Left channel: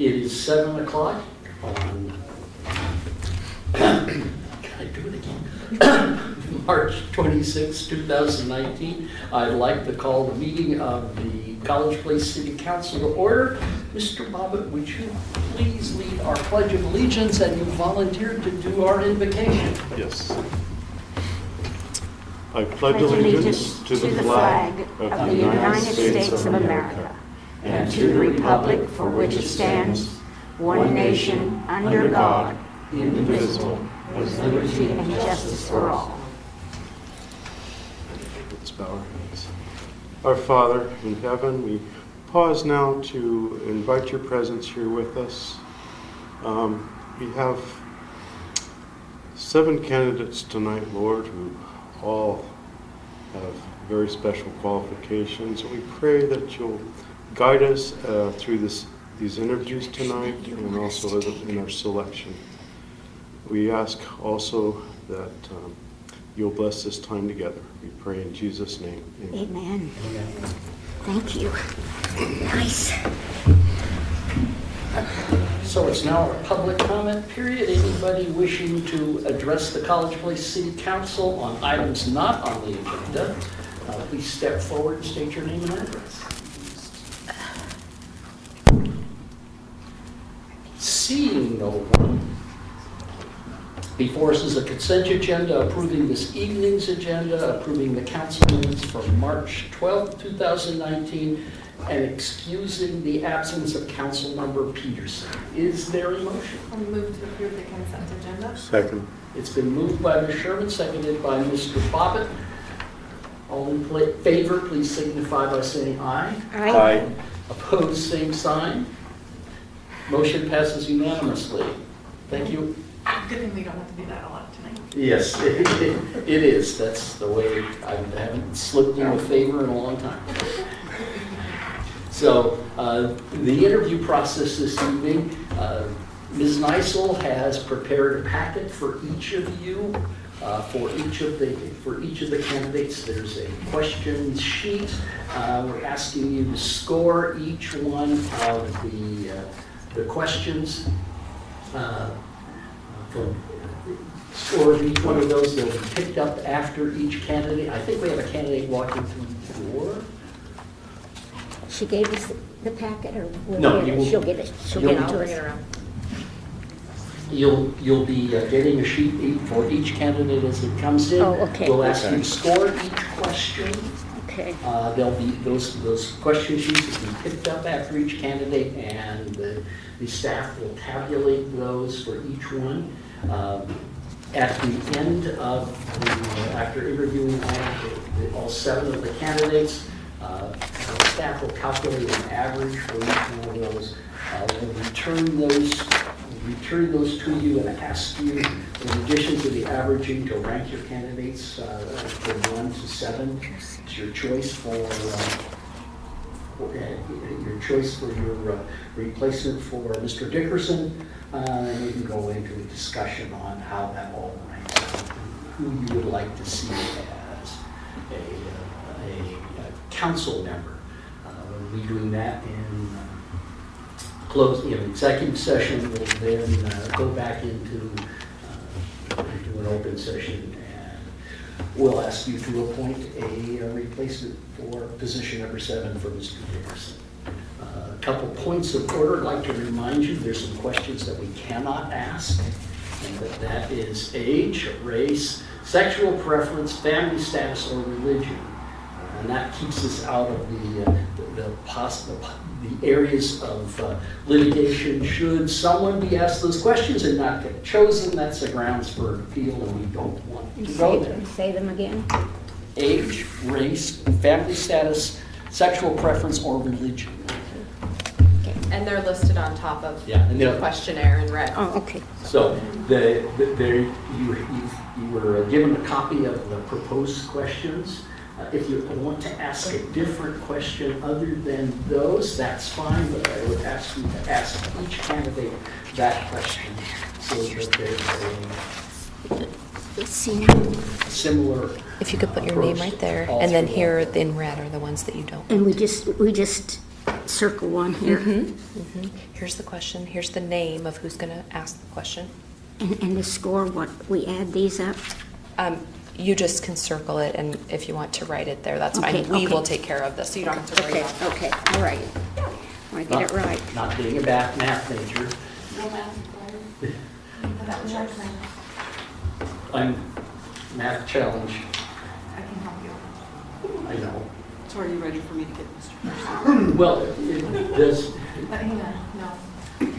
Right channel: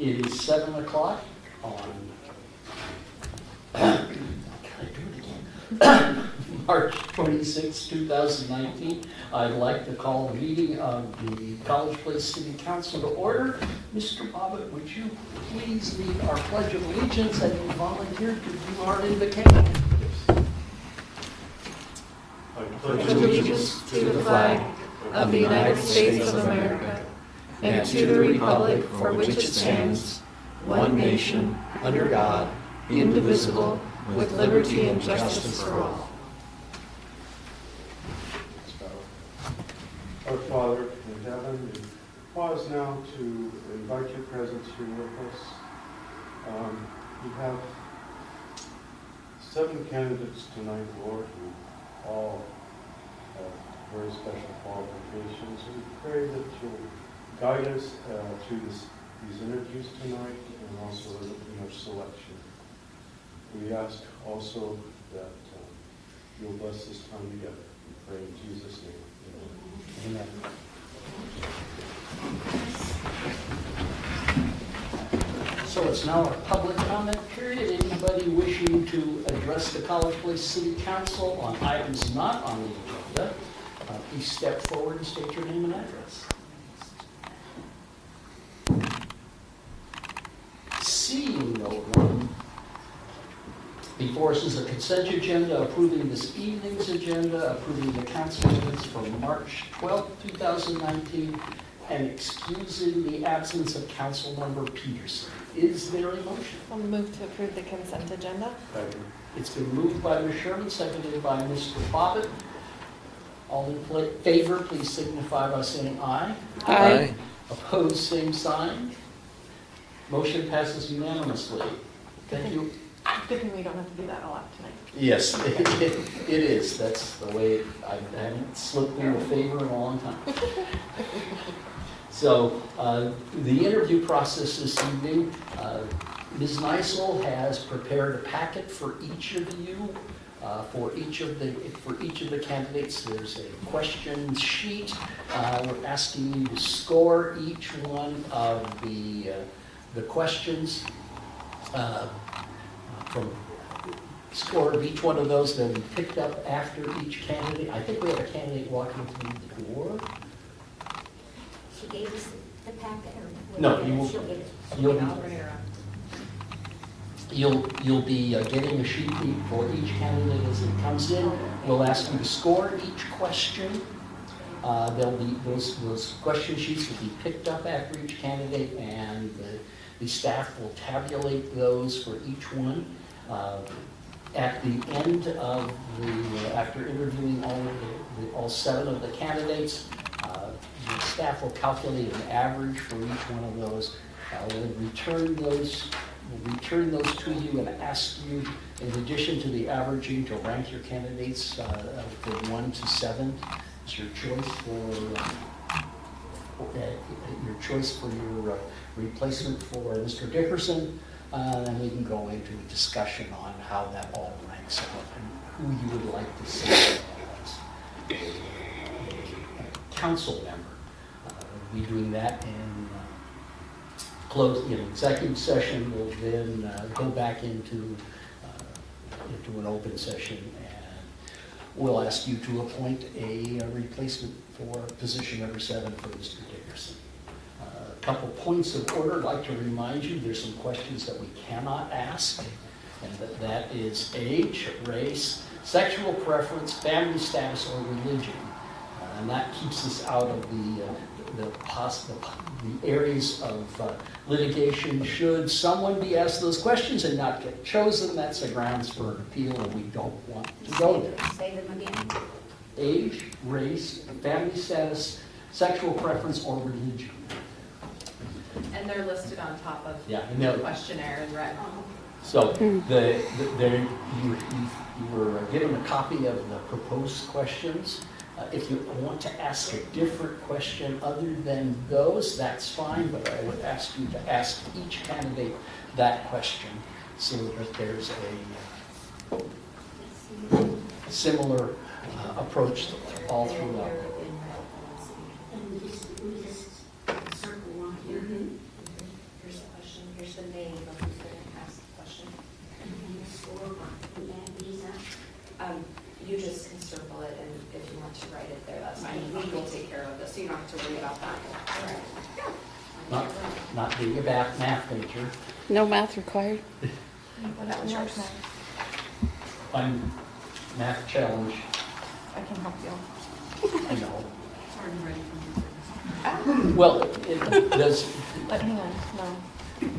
It is 7 o'clock on, can I do it again? March 26, 2019. I'd like to call the meeting of the College Place City Council to order. Mr. Bobbitt, would you please lead our Pledge of Allegiance and volunteer to do our invocation? Yes. I pledge allegiance to the flag of the United States of America and to the republic for which it stands, one nation, under God, indivisible, with liberty and justice for all. Let's bow our heads. Our Father in heaven, we pause now to invite your presence here with us. We have 7 candidates tonight, Lord, who all have very special qualifications. We pray that you'll guide us through these interviews tonight and also in our selection. We ask also that you'll bless this time together. We pray in Jesus' name. Amen. Amen. Thank you. Nice. So it's now our public comment period. Anybody wishing to address the College Place City Council on items not on the agenda, please step forward and state your name and address. Seeing no one, before us is a consent agenda approving this evening's agenda, approving the council minutes from March 12, 2019, and excusing the absence of council member Peterson. Is there a motion? I'll move to approve the consent agenda. Second. It's been moved by Ms. Sherman, seconded by Mr. Bobbitt. All in favor, please signify by saying aye. Aye. Opposed, same sign. Motion passes unanimously. Thank you. Good thing we don't have to do that a lot tonight. Yes, it is. That's the way I haven't slipped in a favor in a long time. So the interview process this evening, Ms. Neisel has prepared a packet for each of you, for each of the candidates. There's a question sheet. We're asking you to score each one of the questions. From score of each one of those, they'll be picked up after each candidate. I think we have a candidate walking through the door. She gave us the packet, or No, you will- she'll get it. She'll you'll- get it to us. You'll be getting a sheet for each candidate as it comes in. Oh, okay. We'll ask you to score each question. Okay. There'll be those question sheets will be picked up after each candidate, and the staff will tabulate those for each one. At the end of after interviewing all 7 of the candidates, the staff will calculate an average for each one of those. We'll return those to you and ask you, in addition to the averaging, to rank your candidates from 1 to 7. It's your choice for your replacement for Mr. Dickerson. And we can go into a discussion on how that all ranks out and who you would like to see as a council member. We'll be doing that in executive session. We'll then go back into an open session, and we'll ask you to appoint a replacement for position number 7 for Mr. Dickerson. A couple points of order. I'd like to remind you there's some questions that we cannot ask, and that is age, race, sexual preference, family status, or religion. And that keeps us out of the areas of litigation. Should someone be asked those questions and not get chosen, that's the grounds for appeal, and we don't want to go there. Say them again. Age, race, family status, sexual preference, or religion. And they're listed on top of Yeah, and the they'll- questionnaire in red. Oh, okay. So you were given a copy of the proposed questions. If you want to ask a different question other than those, that's fine, but I would ask you to ask each candidate that question so that there's Let's see. a similar If you could put your approach name right there, all and then through here all. in red are the ones that you don't. And we just circle one here. Here's the question, here's the name of who's going to ask the question. And the score, what, we add these up? You just can circle it, and if you want to write it there, that's fine. Okay, We okay. will take care of this, so you don't have to worry Okay, about that. okay, all right. I get it right. Not being a math major, No math required. That was yours. I'm math challenge, I can help you. I know. Are you ready for me to get this? Well, it does, But hang on, no.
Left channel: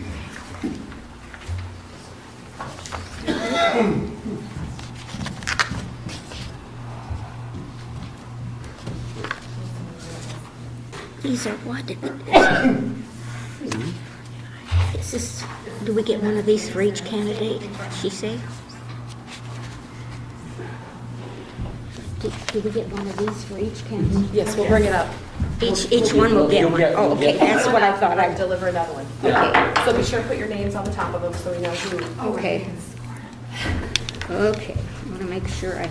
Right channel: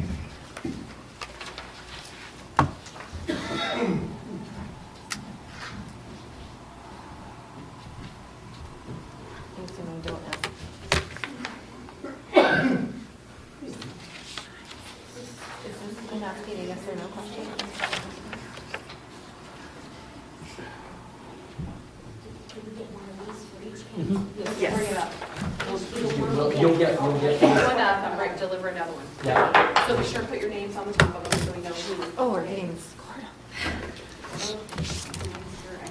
These are what? Is this, do we get one of these for each candidate, she say? Do we get one of these for each candidate? Yes, we'll bring it up. Each one will get You'll one? get- Oh, you'll okay, get that's one. what I thought. I'd deliver another one. Yeah. So be sure to put your names on the top of them so we know who. Okay. Okay, I want to make sure I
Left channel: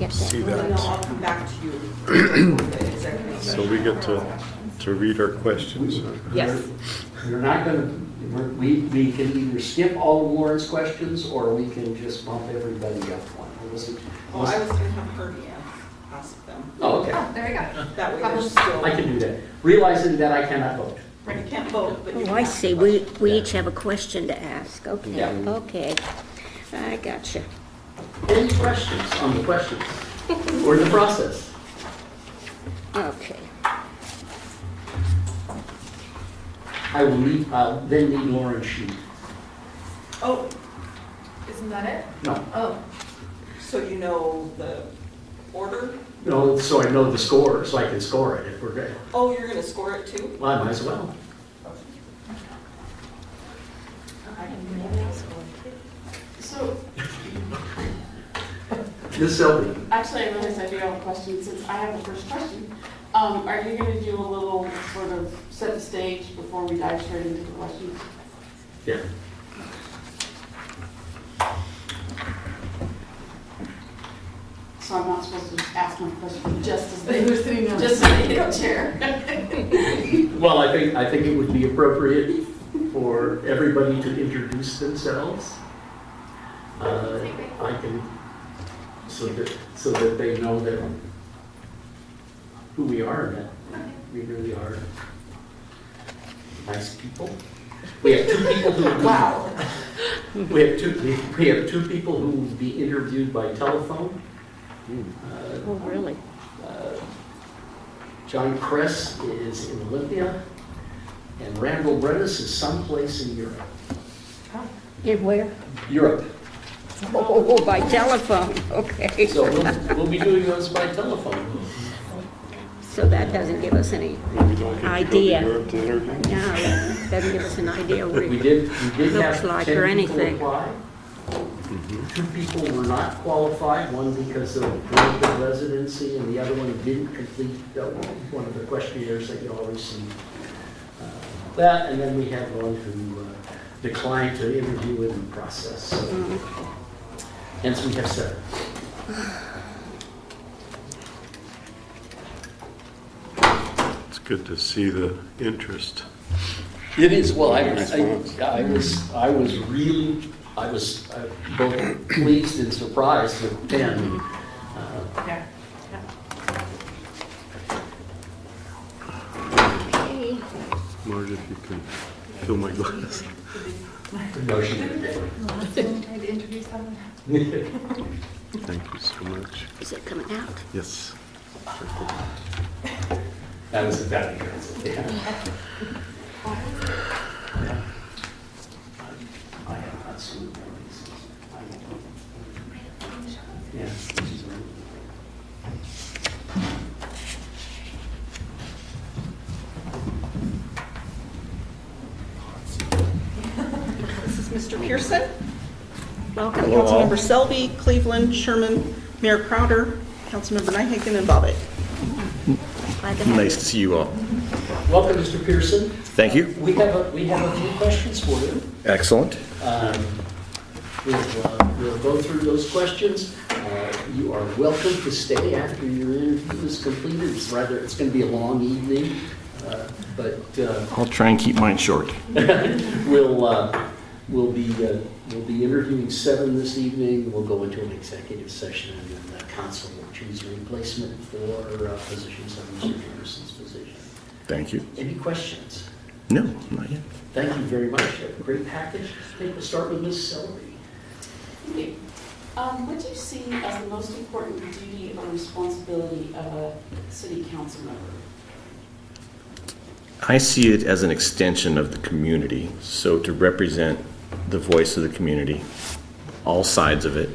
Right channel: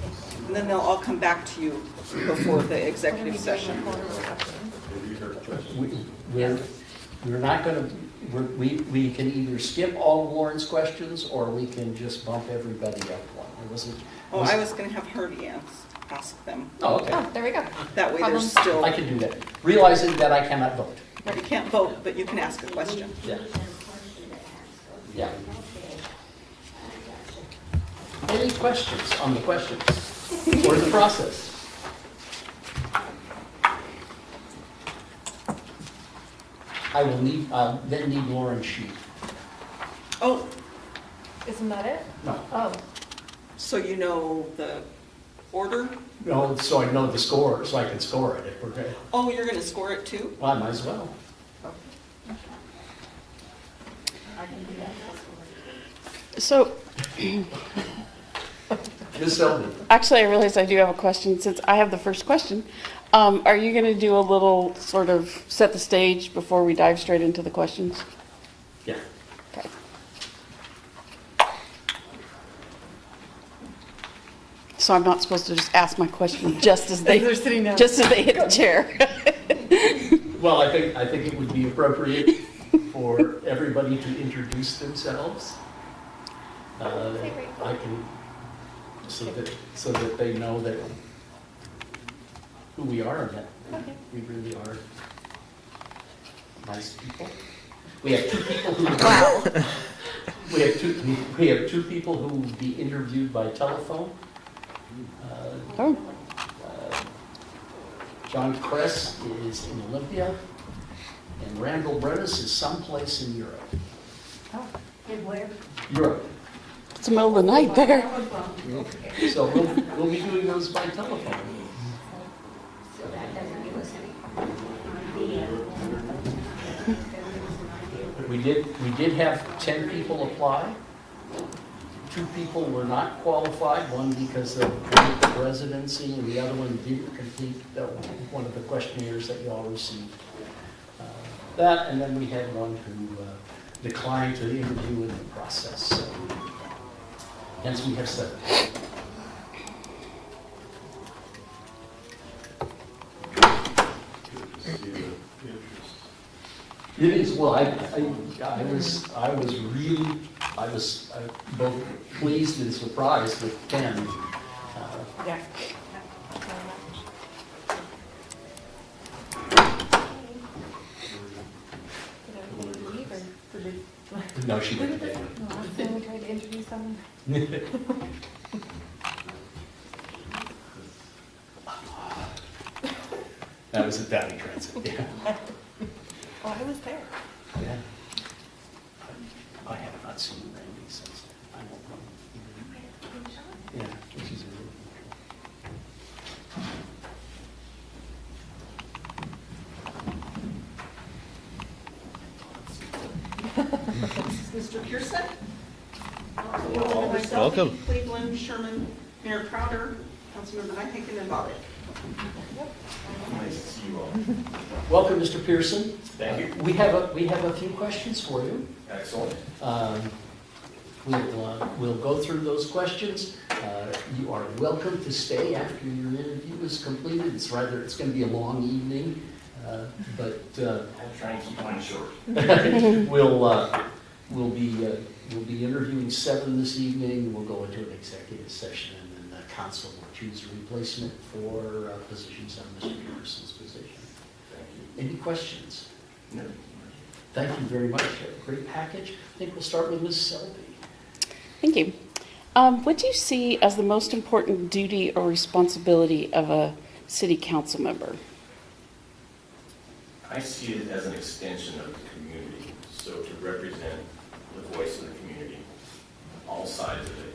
get See that. Well, then they'll all come back to you before the executive So session. we get to read our questions. Yes. We're not gonna, we can either skip all Lauren's questions, or we can just bump everybody up one. It wasn't. Oh, I was gonna have Herbie ask them. Oh, okay. Oh, there you go. That way there's still, I can do that, realizing that I cannot vote. you can't vote, but you Oh, can I ask see, questions. we each have a question to ask, okay, Yeah. okay. I gotcha. Any questions on the questions or the process? Okay. I will need, then need Lauren's sheet. Oh, Isn't that it? No, Oh, so you know the order? no, so I know the score, so I can score it if we're good. Oh, you're gonna score it too? Well, I might as well. So, Ms. Selby, actually, I realize I do have a question, since I have the first question. Are you gonna do a little sort of set the stage before we dive straight into the questions? yeah. Okay. So I'm not supposed to just ask my question just as they, just as they hit the chair? Well, I think it would be appropriate for everybody to introduce themselves. I can, so that they know that who we are, and that we really are nice people. We have two people who, we have two people who will be interviewed by telephone. Oh, really? John Kress is in Olympia, and Randall Brennis is someplace in Europe. In where? Europe. It's the middle of the night. By telephone, okay. So we'll be doing those by telephone. So that doesn't give us any idea. You're to interview? No, it doesn't give us an idea where We did Looks have like 10 or people anything. apply. 2 people were not qualified, one because of length of residency, and the other one didn't complete one of the questionnaires that you all received. That, and then we had one who declined to interview in the process, so hence we have 7. It's good to see the interest. It is, well, I was both pleased and surprised with 10. yeah. Okay. Marge, if you can fill my glass. No, she didn't. Thank you so much. Is it coming out? Yes. That was a valley transit, yeah. Yeah. I have not seen them since. I don't know. Yeah, this is really. This is Mr. Pearson, Welcome. Councilmember Selby, Cleveland, Sherman, Mayor Crowder, Councilmember Nyhagen, and Bobbitt. Glad to have Nice to see you all. Welcome, Mr. Pearson. Thank you. We have a few questions for you. Excellent. We'll go through those questions. You are welcome to stay after your interview is completed. It's going to be a long evening. But I'll try and keep mine short. we'll be interviewing 7 this evening. We'll go into an executive session, and then the council will choose a replacement for position 7, Mr. Peterson's position. Thank you. Any questions? No, not yet. Thank you very much. Great package. I think we'll start with Ms. Selby. Thank you. What do you see as the most important duty or responsibility of a city council member? I see it as an extension of the community, so to represent the voice of the community, all sides of it.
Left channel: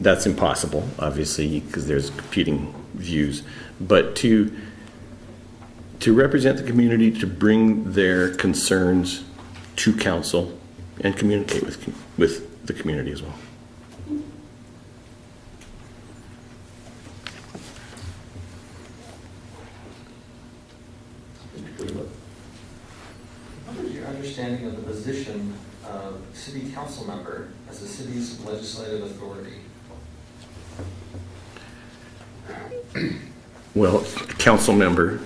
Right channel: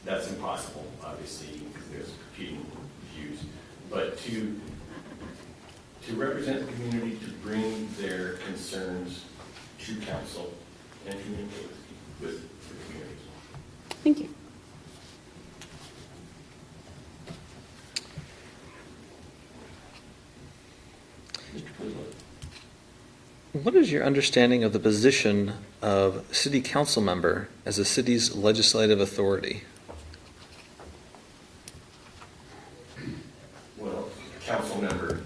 That's impossible, obviously, because there's competing views, but to represent the community, to bring their concerns to council and communicate with the community as well. Thank you. What is your understanding of the position of city council member as the city's legislative authority? Well, council member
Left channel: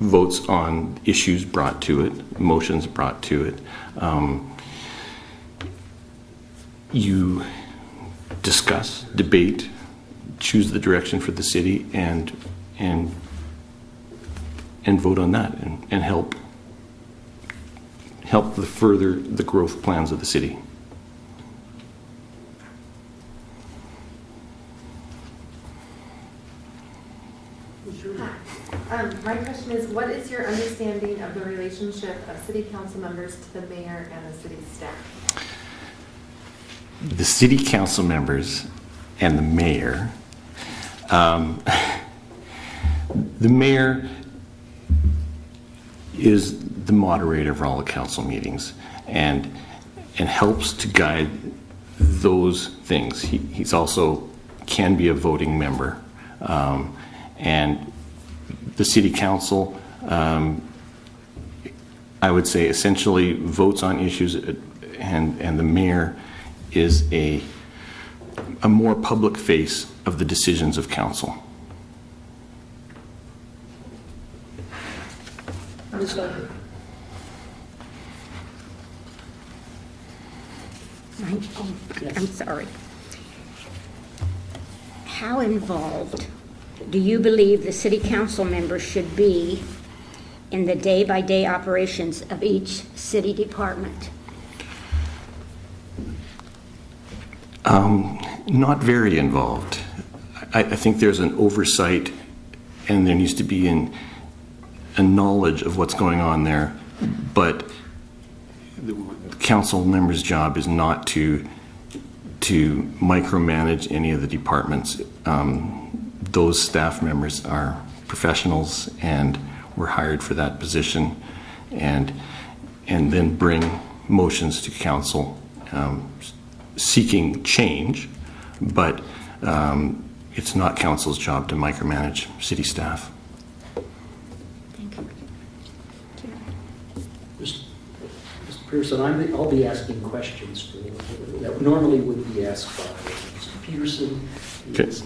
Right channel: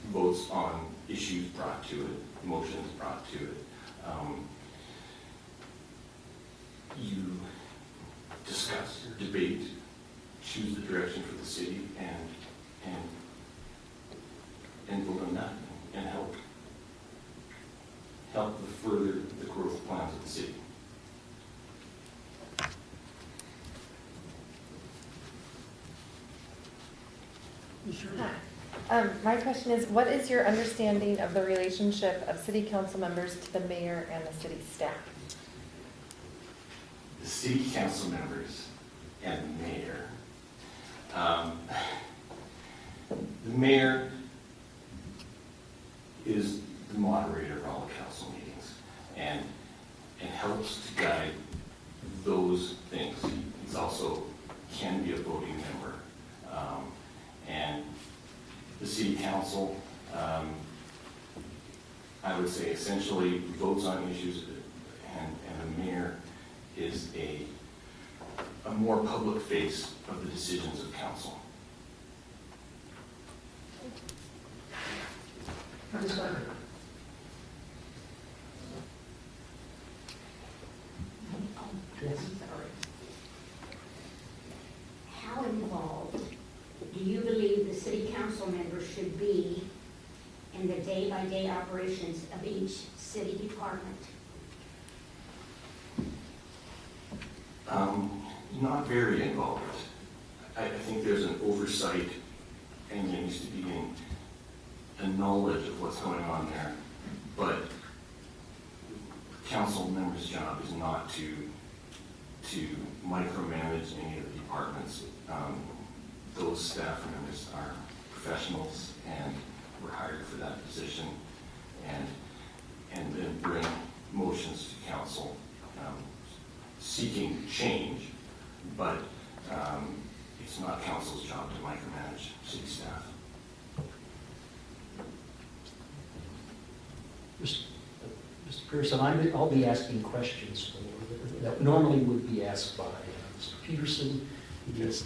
votes on issues brought to it, motions brought to it. You discuss, debate, choose the direction for the city, and vote on that, and help further the growth plans of the city. My question is, what is your understanding of the relationship of city council members to the mayor and the city staff? The city council members and the mayor, the mayor is the moderator of all the council meetings and helps to guide those things. He's also can be a voting member, and the city council, I would say, essentially votes on issues, and the mayor is a more public face of the decisions of council. Ms. Duncan. I'm sorry. How involved do you believe the city council members should be in the day-by-day operations of each city department? Not very involved. I think there's an oversight, and there needs to be a knowledge of what's going on there, but the council member's job is not to micromanage any of the departments. Those staff members are professionals and were hired for that position, and then bring motions to council seeking change, but it's not council's job to micromanage city staff. Mr. Pearson, I'll be asking questions that normally would be asked by Mr. Peterson. Okay. He's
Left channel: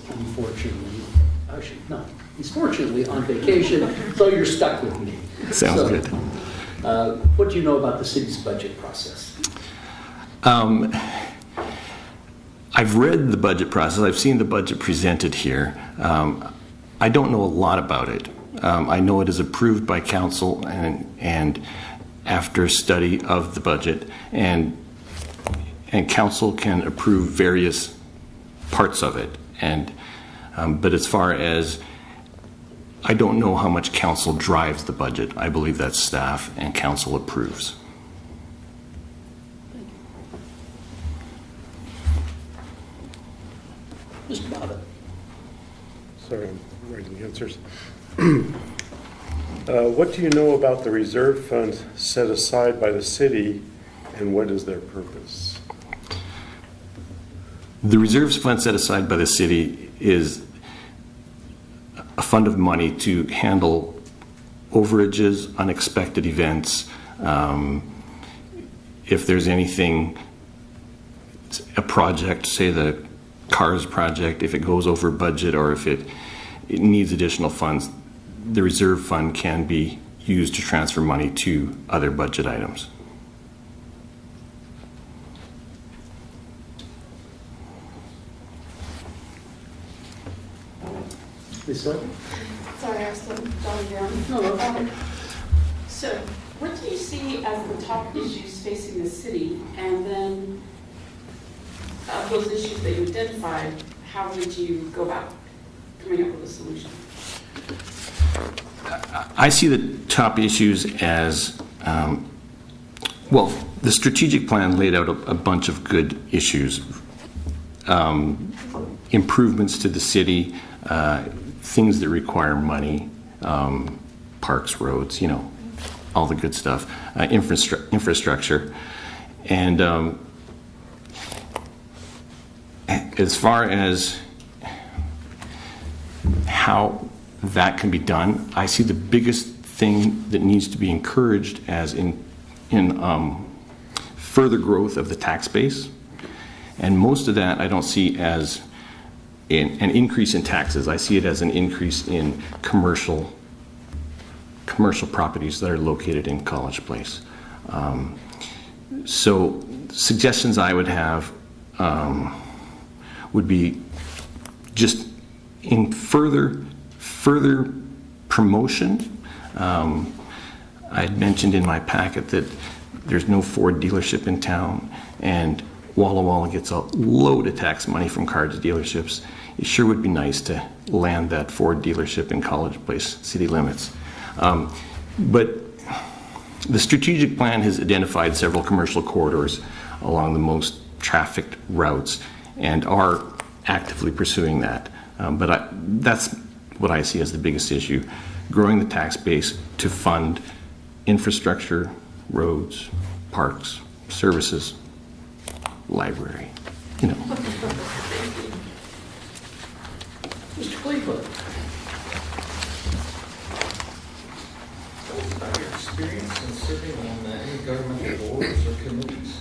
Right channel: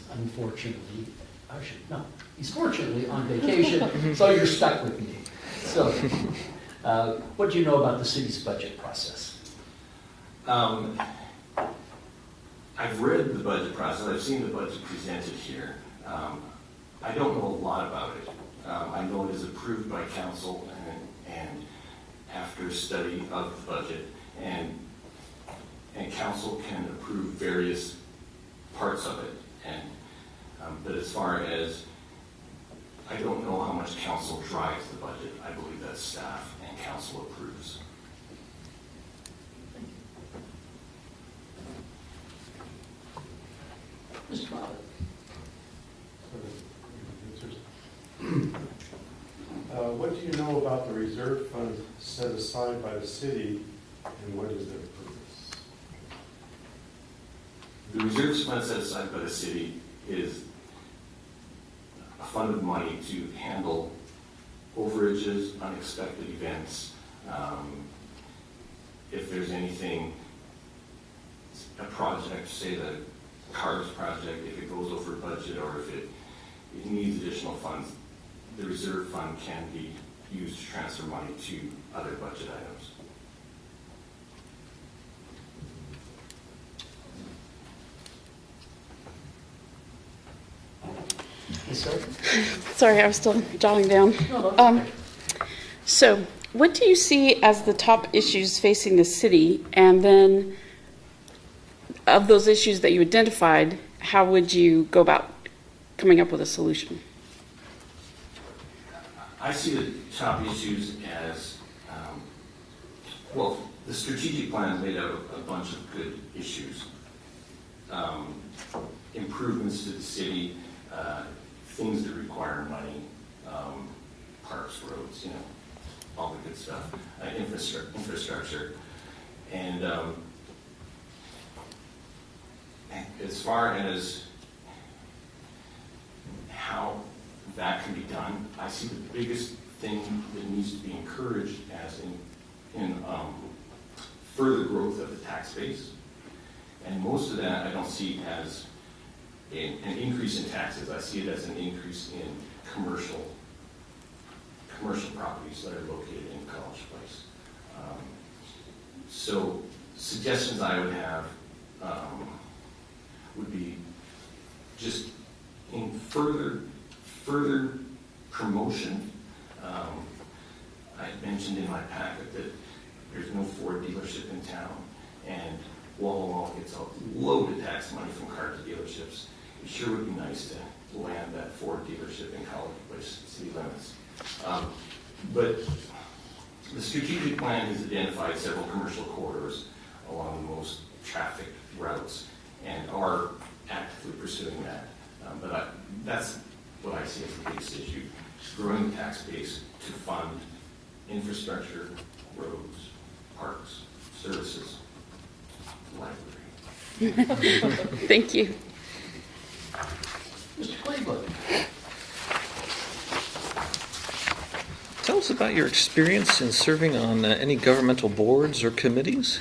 he's fortunately on vacation, so you're stuck with me. Sounds good. What do you know about the city's budget process? I've read the budget process. I've seen the budget presented here. I don't know a lot about it. I know it is approved by council and after study of the budget, and council can approve various parts of it. But as far as, I don't know how much council drives the budget. I believe that's staff and council approves. Mr. Bobbitt. Sorry, I'm writing the answers. What do you know about the reserve funds set aside by the city, and what is their purpose? The reserves fund set aside by the city is a fund of money to handle overages, unexpected events. If there's anything, a project, say the CARS project, if it goes over budget or if it needs additional funds, the reserve fund can be used to transfer money to other budget items. Is that? Sorry, I was still jotting down. So, what do you see as the top issues facing the city? And then, of those issues that you identified, how would you go about coming up with a solution? I see the top issues as, well, the strategic plan laid out a bunch of good issues. Improvements to the city, things that require money, parks, roads, you know, all the good stuff, infrastructure. And as far as how that can be done, I see the biggest thing that needs to be encouraged as in further growth of the tax base. And most of that I don't see as an increase in taxes. I see it as an increase in commercial properties that are located in College Place. So suggestions I would have would be just in further promotion. I had mentioned in my packet that there's no Ford dealership in town, and Walla Walla gets a load of tax money from cars dealerships. It sure would be nice to land that Ford dealership in College Place city limits. But the strategic plan has identified several commercial corridors along the most trafficked routes and are actively pursuing that. But that's what I see as the biggest issue, growing the tax base to fund infrastructure, roads, parks, services, library. You know. Thank you. Mr. Cleveland? Tell us about your experience in serving on any governmental boards or committees.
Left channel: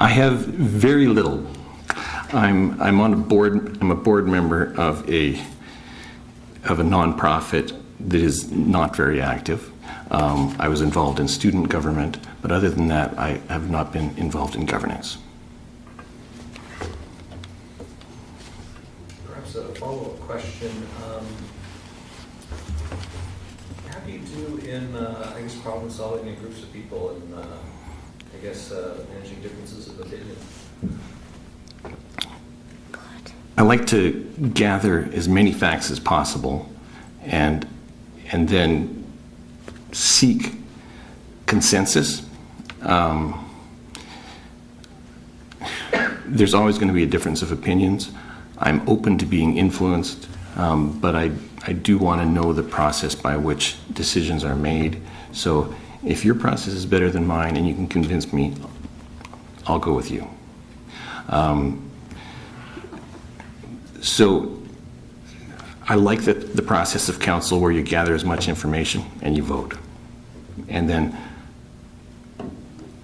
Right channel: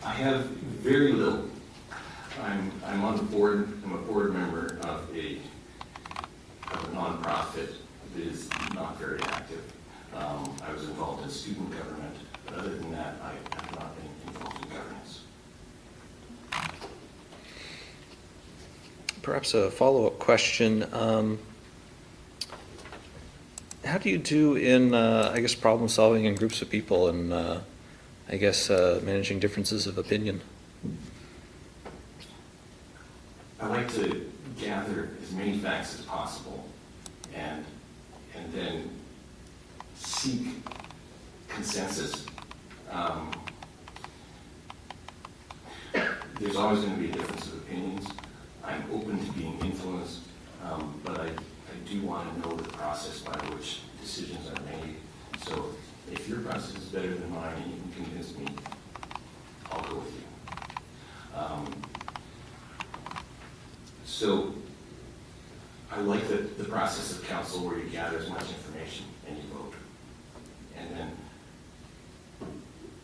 I have very little. I'm on a board. I'm a board member of a nonprofit that is not very active. I was involved in student government, but other than that, I have not been involved in governance. Perhaps a follow-up question. How do you do in, I guess, problem solving in groups of people and, I guess, managing differences of opinion? I like to gather as many facts as possible and then seek consensus. There's always going to be a difference of opinions. I'm open to being influenced, but I do want to know the process by which decisions are made. So if your process is better than mine and you can convince me, I'll go with you. So I like the process of council where you gather as much information and you vote. And then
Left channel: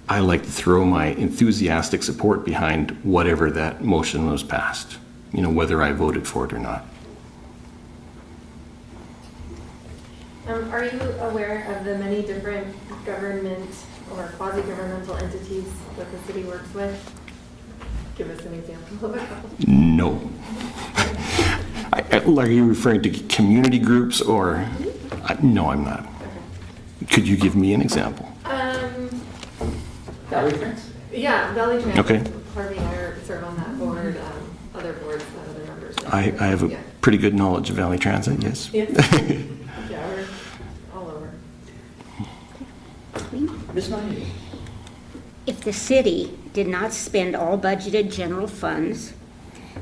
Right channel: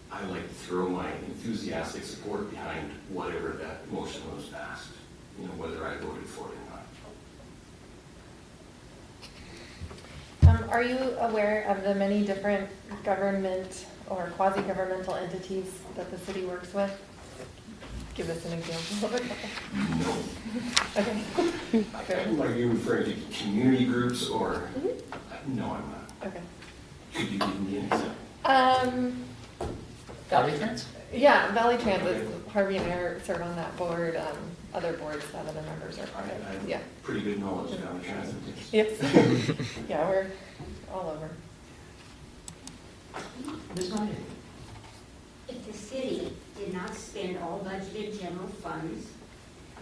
I like to throw my enthusiastic support behind whatever that motion was passed, you know, whether I voted for it or not. Are you aware of the many different government or quasi-governmental entities that the city works with? Give us an example. No. Are you referring to community groups or? No, I'm not. Okay. Could you give me an example? Valley Transit? Yeah, Valley Transit. Okay. Harvey and I serve on that board, other boards that other members are. I have a pretty good knowledge of Valley Transit, yes. Yeah, yeah, we're all over. Ms. Mahoney? If the city did not spend all budgeted general funds,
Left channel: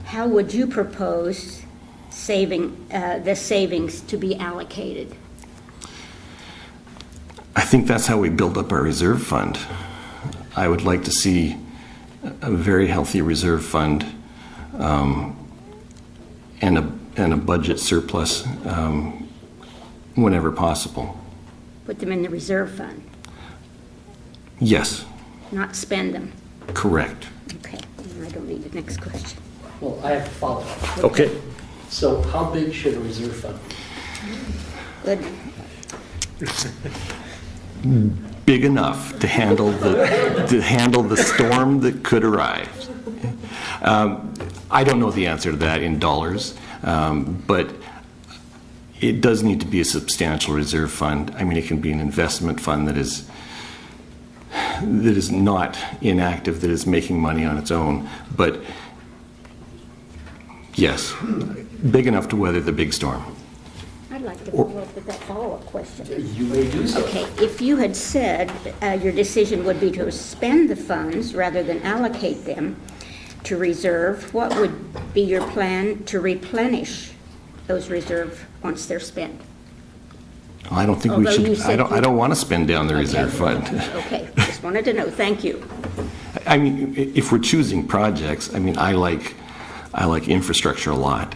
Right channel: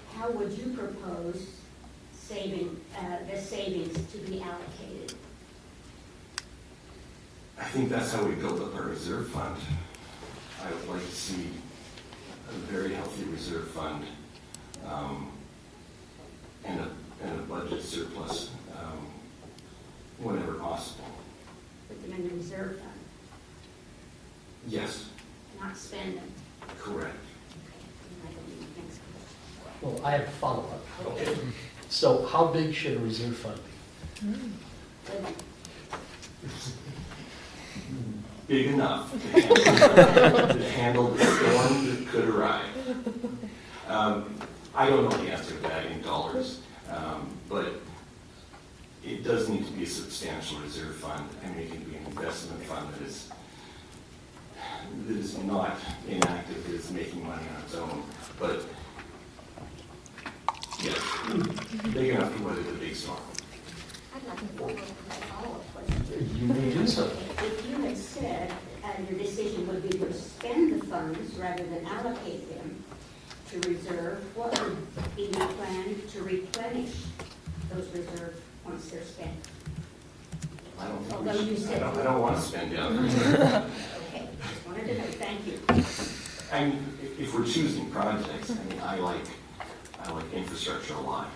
how would you propose the savings to be allocated? I think that's how we build up our reserve fund. I would like to see a very healthy reserve fund and a budget surplus whenever possible. Put them in the reserve fund, Yes, not spend them. correct. Okay, and I don't need the next question. Well, I have to follow up. Okay. So how big should a reserve fund be? Good. Big enough to handle the storm that could arrive. I don't know the answer to that in dollars, but it does need to be a substantial reserve fund. I mean, it can be an investment fund that is not inactive, that is making money on its own. But yes, big enough to weather the big storm. I'd like to follow up with that follow-up question. You may do so. Okay, if you had said your decision would be to spend the funds rather than allocate them to reserve, what would be your plan to replenish those reserves once they're spent? I don't think we Although you should, said I don't want to spend down the reserve fund. Okay, just wanted to know, thank you. I mean, if we're choosing projects, I mean, I like infrastructure a lot.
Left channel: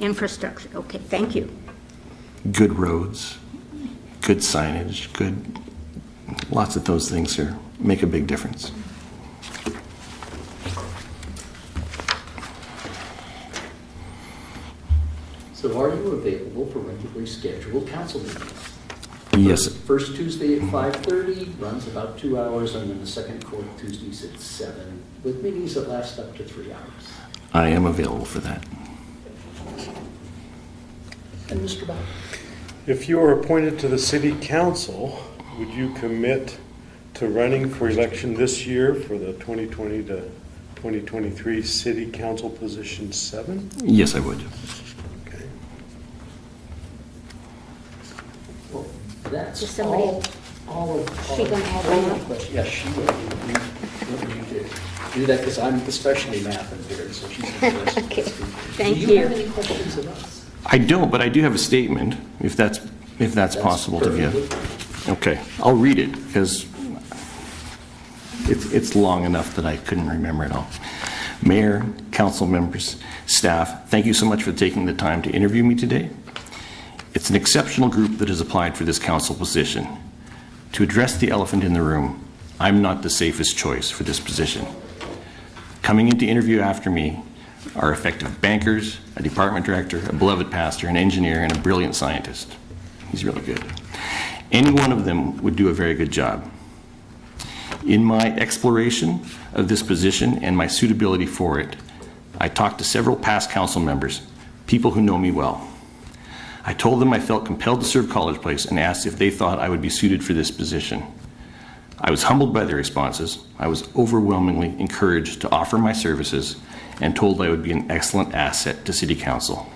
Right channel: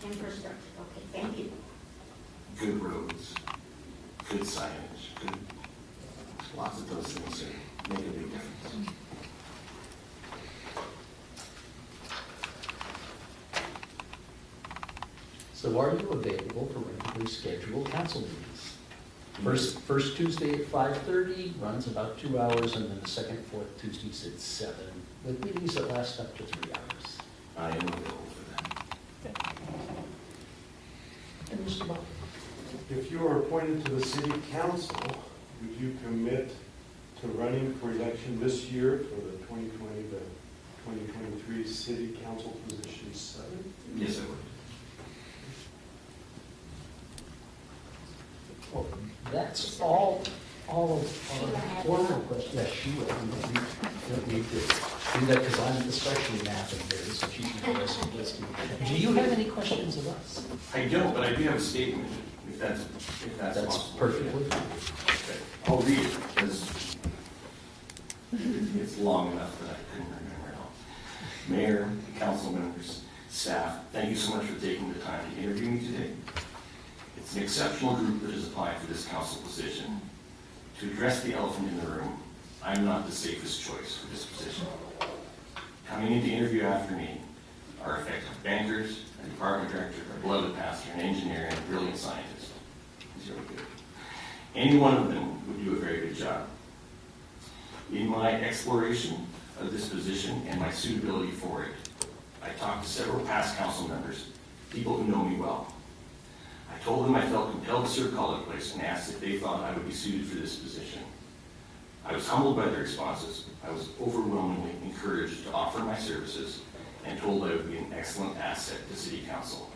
Infrastructure, okay, thank you. Good roads, good signage, lots of those things here make a big difference. So are you available for regularly scheduled council meetings? Yes, First Tuesday at 5:30, runs about 2 hours, and then the second, fourth Tuesdays at 7, with meetings that last up to 3 hours. I am available for that. And Mr. Bach? If you are appointed to the city council, would you commit to running for election this year for the 2020 to 2023 city council position 7? Yes, I would. Okay. Well, that's Is somebody- all of She gonna add one the more? questions. Yes, she will. We need to do that because I'm especially math impaired, so she's going to ask Okay, questions. thank Do you. you have any questions of us? I don't, but I do have a statement, if that's possible to give. perfectly Okay, I'll read it because it's long enough that I couldn't remember it all. Mayor, council members, staff, thank you so much for taking the time to interview me today. It's an exceptional group that has applied for this council position. To address the elephant in the room, I'm not the safest choice for this position. Coming in to interview after me are effective bankers, a department director, a beloved pastor, an engineer, and a brilliant scientist. He's really good. Any one of them would do a very good job. In my exploration of this position and my suitability for it, I talked to several past council members, people who know me well. I told them I felt compelled to serve College Place and asked if they thought I would be suited for this position. I was humbled by their responses. I was overwhelmingly encouraged to offer my services and told I would be an excellent asset to City Council.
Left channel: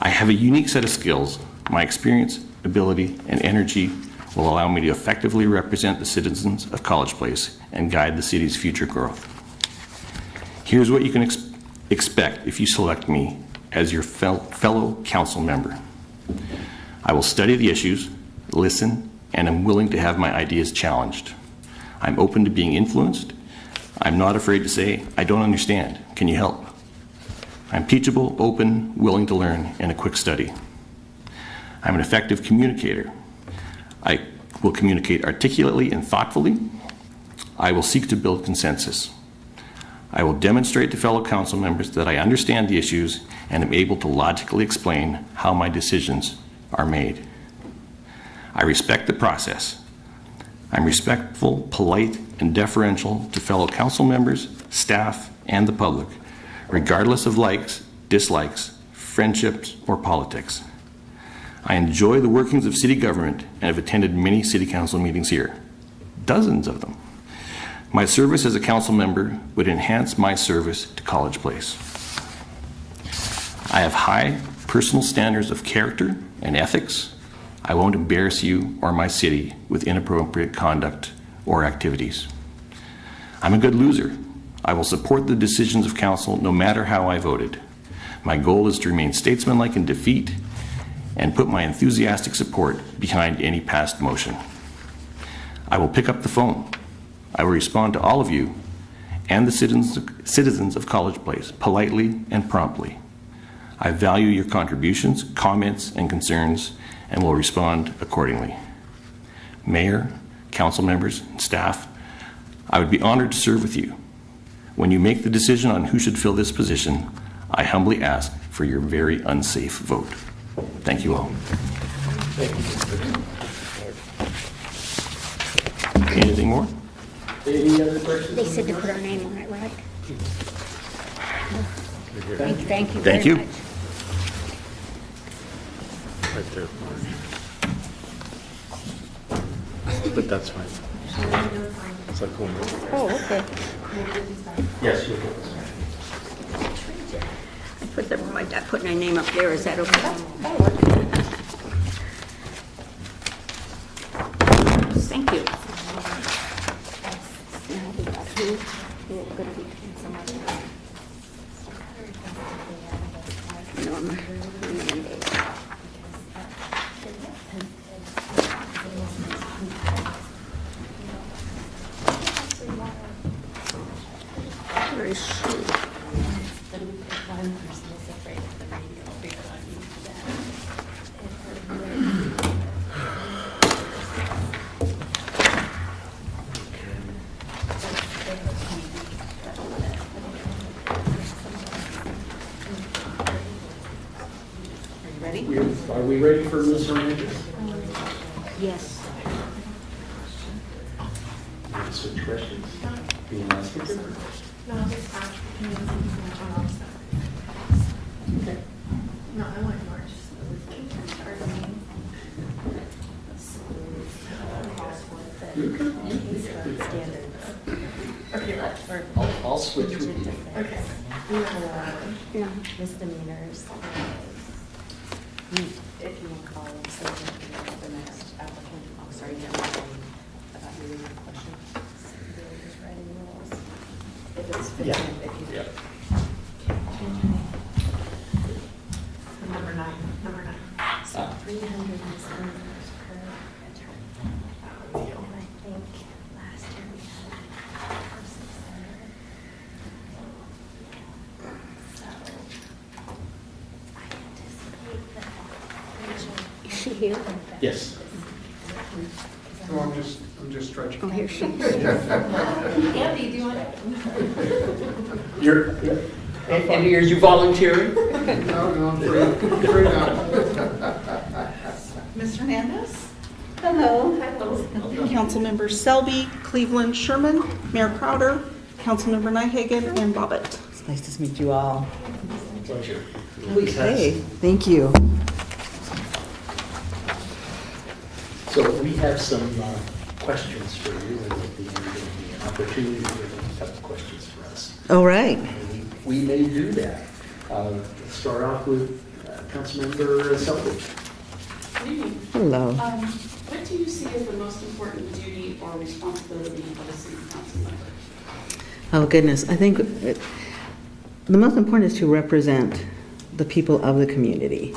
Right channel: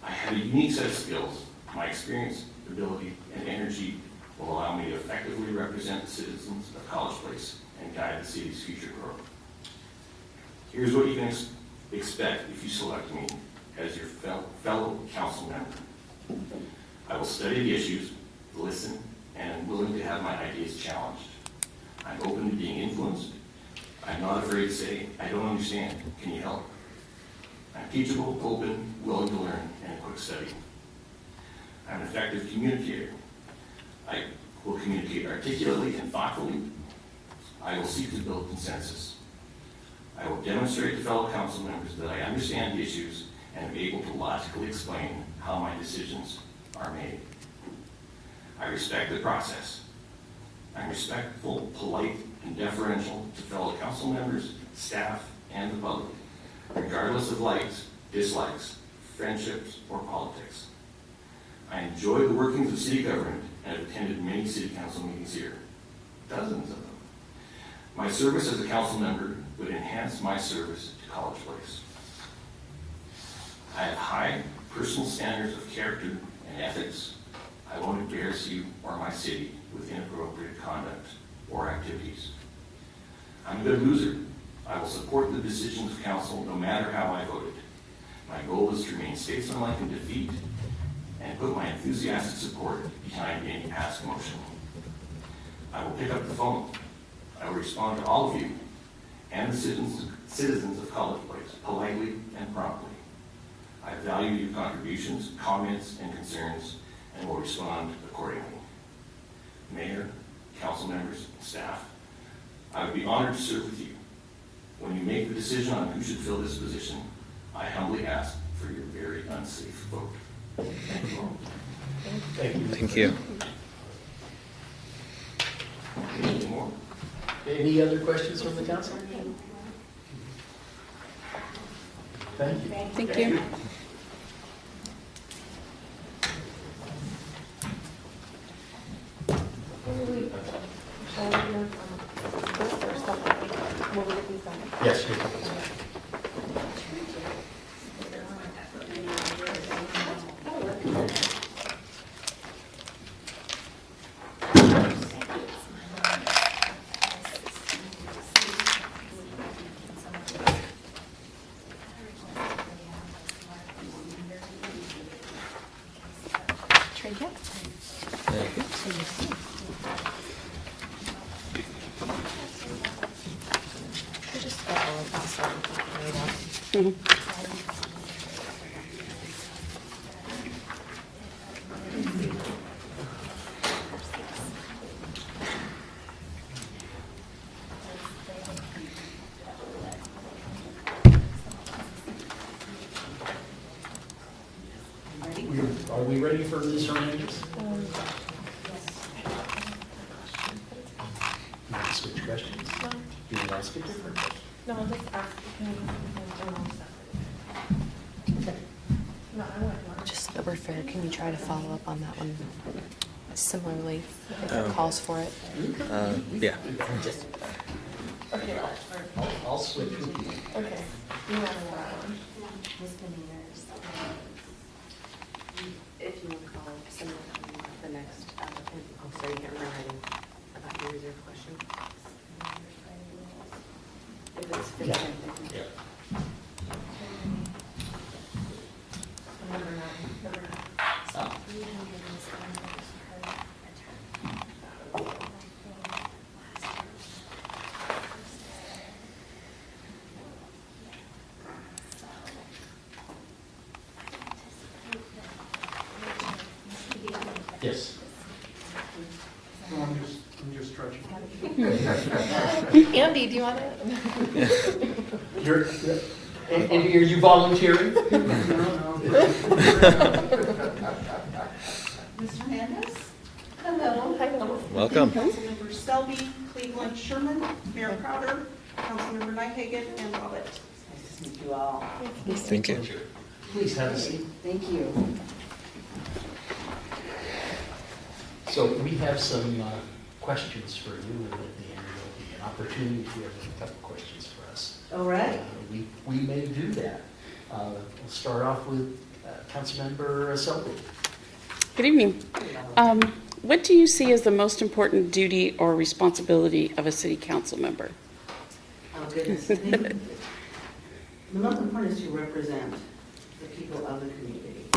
I have a unique set of skills. My experience, ability, and energy will allow me to effectively represent the citizens of College Place and guide the city's future growth. Here's what you can expect if you select me as your fellow council member. I will study the issues, listen, and am willing to have my ideas challenged. I'm open to being influenced. I'm not afraid to say, I don't understand. Can you help? I'm teachable, open, willing to learn, and a quick study. I'm an effective communicator. I will communicate articulately and thoughtfully. I will seek to build consensus. I will demonstrate to fellow council members that I understand the issues and am able to logically explain how my decisions are made. I respect the process. I'm respectful, polite, and deferential to fellow council members, staff, and the public, regardless of likes, dislikes, friendships, or politics. I enjoy the workings of city government and have attended many city council meetings here, dozens of them. My service as a council member would enhance my service to College Place. I have high personal standards of character and ethics. I won't embarrass you or my city with inappropriate conduct or activities. I'm a good loser. I will support the decisions of council no matter how I voted. My goal is to remain statesmanlike in defeat and put my enthusiastic support behind any passed motion. I will pick up the phone. I will respond to all of you and the citizens of College Place politely and promptly. I value your contributions, comments, and concerns and will respond accordingly. Mayor, council members, and staff, I would be honored to serve with you. When you make the decision on who should fill this position, I humbly ask for your very unsafe vote. Thank you all. Thank you. Anything more? Any other questions? They from said the to put council? our name on it, right? Thank you. Thank you. Right there. But that's fine. It's like one more. Oh, okay. Yes, you'll put this back. I put my name up there, is that okay? Thank you. Norma. Where is she? Are we ready for Ms. Hernandez? Yes. Switch questions? Anyone else? No, just ask. Okay. No, I want yours. Just the word fair, can we try to follow up on that one? Similarly, if it calls for it. Yeah. Okay, let's. I'll switch with you. Okay. No. Misdemeanors. If you want to call them, the next applicant, I'm sorry, you don't know about your question. If it's Yeah. fifteen, Yep. Number nine. So Ah. 300 misdemeanors per attorney. I think last year we had so I anticipate that. Is she here? Yes. No, I'm just stretching. Oh, here she is. Andy, do you want it? You're, Andy, are you volunteering? No, Ms. Hernandez? Hello. Welcome. Councilmember Selby, Cleveland, Sherman, Mayor Crowder, Councilmember Nyhagen, and Bobbitt. It's nice to meet you all. Thank you. Please have a Okay, seat. thank you. So we have some questions for you, and at the end of the opportunity, you have a couple questions for us. All right. And we may do that. Let's start off with Councilmember Selby. Good evening. Hello. What do you see as the most important duty or responsibility of a city council member? Oh, goodness. I think the most important is to represent the people of the community,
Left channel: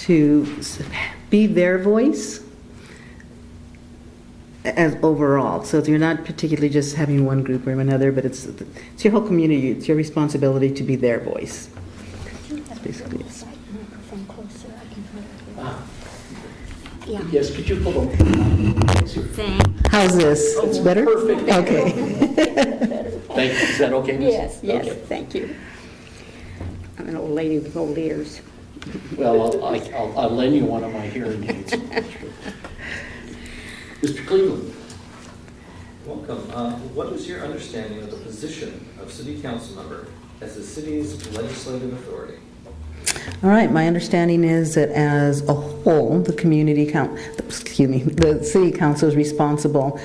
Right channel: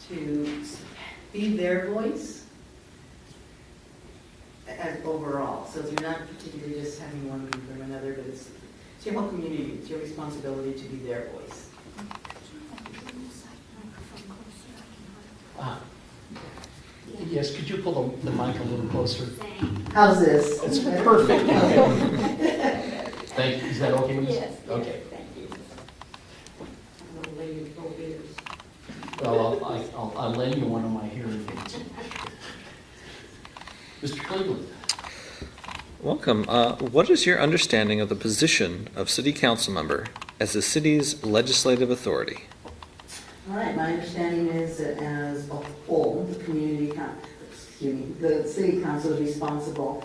to be their voice as overall. So you're not particularly just having one group or another, but it's your whole community. It's your responsibility to be their voice. That's basically it. Microphone closer, I can hear her. Ah, Yeah. yes, could you pull the mic a little closer? Thank. How's this? It's better? Perfect. Okay. Thank you. Is that okay, Ms.? Yes, yes, Okay. thank you. I'm an old lady with gold ears. Well, I'll lend you one of my hearing aids. Mr. Cleveland? Welcome. What is your understanding of the position of city council member as the city's legislative authority? All right, my understanding is that as a whole, the the city council is responsible.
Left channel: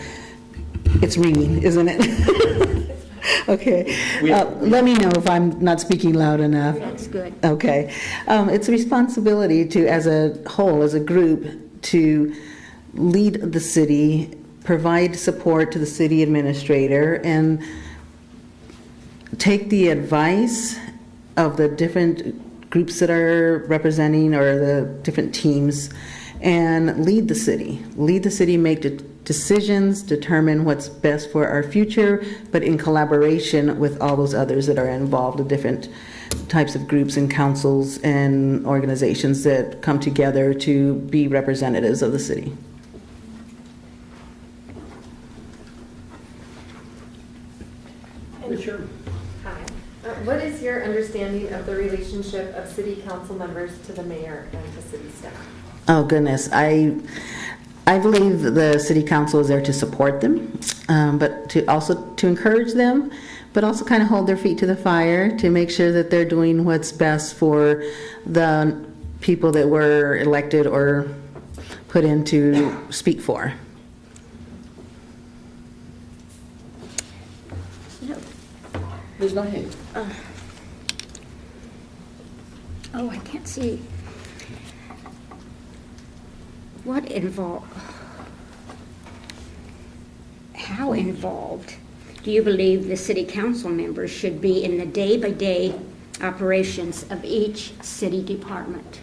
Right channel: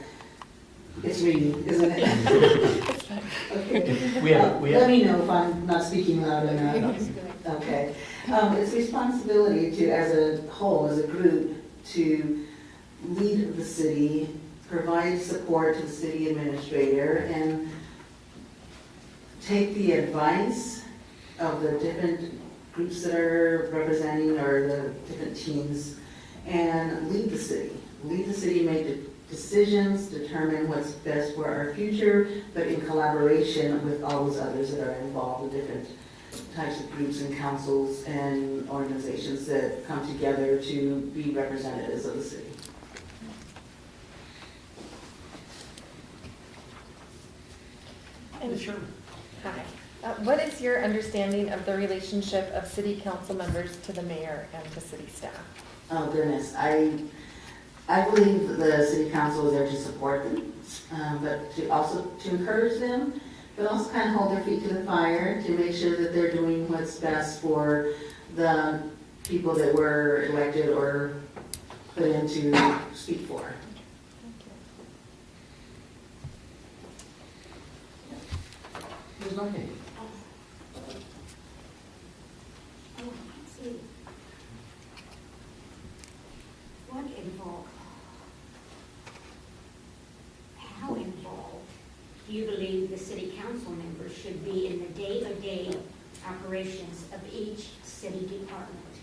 It's ringing, isn't it? Okay. Let me know if I'm not speaking loud enough. That's good. Okay. It's a responsibility to, as a whole, as a group, to lead the city, provide support to the city administrator, and take the advice of the different groups that are representing, or the different teams, and lead the city. Lead the city, make decisions, determine what's best for our future, but in collaboration with all those others that are involved, the different types of groups and councils and organizations that come together to be representatives of the city. Sure. Hi. What is your understanding understanding of the relationship of city council members to the mayor and to city staff? Oh, goodness. I believe that the city council is there to support them, but to encourage them, but also kind of hold their feet to the fire to make sure that they're doing what's best for the people that were elected or put in to speak for. Ms. Knight? Oh, I can't see. What involved? How involved do you believe the city council members should be in the day-by-day operations of each city department?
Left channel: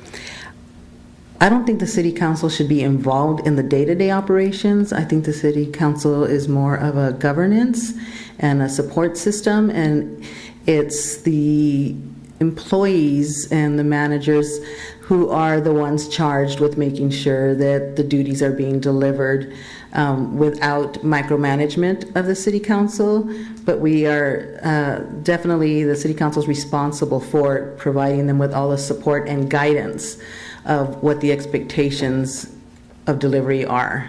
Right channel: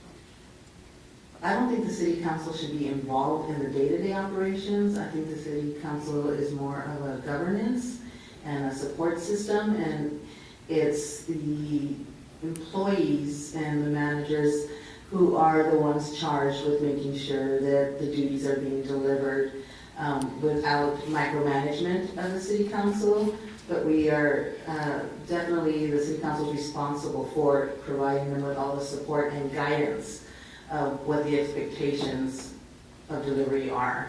I don't think the city council should be involved in the day-to-day operations. I think the city council is more of a governance and a support system, and it's the employees and the managers who are the ones charged with making sure that the duties are being delivered without micromanagement of the city council. But we are definitely, the city council is responsible for providing them with all the support and guidance of what the expectations of delivery are.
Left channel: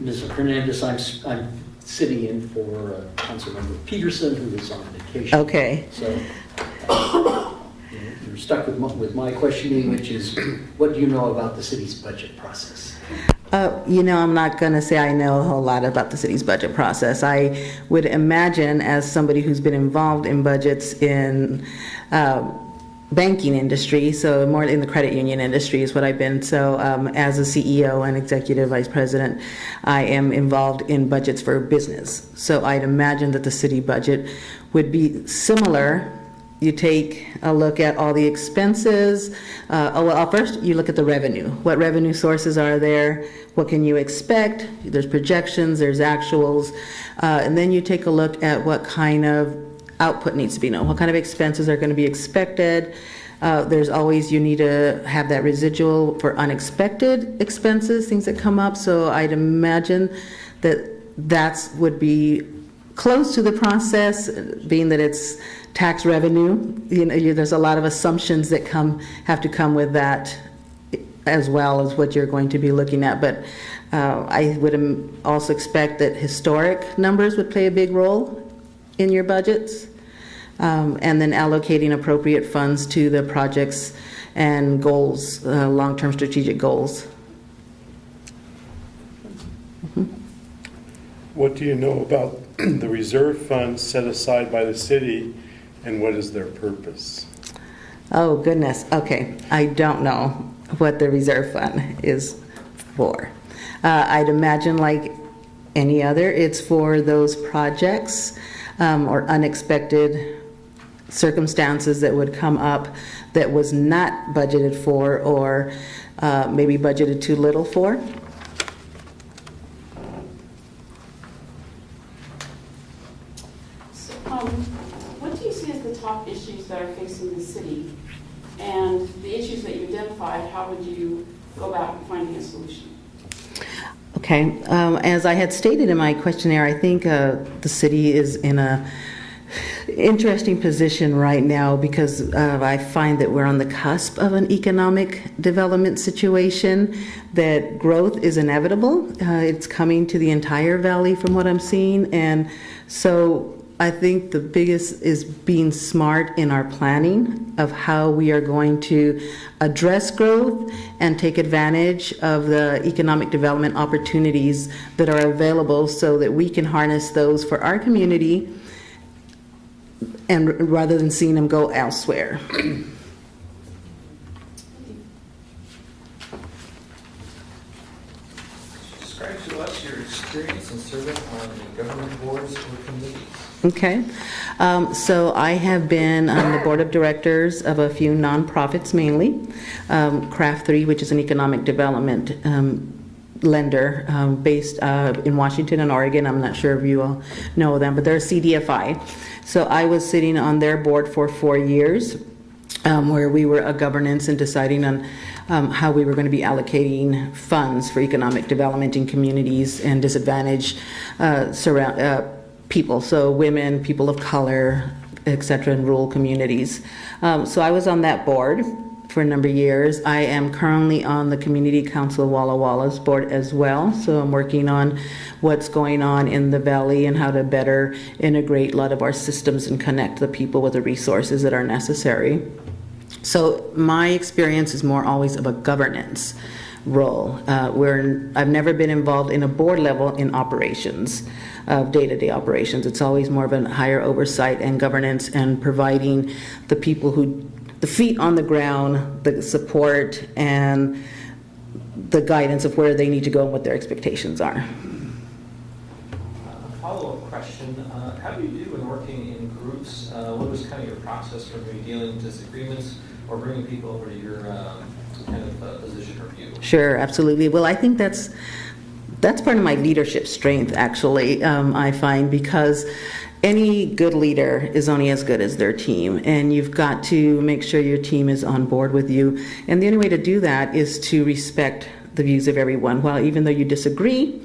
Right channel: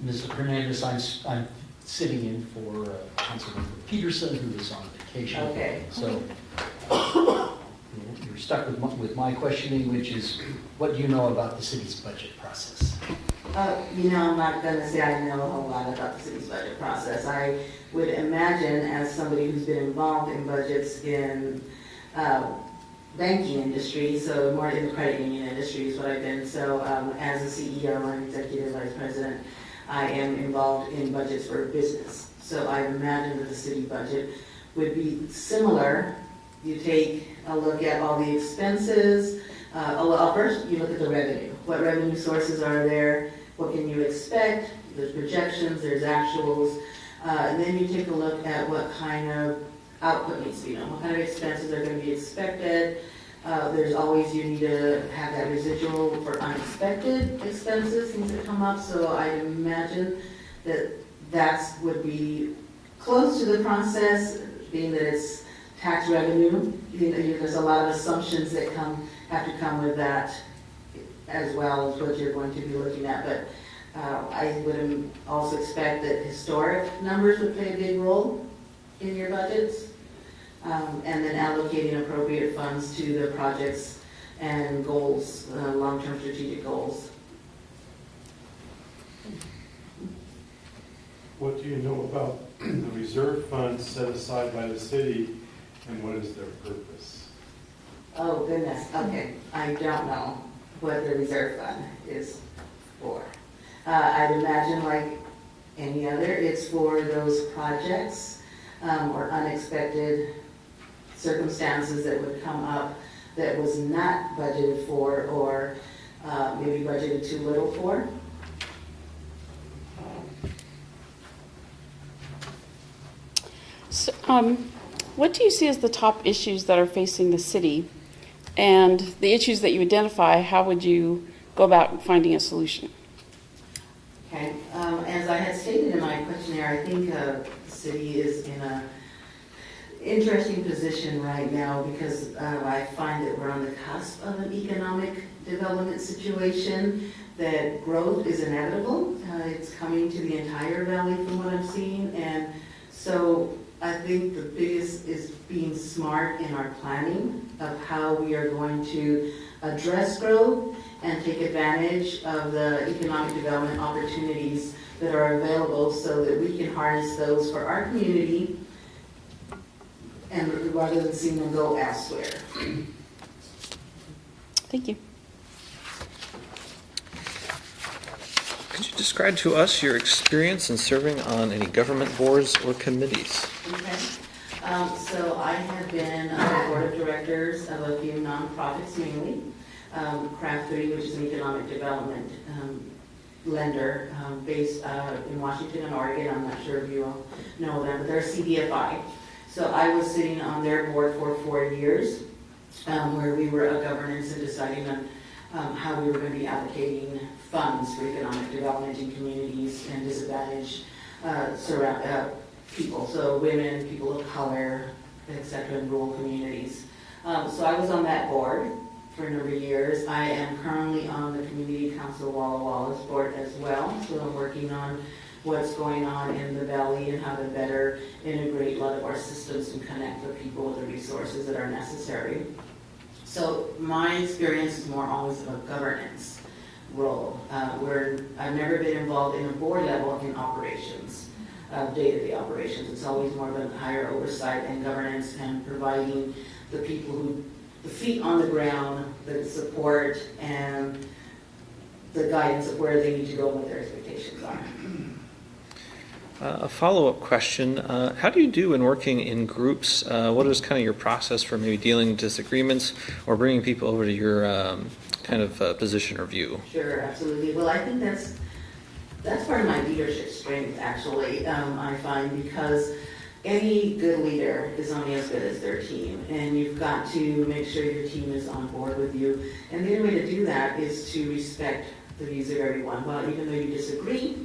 Ms. Hernandez, I'm sitting in for Councilmember Peterson, who is on vacation. Okay. So you're stuck with my questioning, which is, what do you know about the city's budget process? I'm not going to say I know a whole lot about the city's budget process. I would imagine, as somebody who's been involved in budgets in banking industry, so more in the credit union industry is what I've been. So as a CEO and executive vice president, I am involved in budgets for business. So I'd imagine that the city budget would be similar. You take a look at all the expenses. First you look at the revenue. What revenue sources are there? What can you expect? There's projections, there's actuals. And then you take a look at what kind of output needs to be known. What kind of expenses are going to be expected? There's always, you need to have that residual for unexpected expenses, things that come up. So I'd imagine that would be close to the process, being that it's tax revenue. There's a lot of assumptions that have to come with that, as well as what you're going to be looking at. But I would also expect that historic numbers would play a big role in your budgets, and then allocating appropriate funds to the projects and goals, long-term strategic goals. What do you know about the reserve funds set aside by the city, and what is their purpose? Oh, goodness. Okay. I don't know what the reserve fund is for. I'd imagine, like any other, it's for those projects or unexpected circumstances that would come up that was not budgeted for, or maybe budgeted too little for. So, what do you see as the top issues that are facing the city? And the issues that you identify, how would you go about finding a solution? Okay, as I had stated in my questionnaire, I think the city is in a interesting position right now because I find that we're on the cusp of an economic development situation, that growth is inevitable. It's coming to the entire valley from what I'm seeing, and so I think the biggest is being smart in our planning of how we are going to address growth and take advantage of the economic development opportunities that are available so that we can harness those for our community, and rather than seeing them go elsewhere. Thank you. Could you describe to us your experience in serving on any government boards or committees? Okay. So I have been on the board of directors of a few nonprofits mainly. Craft 3, which is an economic development lender based in Washington and Oregon. I'm not sure if you all know them, but they're a CDFI. So I was sitting on their board for 4 years, where we were a governance and deciding on how we were going to be allocating funds for economic development in communities and disadvantaged people, so women, people of color, etc., in rural communities. So I was on that board for a number of years. I am currently on the Community Council of Walla Walla's board as well, so I'm working on what's going on in the valley and how to better integrate a lot of our systems and connect the people with the resources that are necessary. So my experience is more always of a governance role, where I've never been involved in a board level in operations, day-to-day operations. It's always more of a higher oversight and governance and providing the people who, the feet on the ground, the support and the guidance of where they need to go and what their expectations are. A follow-up question, how do you do in working in groups? What is kind of your process for maybe dealing with disagreements or bringing people over to your kind of position or view? Sure, absolutely. Well, I think that's part of my leadership strength, actually, I find, because any good leader is only as good as their team, and you've got to make sure your team is on board with you. And the only way to do that is to respect the views of everyone. Well, even though you disagree,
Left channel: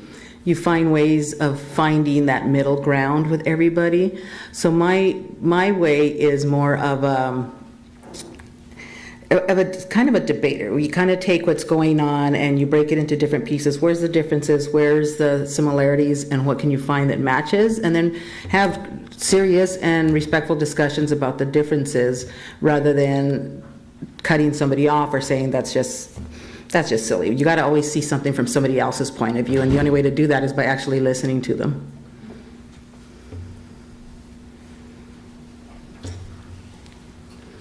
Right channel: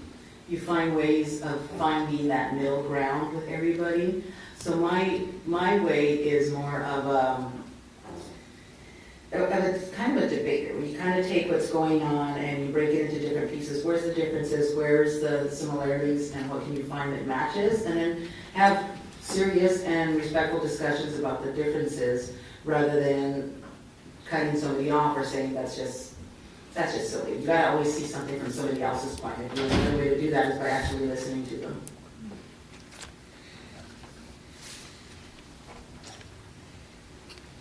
you find ways of finding that middle ground with everybody. So my way is more of a kind of a debater, where you kind of take what's going on and you break it into different pieces. Where's the differences? Where's the similarities? And what can you find that matches? And then have serious and respectful discussions about the differences, rather than cutting somebody off or saying that's just silly. You got to always see something from somebody else's point of view, and the only way to do that is by actually listening to them.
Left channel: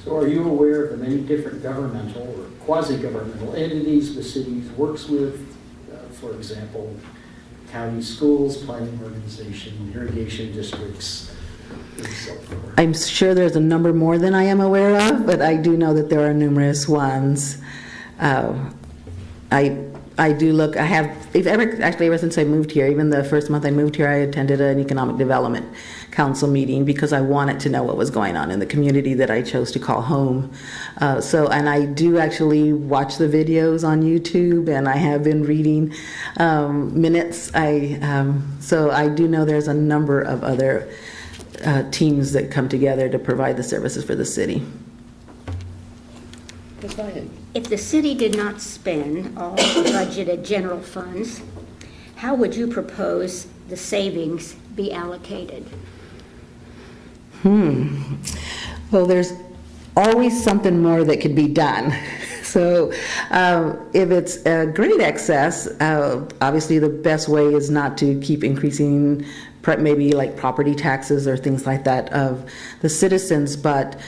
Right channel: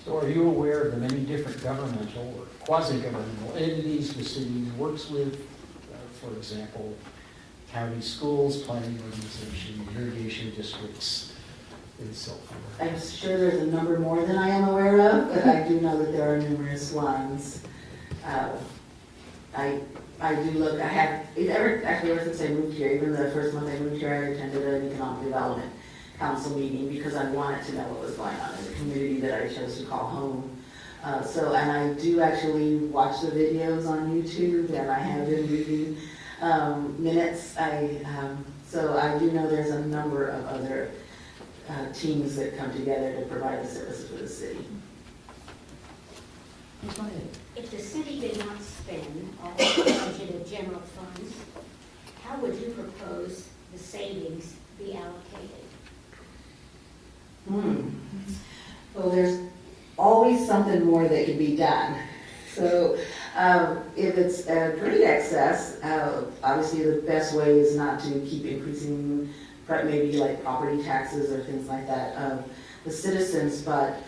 So are you aware of the many different governmental or quasi-governmental entities the city works with? For example, county schools, planning organization, irrigation districts, and so forth. I'm sure there's a number more than I am aware of, but I do know that there are numerous ones. I do look, ever since I moved here, even the first month I moved here, I attended an economic development council meeting because I wanted to know what was going on in the community that I chose to call home. And I do actually watch the videos on YouTube, and I have been reading minutes. So I do know there's a number of other teams that come together to provide the services for the city. If the city did not spend all the budgeted general funds, how would you propose the savings be allocated? Well, there's always something more that could be done. So if it's a great excess, obviously the best way is not to keep increasing maybe like property taxes or things like that of the citizens, but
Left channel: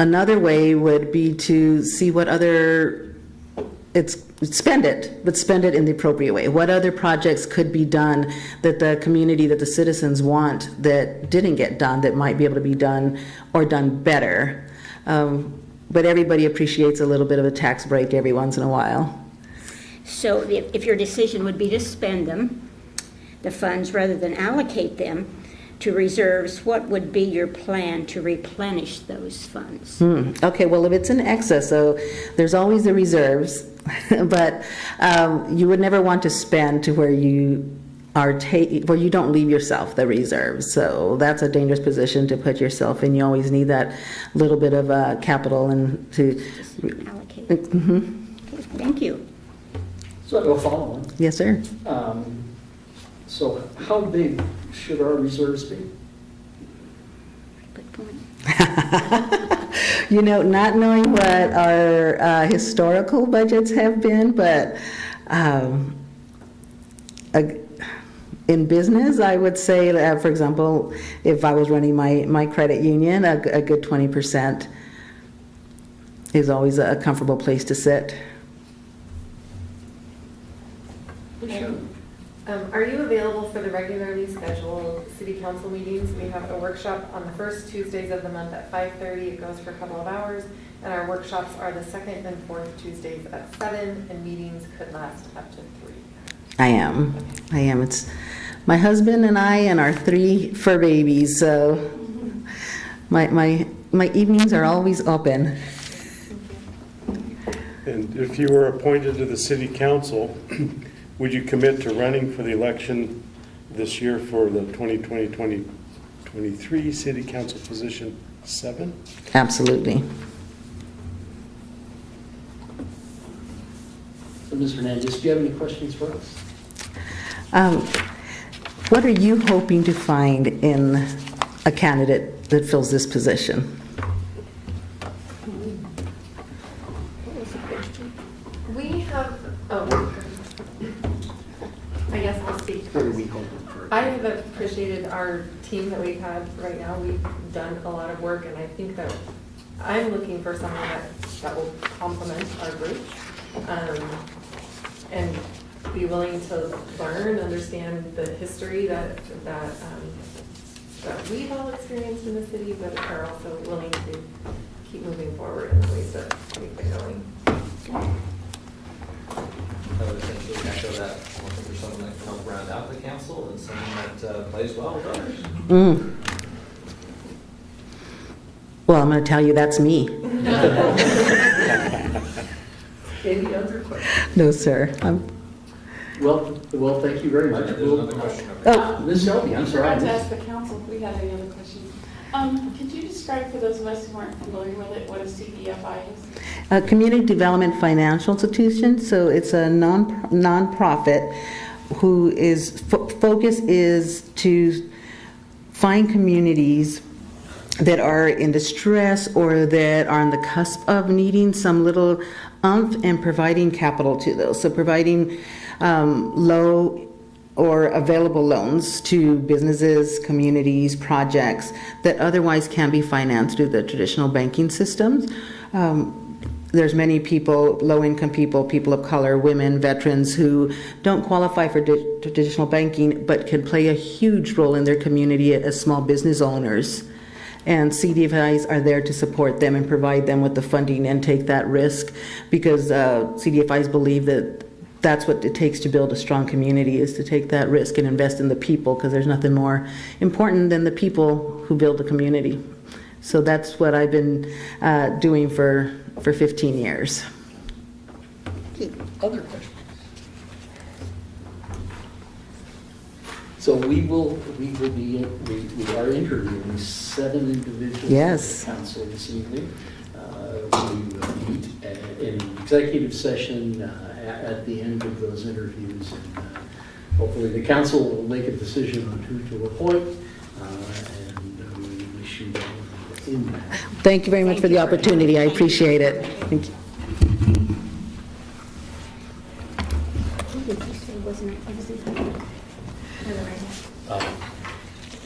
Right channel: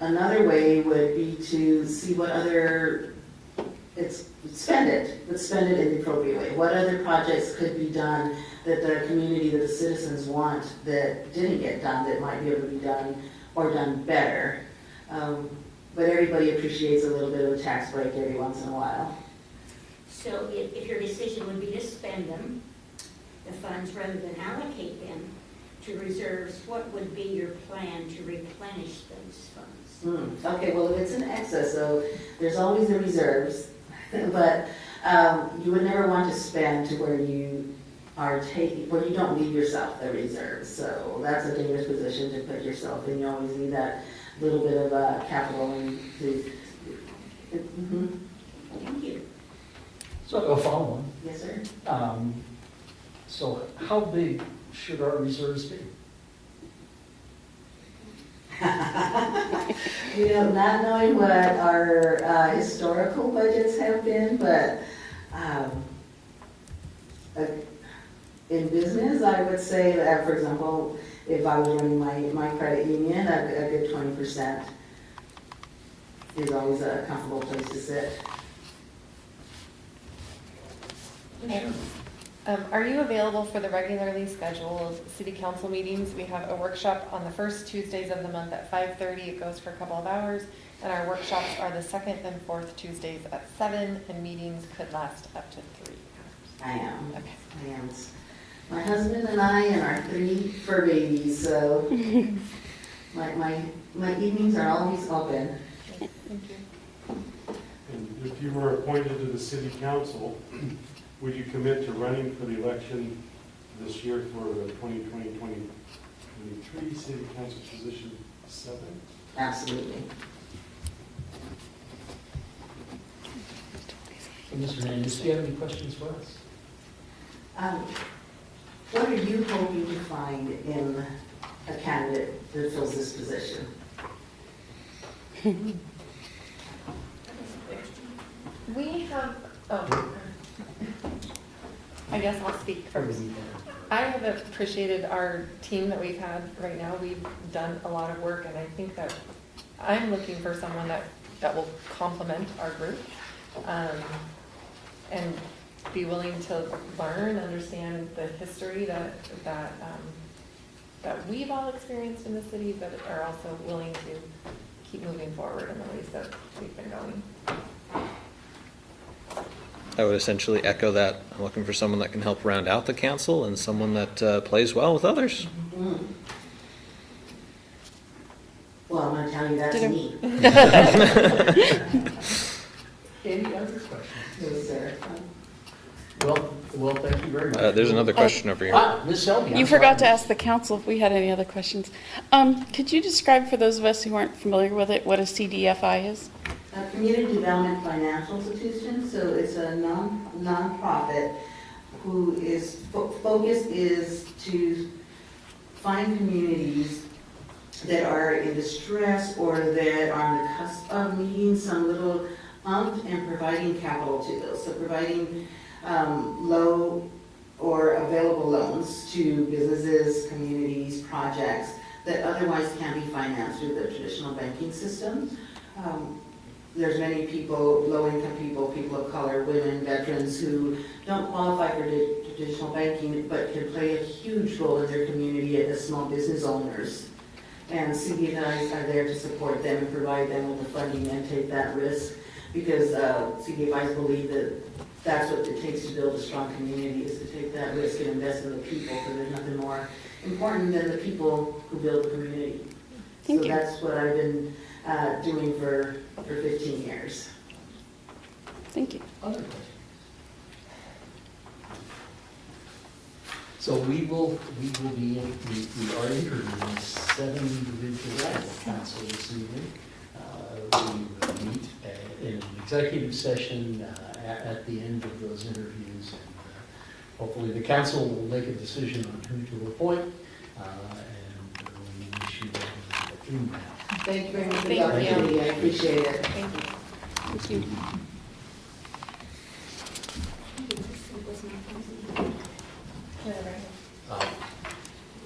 another way would be to see what other, spend it, but spend it in the appropriate way. What other projects could be done that the community, that the citizens want, that didn't get done, that might be able to be done or done better. But everybody appreciates a little bit of a tax break every once in a while. So if your decision would be to spend them, the funds, rather than allocate them to reserves, what would be your plan to replenish those funds? Okay, well, if it's in excess, so there's always the reserves, but you would never want to spend to where you are where you don't leave yourself the reserves. So that's a dangerous position to put yourself in. You always need that little bit of capital and to allocate. Okay, thank you. So I'll follow on. Yes, sir. So how big should our reserves be? Good point. You know, not knowing what our historical budgets have been, but in business, I would say, for example, if I was running my credit union, a good 20% is always a comfortable place to sit. Are you available for the regularly scheduled city council meetings? We have a workshop on the first Tuesdays of the month at 5:30. It goes for a couple of hours. And our workshops are the second and fourth Tuesdays at 7, and meetings could last up to 3. I am. Okay. I am. It's my husband and I and our 3 fur babies. So my evenings are always open. And if you were appointed to the city council, would you commit to running for the election this year for the 2020-2023 City Council position 7. Absolutely. Ms. Hernandez, do you have any questions for us? What are you hoping to find in a candidate that fills this position? We have, I guess I'll speak Or first. we can- I have appreciated our team that we've had right now. We've done a lot of work, and I think that I'm looking for someone that will complement our group, and be willing to learn, understand the history that we've all experienced in the city, but are also willing to keep moving forward in the ways that we've been going. I would essentially echo that. I'm looking for someone that can help round out the council and someone that plays well with others. Mm. Well, I'm going to tell you that's me. Any other questions? No, sir. Well, thank you very much. There's another question over here. Ms. Selby, I'm You forgot to sorry. ask the council if we had any other questions. Could you describe for those of us who aren't familiar with it, what a CDFI is? A Community Development Financial Institution, so it's a non-profit who is focus is to find communities that are in distress or that are on the cusp of needing some little oomph and providing capital to those. So providing low or available loans to businesses, communities, projects that otherwise can be financed through the traditional banking systems. There's many people, low-income people, people of color, women, veterans who don't qualify for traditional banking but can play a huge role in their community as small business owners. And CDFIs are there to support them and provide them with the funding and take that risk, because CDFIs believe that that's what it takes to build a strong community, is to take that risk and invest in the people, because there's nothing more important than the people who build the community. So that's what I've been doing for 15 years. Thank you. Other questions? So we are interviewing 7 individuals. Yes. For the council this evening. We will meet in an executive session at the end of those interviews, and hopefully the council will make a decision on who to appoint, and we wish you well in that. Thank you very much for the opportunity. I appreciate it. Thank you.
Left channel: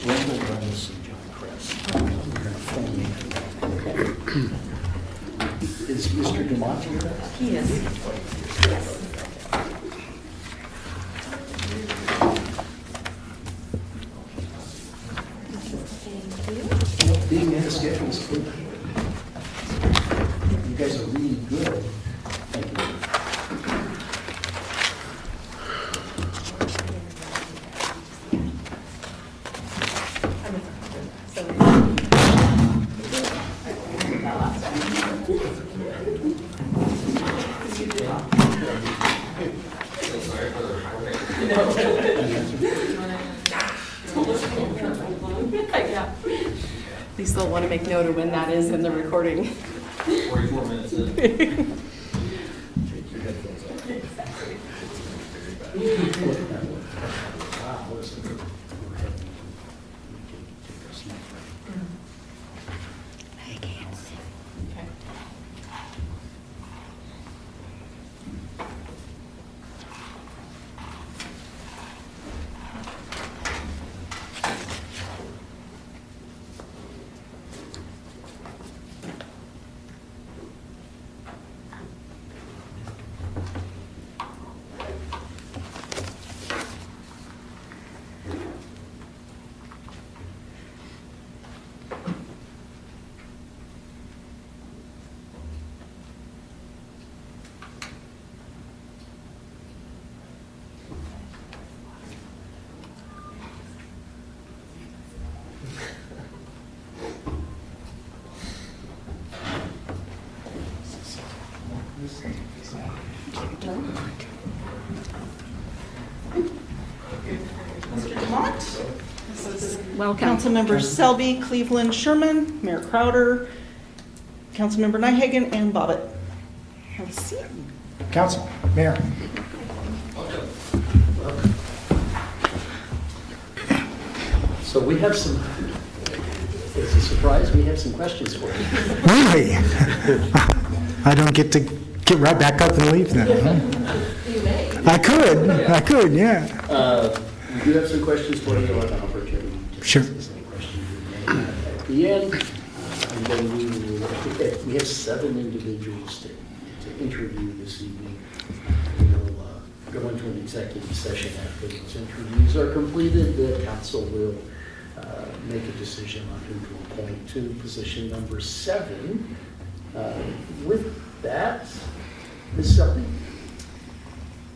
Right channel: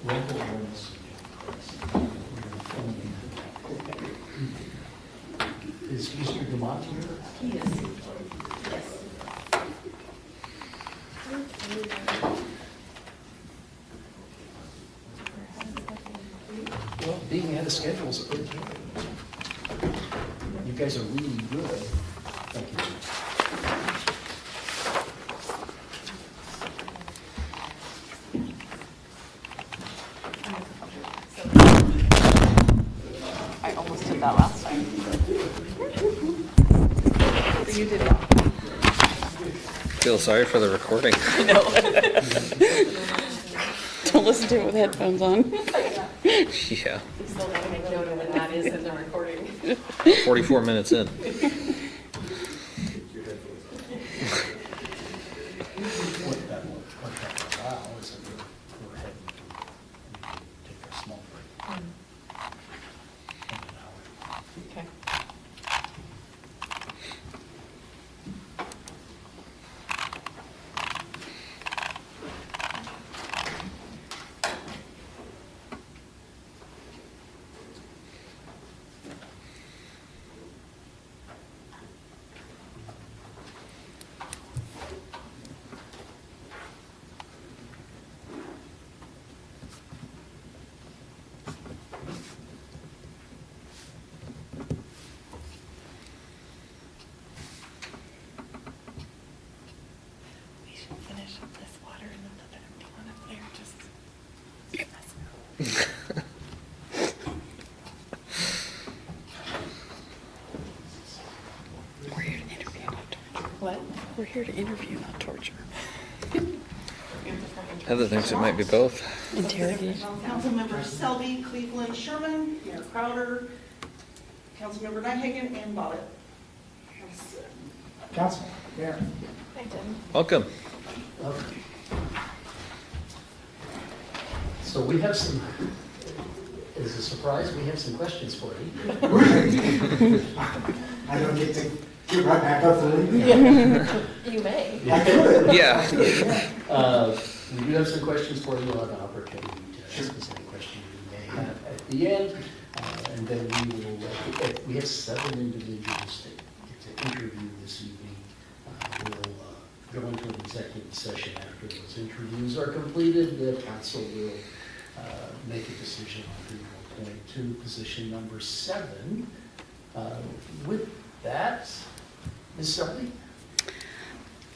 Randall Reynolds and John Chris. We're going to formulate that. Is Mr. Dumont here? He is. Yes. Well, being ahead of schedule is good. You guys are really good. Thank you. I almost did that last time. Feel sorry for the recording. Don't listen to it with headphones on. Yeah. Yeah, At least they'll want to make note of when that is in the recording. 44 minutes in. Wow, this is good. We're ahead. Take our snack break. Okay. Heather thinks it might be both. Welcome. Councilmembers Selby, Cleveland, Sherman, Mayor Crowder, Councilmember Nyhagen, and Bobbitt. Have a seat. Council, Mayor. Welcome. So we have some, as a surprise, we have some questions for you. Really? I don't get to get right back up and leave then? You may. I could, Yeah. I could, yeah. We do have some questions for you. We'll have an opportunity to Sure. discuss any questions you may have at the end. And then we have 7 individuals to interview this evening. We'll go into an executive session after those interviews are completed. The council will make a decision on who to appoint to position number 7. With that, Ms. Selby?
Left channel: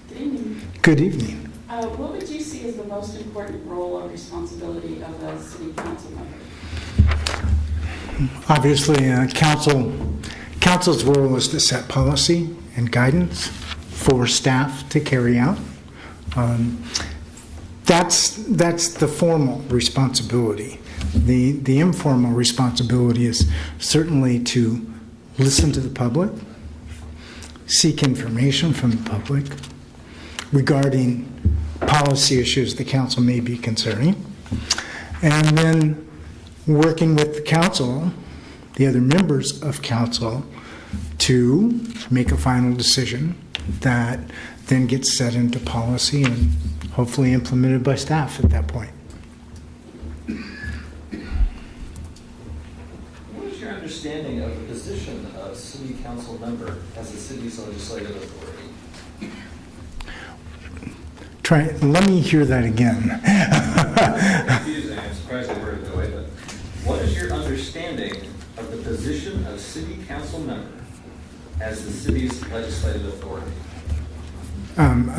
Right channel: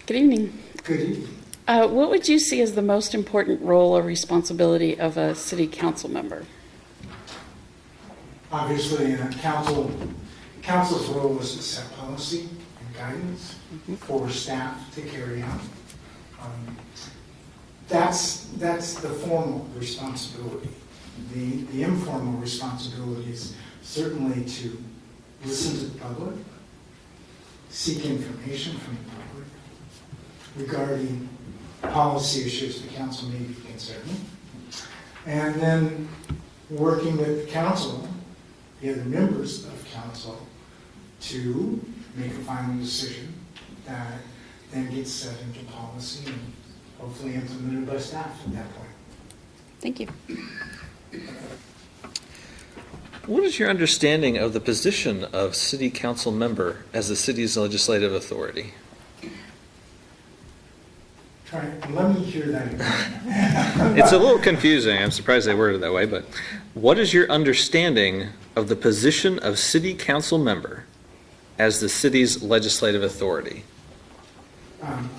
Good evening. Good evening. What would you see as the most important role or responsibility of a city council member? Obviously, council's role is to set policy and guidance for staff to carry out. That's the formal responsibility. The informal responsibility is certainly to listen to the public, seek information from the public regarding policy issues the council may be concerning, and then working with the council, the other members of council, to make a final decision that then gets set into policy and hopefully implemented by staff at that point. Thank you. What is your understanding of the position of city council member as the city's legislative authority? Let me hear that again. It's a little confusing. I'm surprised they worded it that way, but what is your understanding of the position of city council member as the city's legislative authority?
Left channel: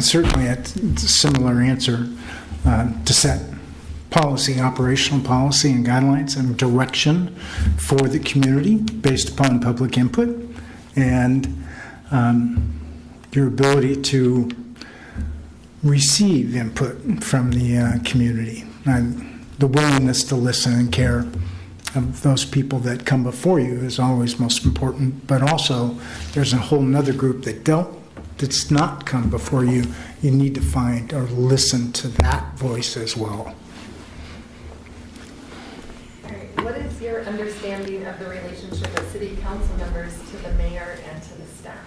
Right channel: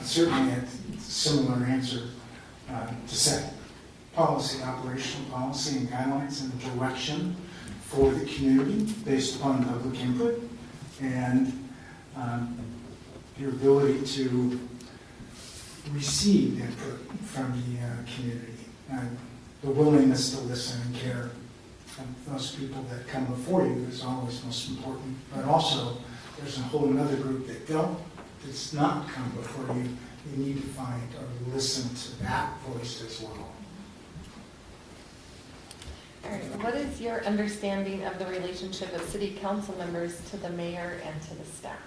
Certainly, it's a similar answer to set policy, operational policy and guidelines and direction for the community based upon public input and your ability to receive input from the community and the willingness to listen and care of those people that come before you is always most important, but also there's a whole nother group that's not come before you. You need to find or listen to that voice as well. All right. What is your understanding of the relationship of city council members to the mayor and to the staff?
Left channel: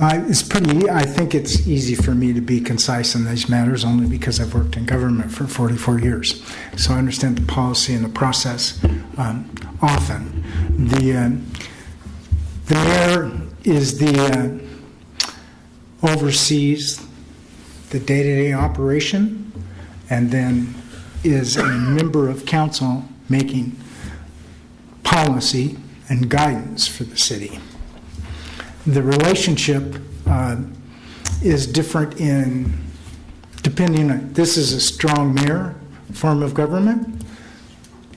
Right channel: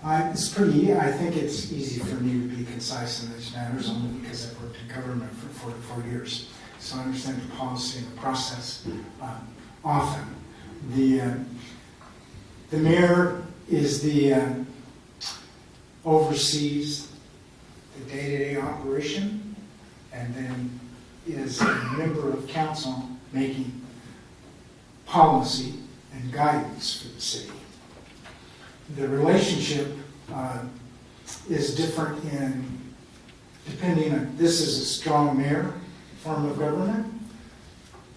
I think it's easy for me to be concise in these matters only because I've worked in government for 44 years. So I understand the policy and the process often. The mayor is oversees the day-to-day operation and then is a member of council making policy and guidance for the city. The relationship is different depending on, this is a strong mayor form of government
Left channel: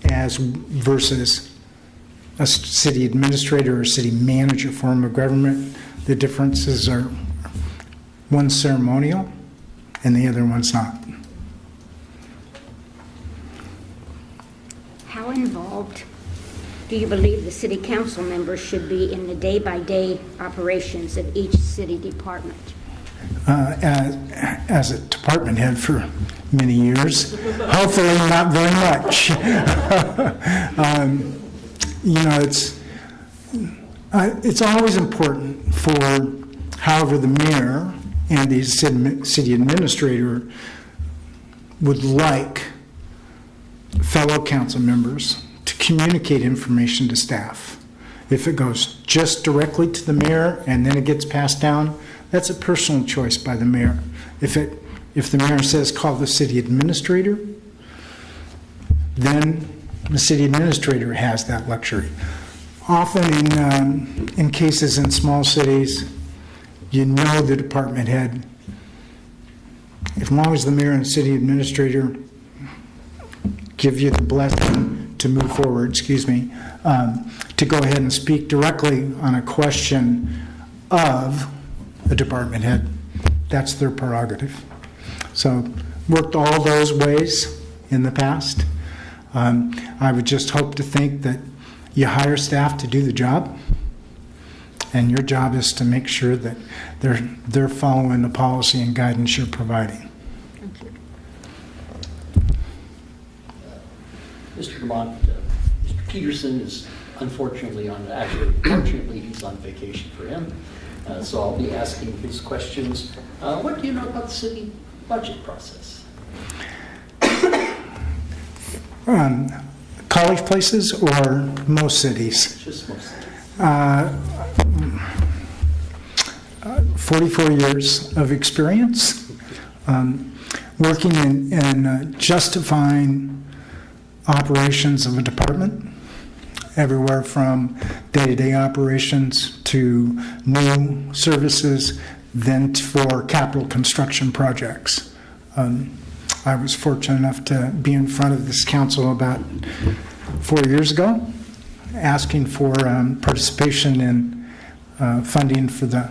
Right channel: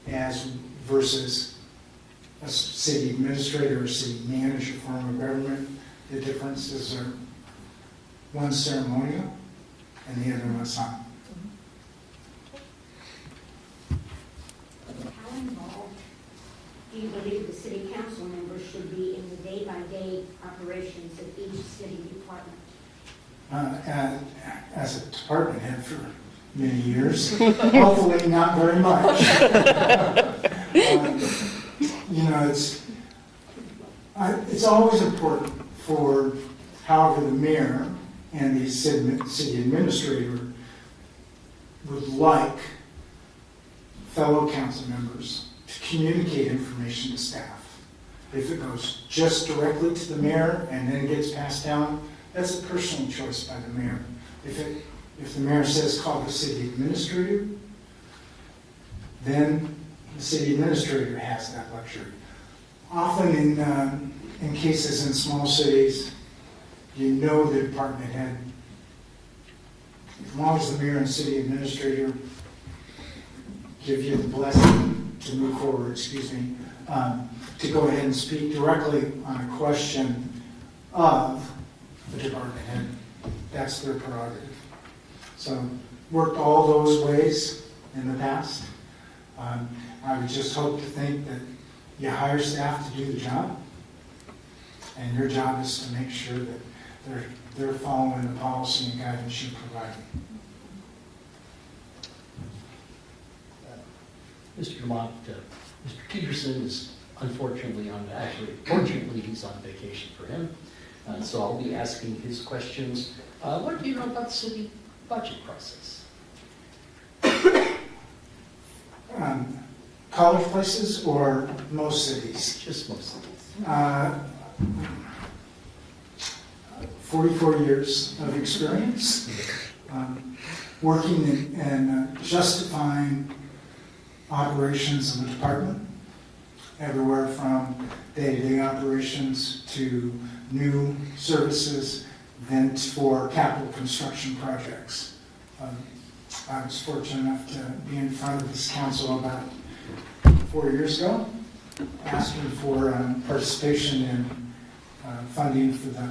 versus a city administrator or city manager form of government. The differences are one's ceremonial and the other one's not. How involved do you believe the city council members should be in the day-by-day operations of each city department? As a department head for many years, hopefully not very much. It's always important for, however, the mayor and the city administrator would like fellow council members to communicate information to staff. If it goes just directly to the mayor and then it gets passed down, that's a personal choice by the mayor. If the mayor says call the city administrator, then the city administrator has that luxury. Often in cases in small cities, you know the department head, as long as the mayor and city administrator give you the blessing to move forward, to go ahead and speak directly on a question of a department head. That's their prerogative. So worked all those ways in the past. I would just hope to think that you hire staff to do the job, and your job is to make sure that they're following the policy and guidance you're providing. Mr. Demont, Mr. Peterson is unfortunately fortunately he's on vacation for him. So I'll be asking his questions. What do you know about the city budget process? College places or most cities? Just most cities. 44 years of experience working in justifying operations of a department, everywhere from day-to-day operations to new services, then for capital construction projects. I was fortunate enough to be in front of this council about 4 years ago, asking for participation in funding for the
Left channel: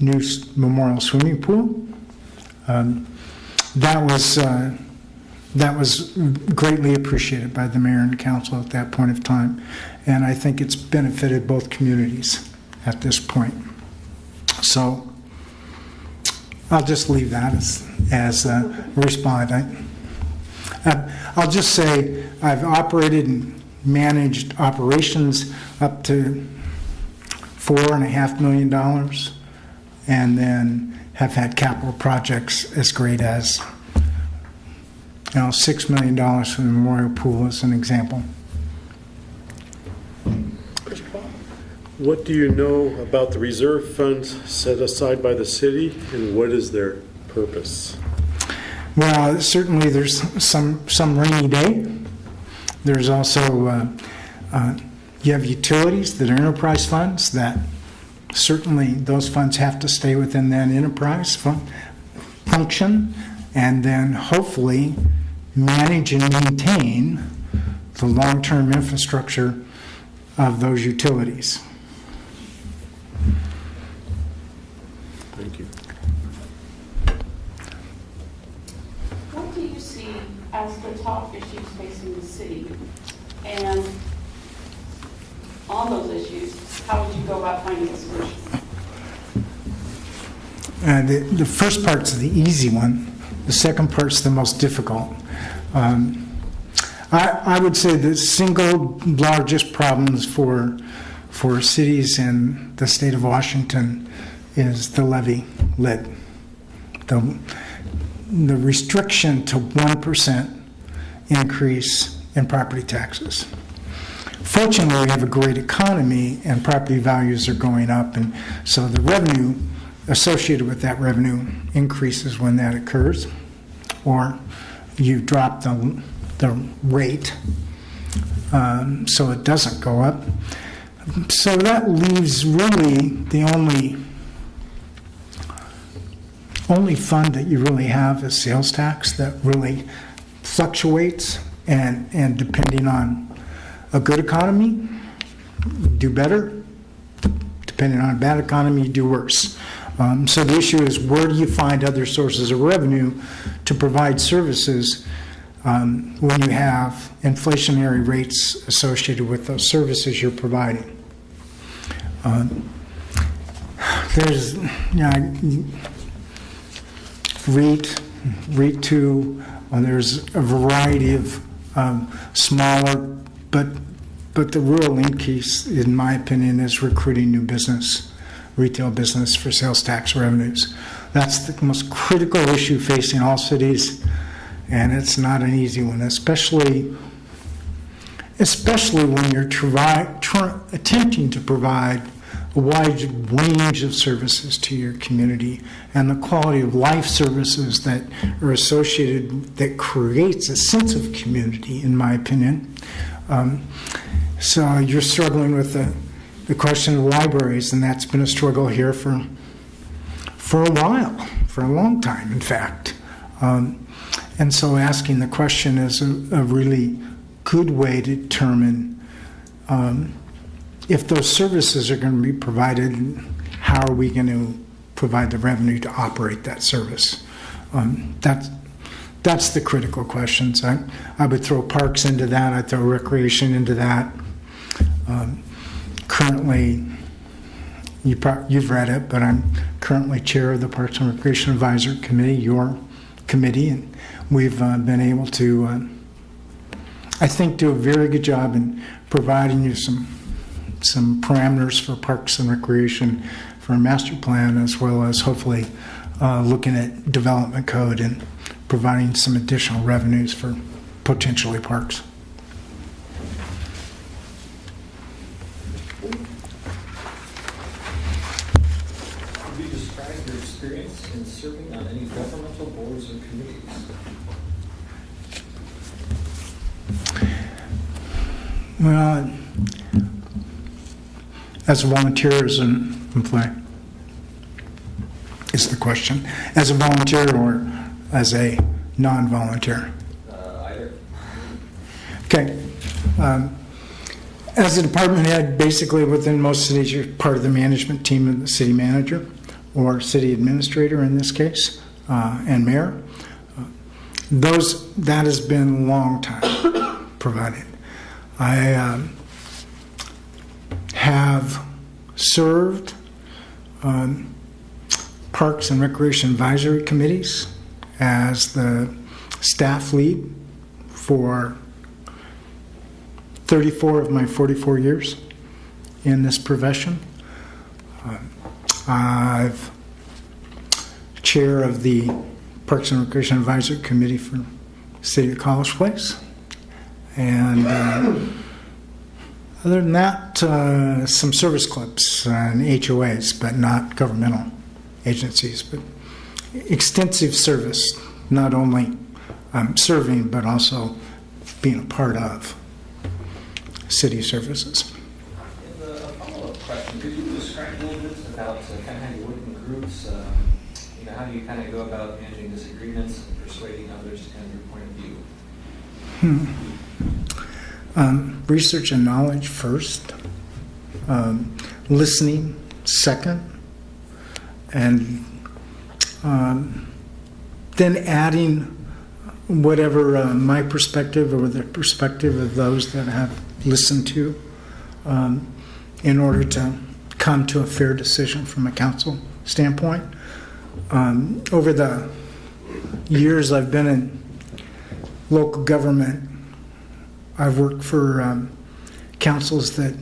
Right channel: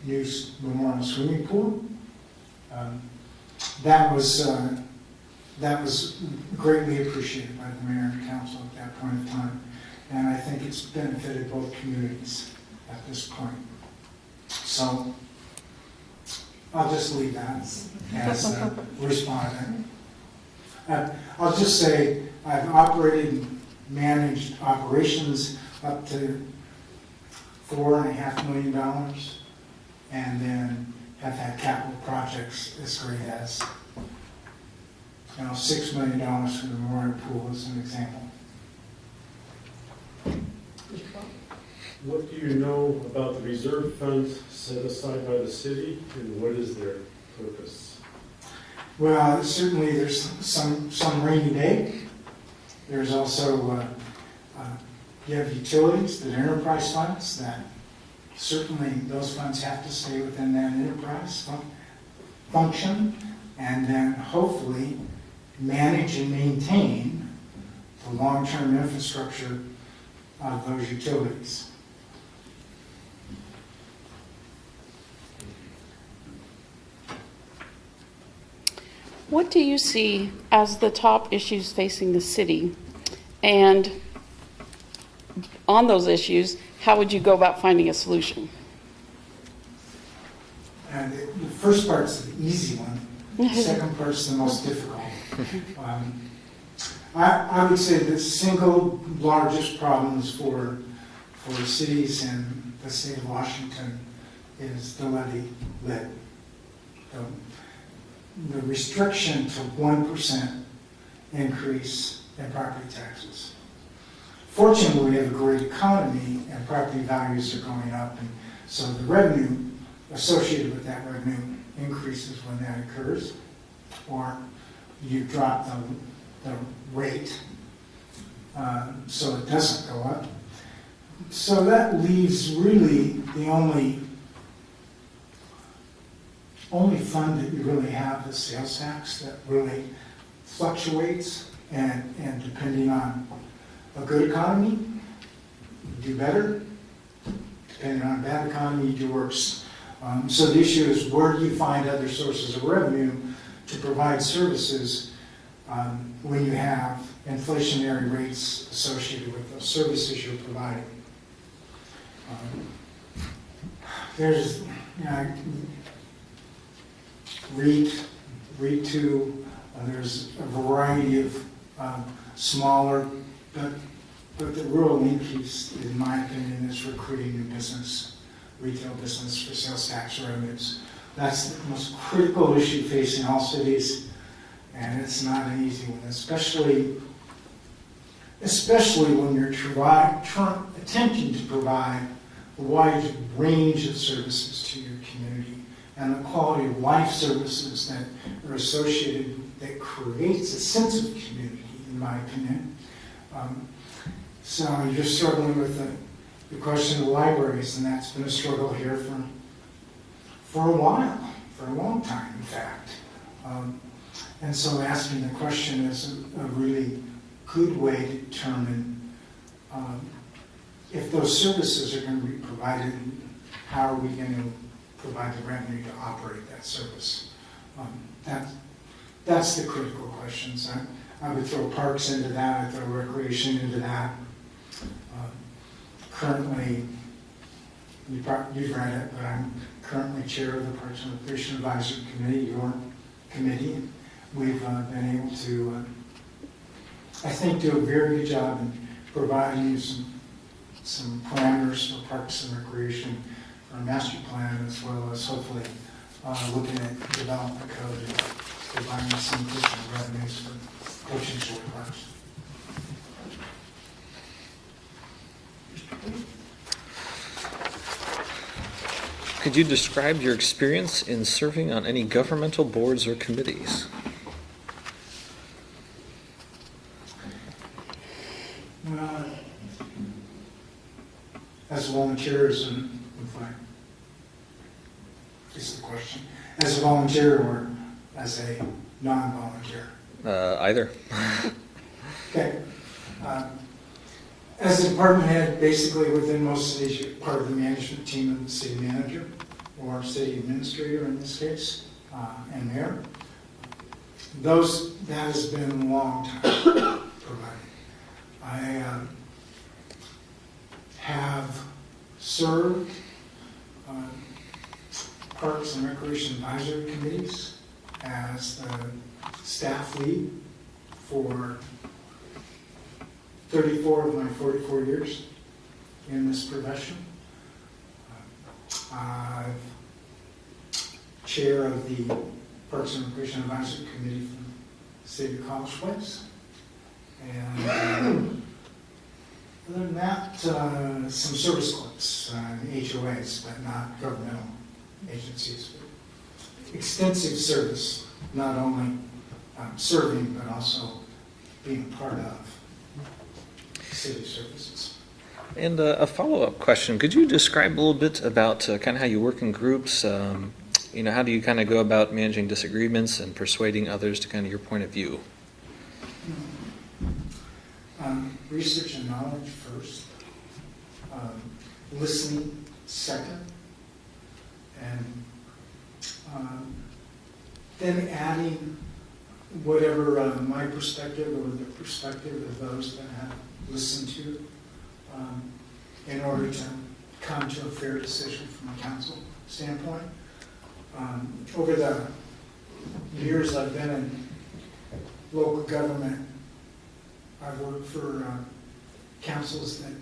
new memorial swimming pool. That was greatly appreciated by the mayor and council at that point of time, and I think it's benefited both communities at this point. So I'll just leave that as a response. I'll just say I've operated and managed operations up to $4.5 million, and then have had capital projects as great as $6 million for the memorial pool as an example. What do you know about the reserve funds set aside by the city, and what is their purpose? Well, certainly there's some rainy day. There's also, you have utilities that are enterprise funds that certainly those funds have to stay within that enterprise function, and then hopefully manage and maintain the long-term infrastructure of those utilities. Thank you. What do you see as the top issues facing the city? And on those issues, how would you go about finding a solution? The first part's the easy one. The second part's the most difficult. I would say the single largest problems for cities in the state of Washington is the levy lid. The restriction to 1% increase in property taxes. Fortunately, we have a great economy and property values are going up, and so the revenue associated with that revenue increases when that occurs, or you drop the rate so it doesn't go up. So that leaves really the only fund that you really have is sales tax that really fluctuates, and depending on a good economy, you do better. Depending on a bad economy, you do worse. So the issue is, where do you find other sources of revenue to provide services when you have inflationary rates associated with those services you're providing? There's, REIT 2, there's a variety of smaller, but the real increase, in my opinion, is recruiting new business, retail business for sales tax revenues. That's the most critical issue facing all cities, and it's not an easy one, especially when you're attempting to provide a wide range of services to your community, and the quality of life services that are associated, that creates a sense of community, in my opinion. So you're struggling with the question of libraries, and that's been a struggle here for a while, for a long time, in fact. And so asking the question is a really good way to determine if those services are going to be provided, how are we going to provide the revenue to operate that service. That's the critical questions. I would throw parks into that. I'd throw recreation into that. Currently, you've read it, but I'm currently chair of the Parks and Recreation Advisory Committee, your committee, and we've been able to, I think, do a very good job in providing you some parameters for parks and recreation for a master plan, as well as hopefully looking at development code and providing some additional revenues for potentially parks. Could you describe your experience in serving on any governmental boards or committees? Well, as a volunteer, as an employee, is the question. As a volunteer or as a non-volunteer? Either. Okay. As a department head, basically within most cities, you're part of the management team of the city manager or city administrator in this case, and mayor. That has been a long time provided. I have served on Parks and Recreation Advisory Committees as the staff lead for 34 of my 44 years in this profession. I've chair of the Parks and Recreation Advisory Committee for the City of College Place. And other than that, some service clubs and HOAs, but not governmental agencies, but extensive service, not only serving, but also being a part of city services. And a follow-up question, could you describe a little bit about kind of how you work in groups? How do you kind of go about managing disagreements and persuading others to kind of your point of view? Research and knowledge first, listening second, and then adding whatever my perspective or the perspective of those that have listened to in order to come to a fair decision from a council standpoint. Over the years I've been in local government, I've worked for councils that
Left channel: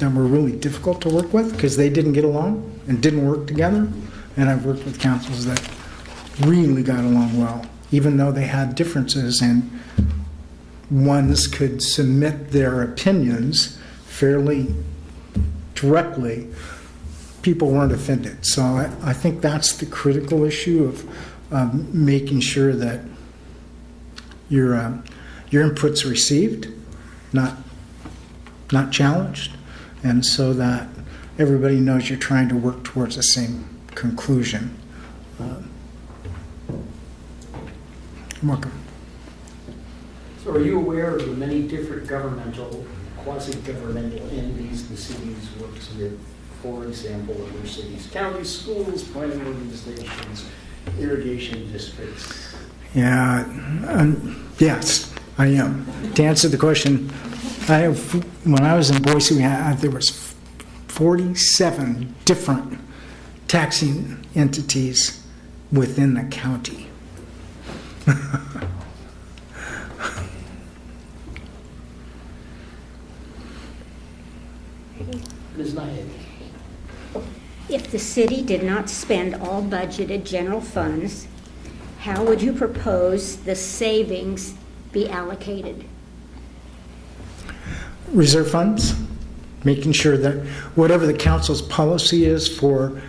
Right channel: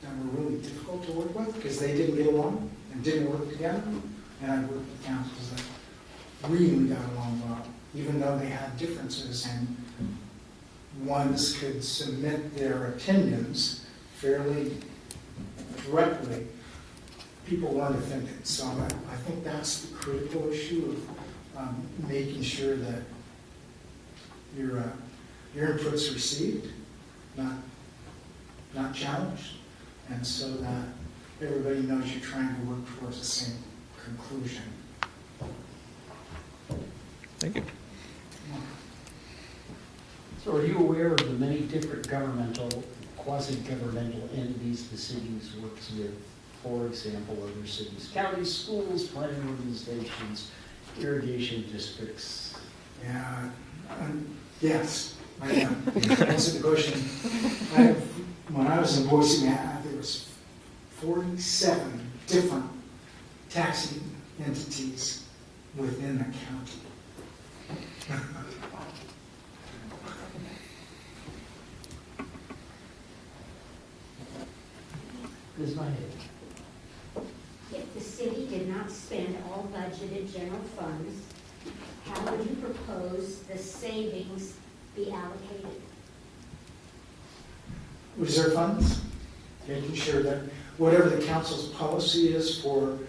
were really difficult to work with because they didn't get along and didn't work together. And I've worked with councils that really got along well, even though they had differences and ones could submit their opinions fairly directly. People weren't offended. So I think that's the critical issue of making sure that your input's received, not challenged, and so that everybody knows you're trying to work towards the same conclusion. Thank you. You're welcome. So are you aware of the many different governmental, quasi-governmental entities the city works with? For example, other cities, counties, schools, planning organizations, irrigation districts. Yeah, yes, I am. To answer the question, when I was in Boise, there was 47 different taxing entities within the county. Ms. Nyhead. If the city did not spend all budgeted general funds, how would you propose the savings be allocated? Reserve funds, making sure that whatever the council's policy is for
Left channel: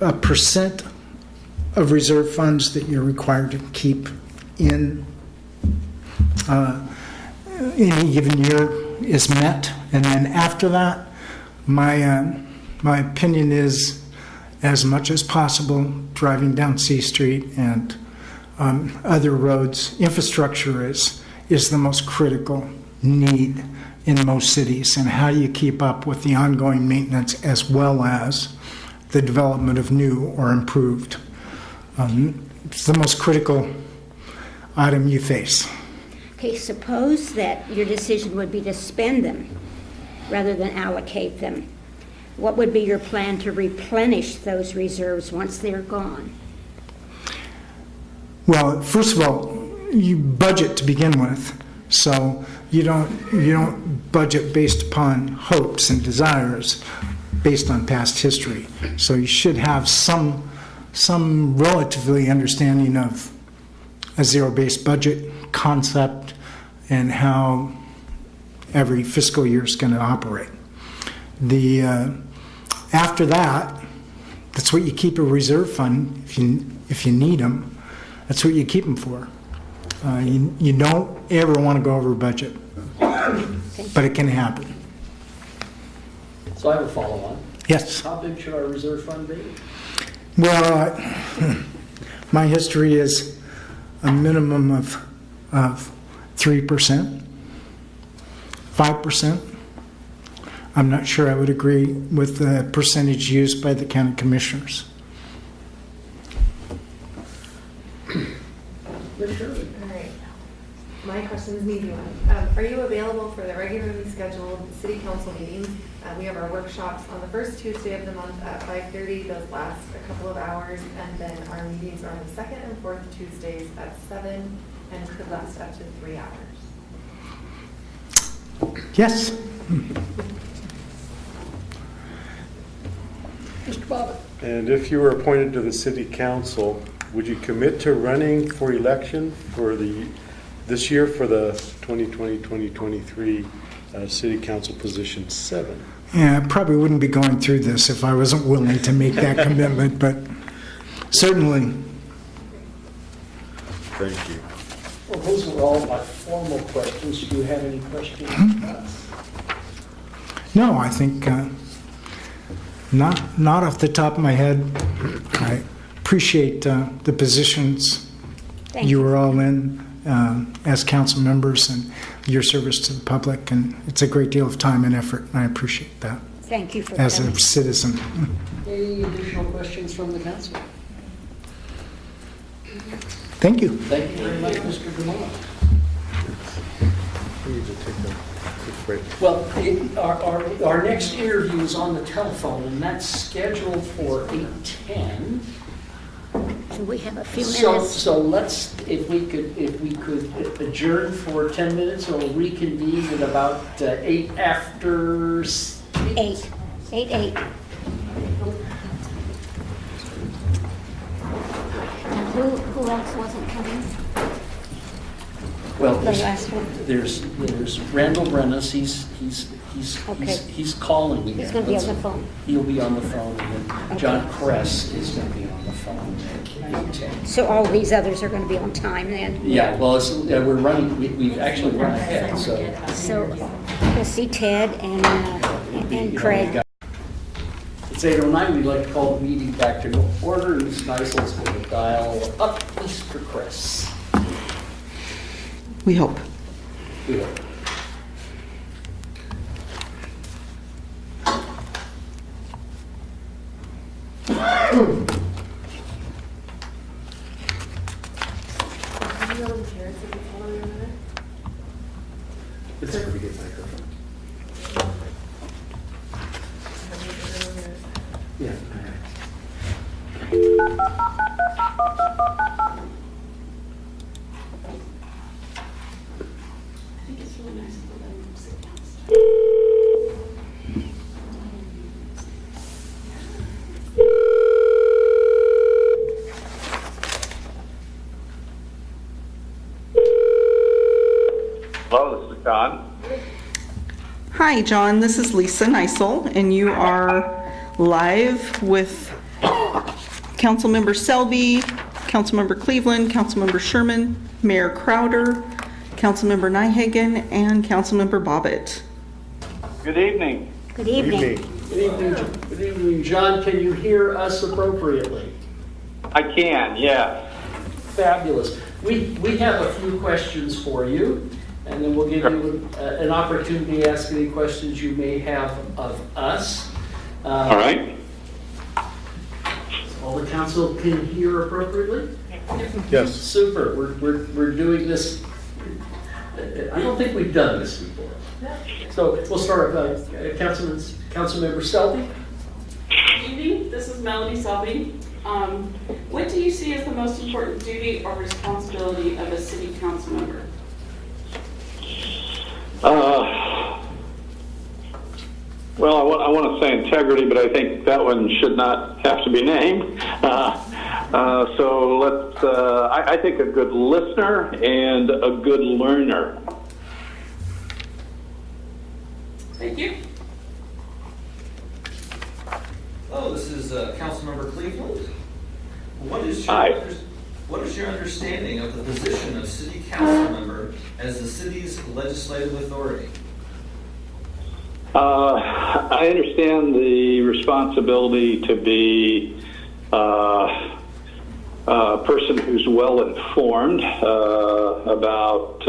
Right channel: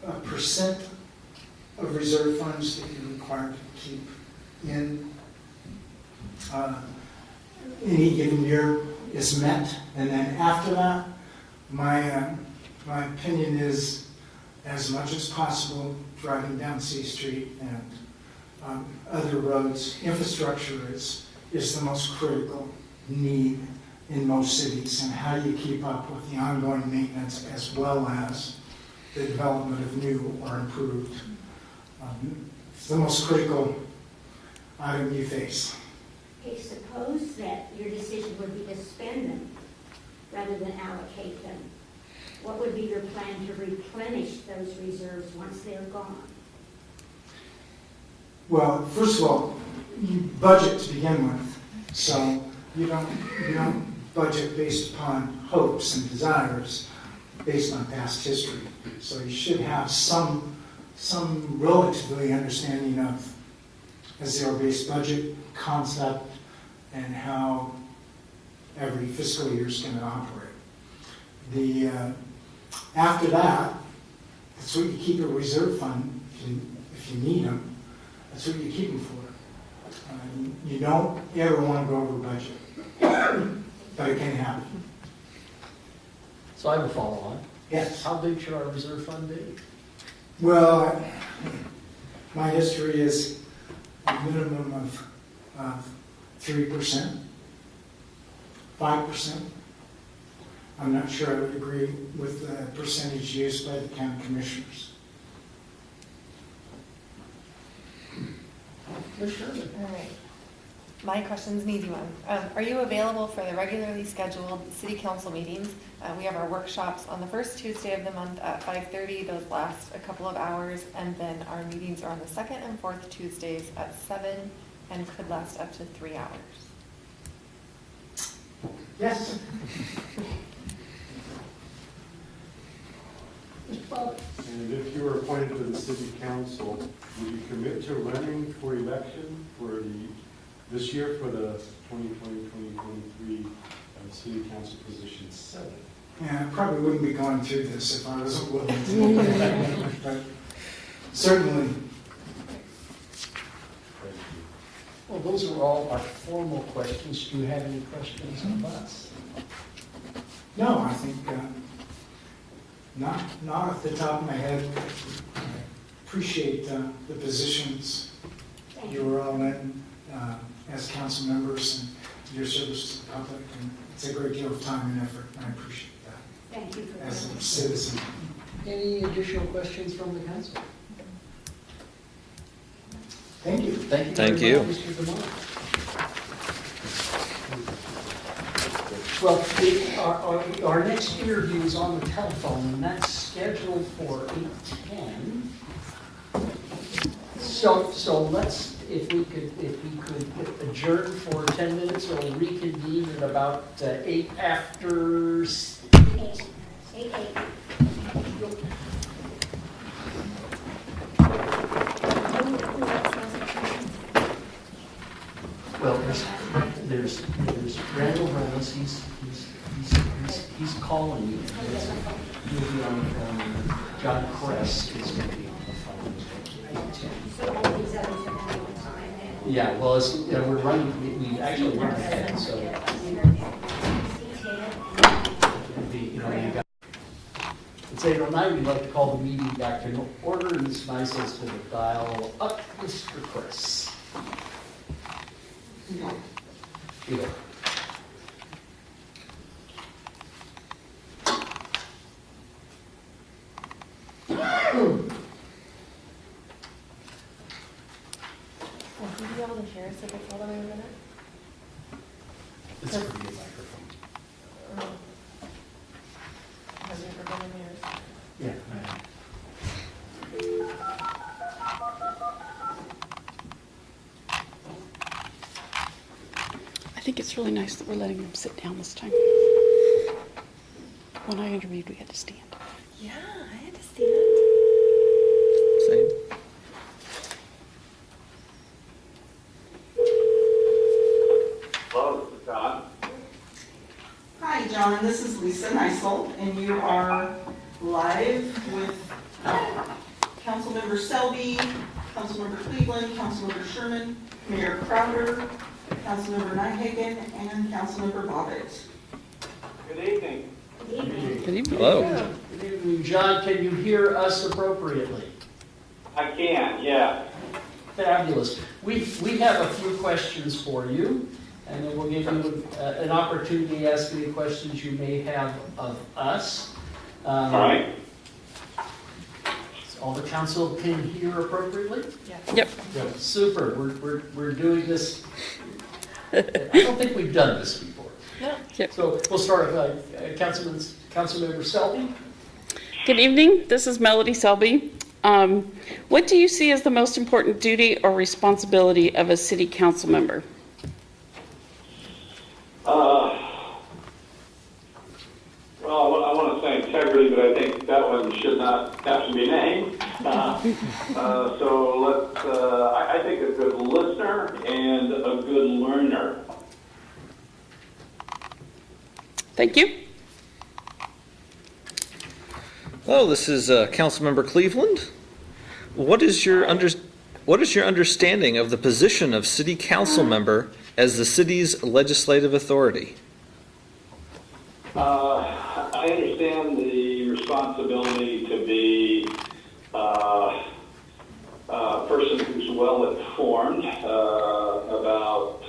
a percent of reserve funds that you're required to keep in any given year is met. And then after that, my opinion is, as much as possible, driving down C Street and other roads, infrastructure is the most critical need in most cities. And how do you keep up with the ongoing maintenance as well as the development of new or improved. It's the most critical item you face. Okay, suppose that your decision would be to spend them rather than allocate them. What would be your plan to replenish those reserves once they're gone? Well, first of all, you budget to begin with, so you don't budget based upon hopes and desires based on past history. So you should have some relatively understanding of a zero-based budget concept and how every fiscal year is going to operate. After that, that's what you keep a reserve fund if you need them. That's what you keep them for. You don't ever want to go over budget, but it can happen. So I have a follow-on. Yes. How big should our reserve fund be? Well, my history is a minimum of 3%, 5%. I'm not sure I would agree with the percentage used by the county commissioners. Yes, sure. All right. My question's an easy one. Are you available for the regularly scheduled city council meetings? We have our workshops on the first Tuesday of the month at 5:30. Those last a couple of hours. And then our meetings are on the second and fourth Tuesdays at 7 and could last up to 3 hours. Yes. Mr. Bobbitt? And if you were appointed to the city council, would you commit to running for election for this year for the 2020-2023 city council position 7? Yeah, I probably wouldn't be going through this if I wasn't willing to make that commitment, but certainly. Thank you. Well, those are all my formal questions. Do you have any questions for us? No, I think not off the top of my head. I appreciate the positions Thank you were all in as council members and your service to the public, and it's a great deal of time and effort, and I appreciate that Thank you for as coming. a citizen. Any additional questions from the council? Thank you. Thank you Thank very you. much, Mr. Gamon. We need to take a quick break. Well, our next interview is on the telephone, and that's scheduled for 8:10. We have a few So minutes. let's, if we could adjourn for 10 minutes or reconvene at about 8 after 8. Who else wasn't coming? Well, The last one. there's Randall Brennis, Okay. he's calling you. He's going to be on the phone. You'll be on the phone, and then John Kress is going to be on the phone at 8:10. So all these others are going to be on time then? Yeah, well, we're running, we've actually run ahead, so. So we'll see Ted and Craig. It's 8:09, we'd like to call the meeting back to order, and it's nice, let's go to dial up Mr. Chris. We hope. Good. Have you on the chair so it's all the way in a minute? It's a pretty good microphone. Yeah. I think it's really nice that we're letting them sit down this time. When I interviewed, we had to stand. Same. Hello, this is John. Hi, John. This is Lisa Neisel, and you are live with Councilmember Selby, Councilmember Cleveland, Councilmember Sherman, Mayor Crowder, Councilmember Nyhagen, and Councilmember Bobbitt. Good evening. Good evening. Hello. Good evening, John. Can you hear us appropriately? I can, yes. Fabulous. We have a few questions for you, and then we'll give you an opportunity to ask any questions you may have of us. All right. All the council can hear appropriately? Yep. Yes. Super, we're doing this. I don't think we've done this before. Yep. So we'll start with Councilmember Selby. Good evening, this is Melody Selby. What do you see as the most important duty or responsibility of a city council member? Well, I want to say integrity, but I think that one should not have to be named. So let's, I think a good listener and a good learner. Thank you. Hello, this is Councilmember Cleveland. What is your Hi. what is your understanding of the position of city council member as the city's legislative authority? I understand the responsibility to be a person who's well informed about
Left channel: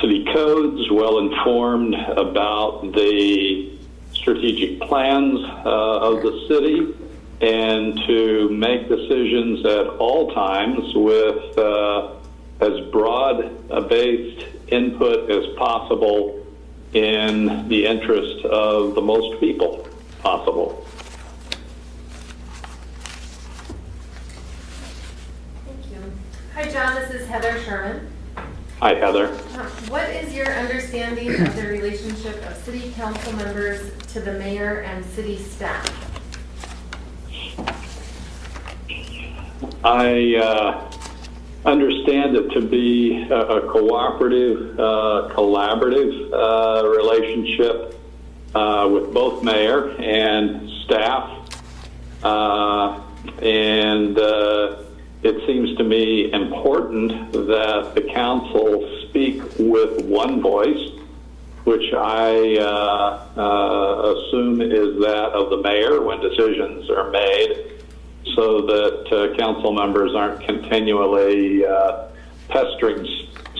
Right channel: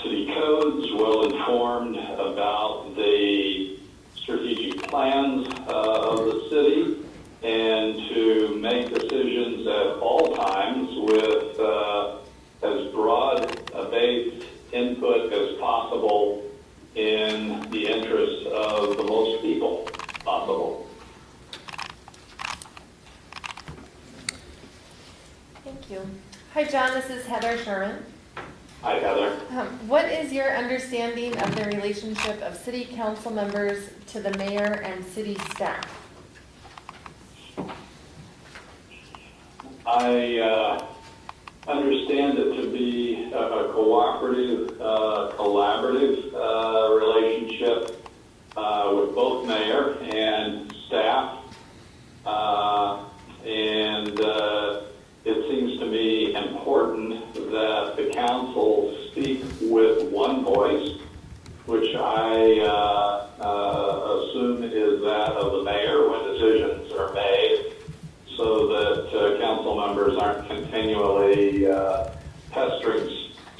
city codes, well informed about the strategic plans of the city, and to make decisions at all times with as broad a based input as possible in the interest of the most people possible. Thank you. Hi, John, this is Heather Sherman. Hi, Heather. What is your understanding of the relationship of city council members to the mayor and city staff? I understand it to be a cooperative, collaborative relationship with both mayor and staff. And it seems to me important that the council speak with one voice, which I assume is that of the mayor when decisions are made, so that council members aren't continually pestering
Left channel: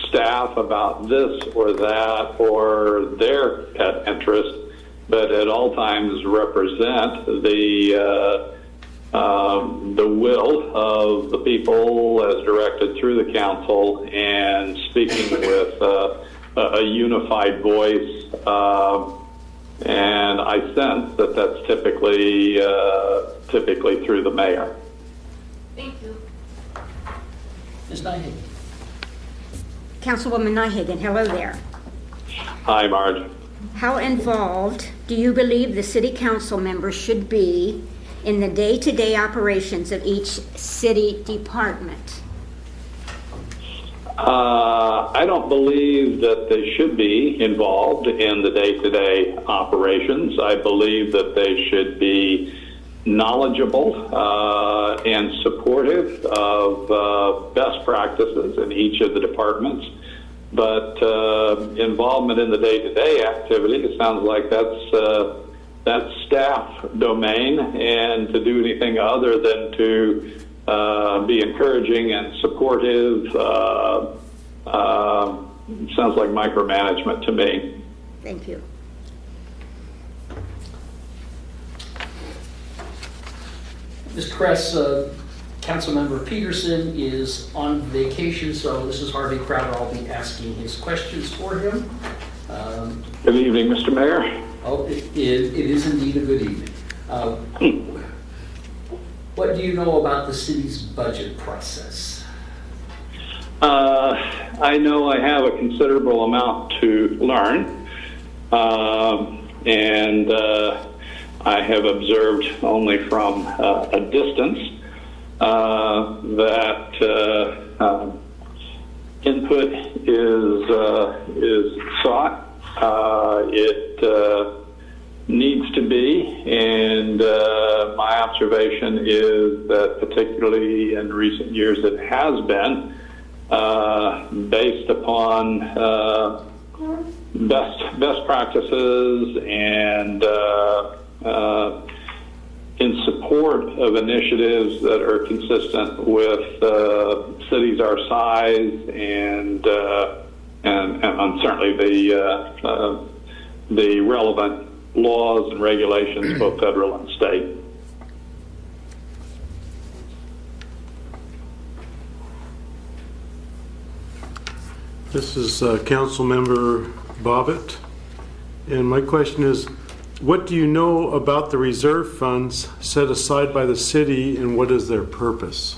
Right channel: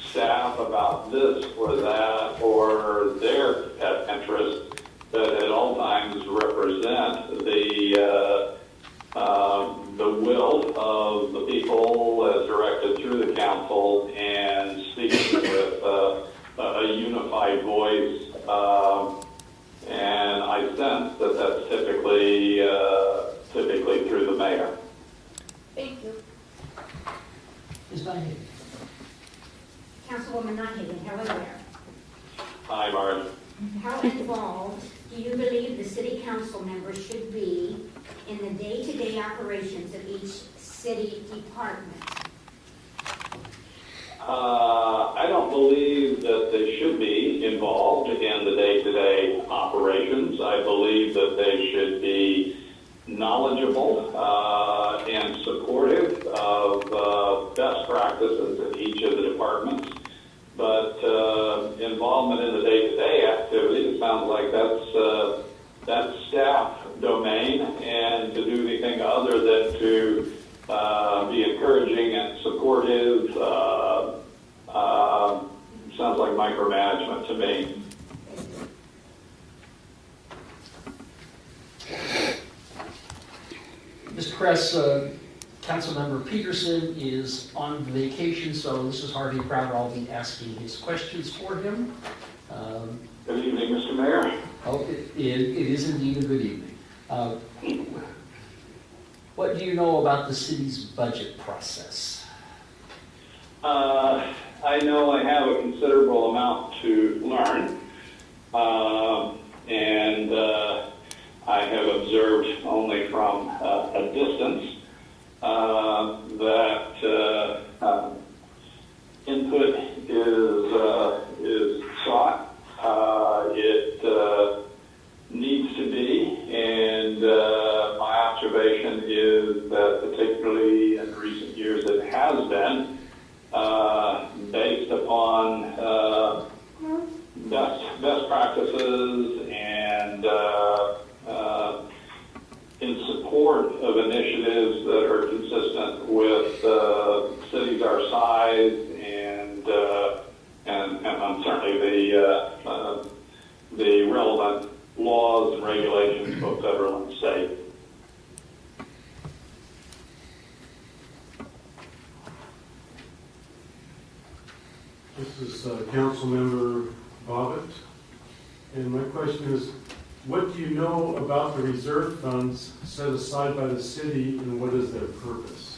staff about this or that or their pet interest, but at all times represent the will of the people as directed through the council and speaking with a unified voice. And I sense that that's typically through the mayor. Thank you. Ms. Nyhagen. Councilwoman Nyhagen, hello there. Hi, Marge. How involved do you believe the city council member should be in the day-to-day operations of each city department? I don't believe that they should be involved in the day-to-day operations. I believe that they should be knowledgeable and supportive of best practices in each of the departments. But involvement in the day-to-day activity, it sounds like that's staff domain, and to do anything other than to be encouraging and supportive sounds like micromanagement to me. Thank you. Ms. Kress, Councilmember Peterson is on vacation, so this is Harvey Crowder. I'll be asking his questions for him. Good evening, Mr. Mayor. Oh, it is indeed a good evening. What do you know about the city's budget process? I know I have a considerable amount to learn, and I have observed only from a distance that input is sought. It needs to be, and my observation is that particularly in recent years it has been based upon best practices and in support of initiatives that are consistent with cities our size and certainly the relevant laws and regulations, both federal and state. Ms. Nyhagen. Councilmember Peterson is on vacation, so this is Harvey Crowder. I'll be asking his questions for him. What do you know about the city's budget process? I know I have a considerable amount to learn, This is Councilmember Bobbitt, and my question is, what do you know about the reserve funds set aside by the city, and what is their purpose?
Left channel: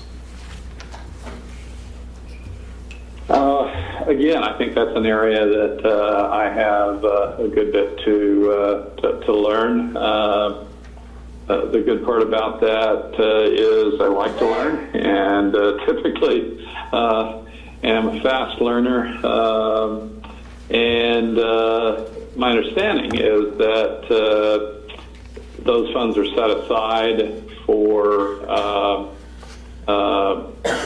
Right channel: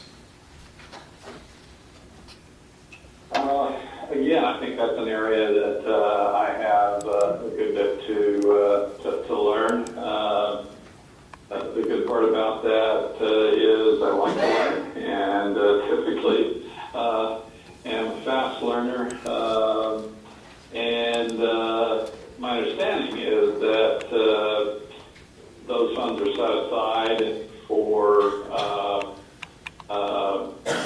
Again, I think that's an area that I have a good bit to learn. The good part about that is I like to learn, and typically am a fast learner. And my understanding is that those funds are set aside for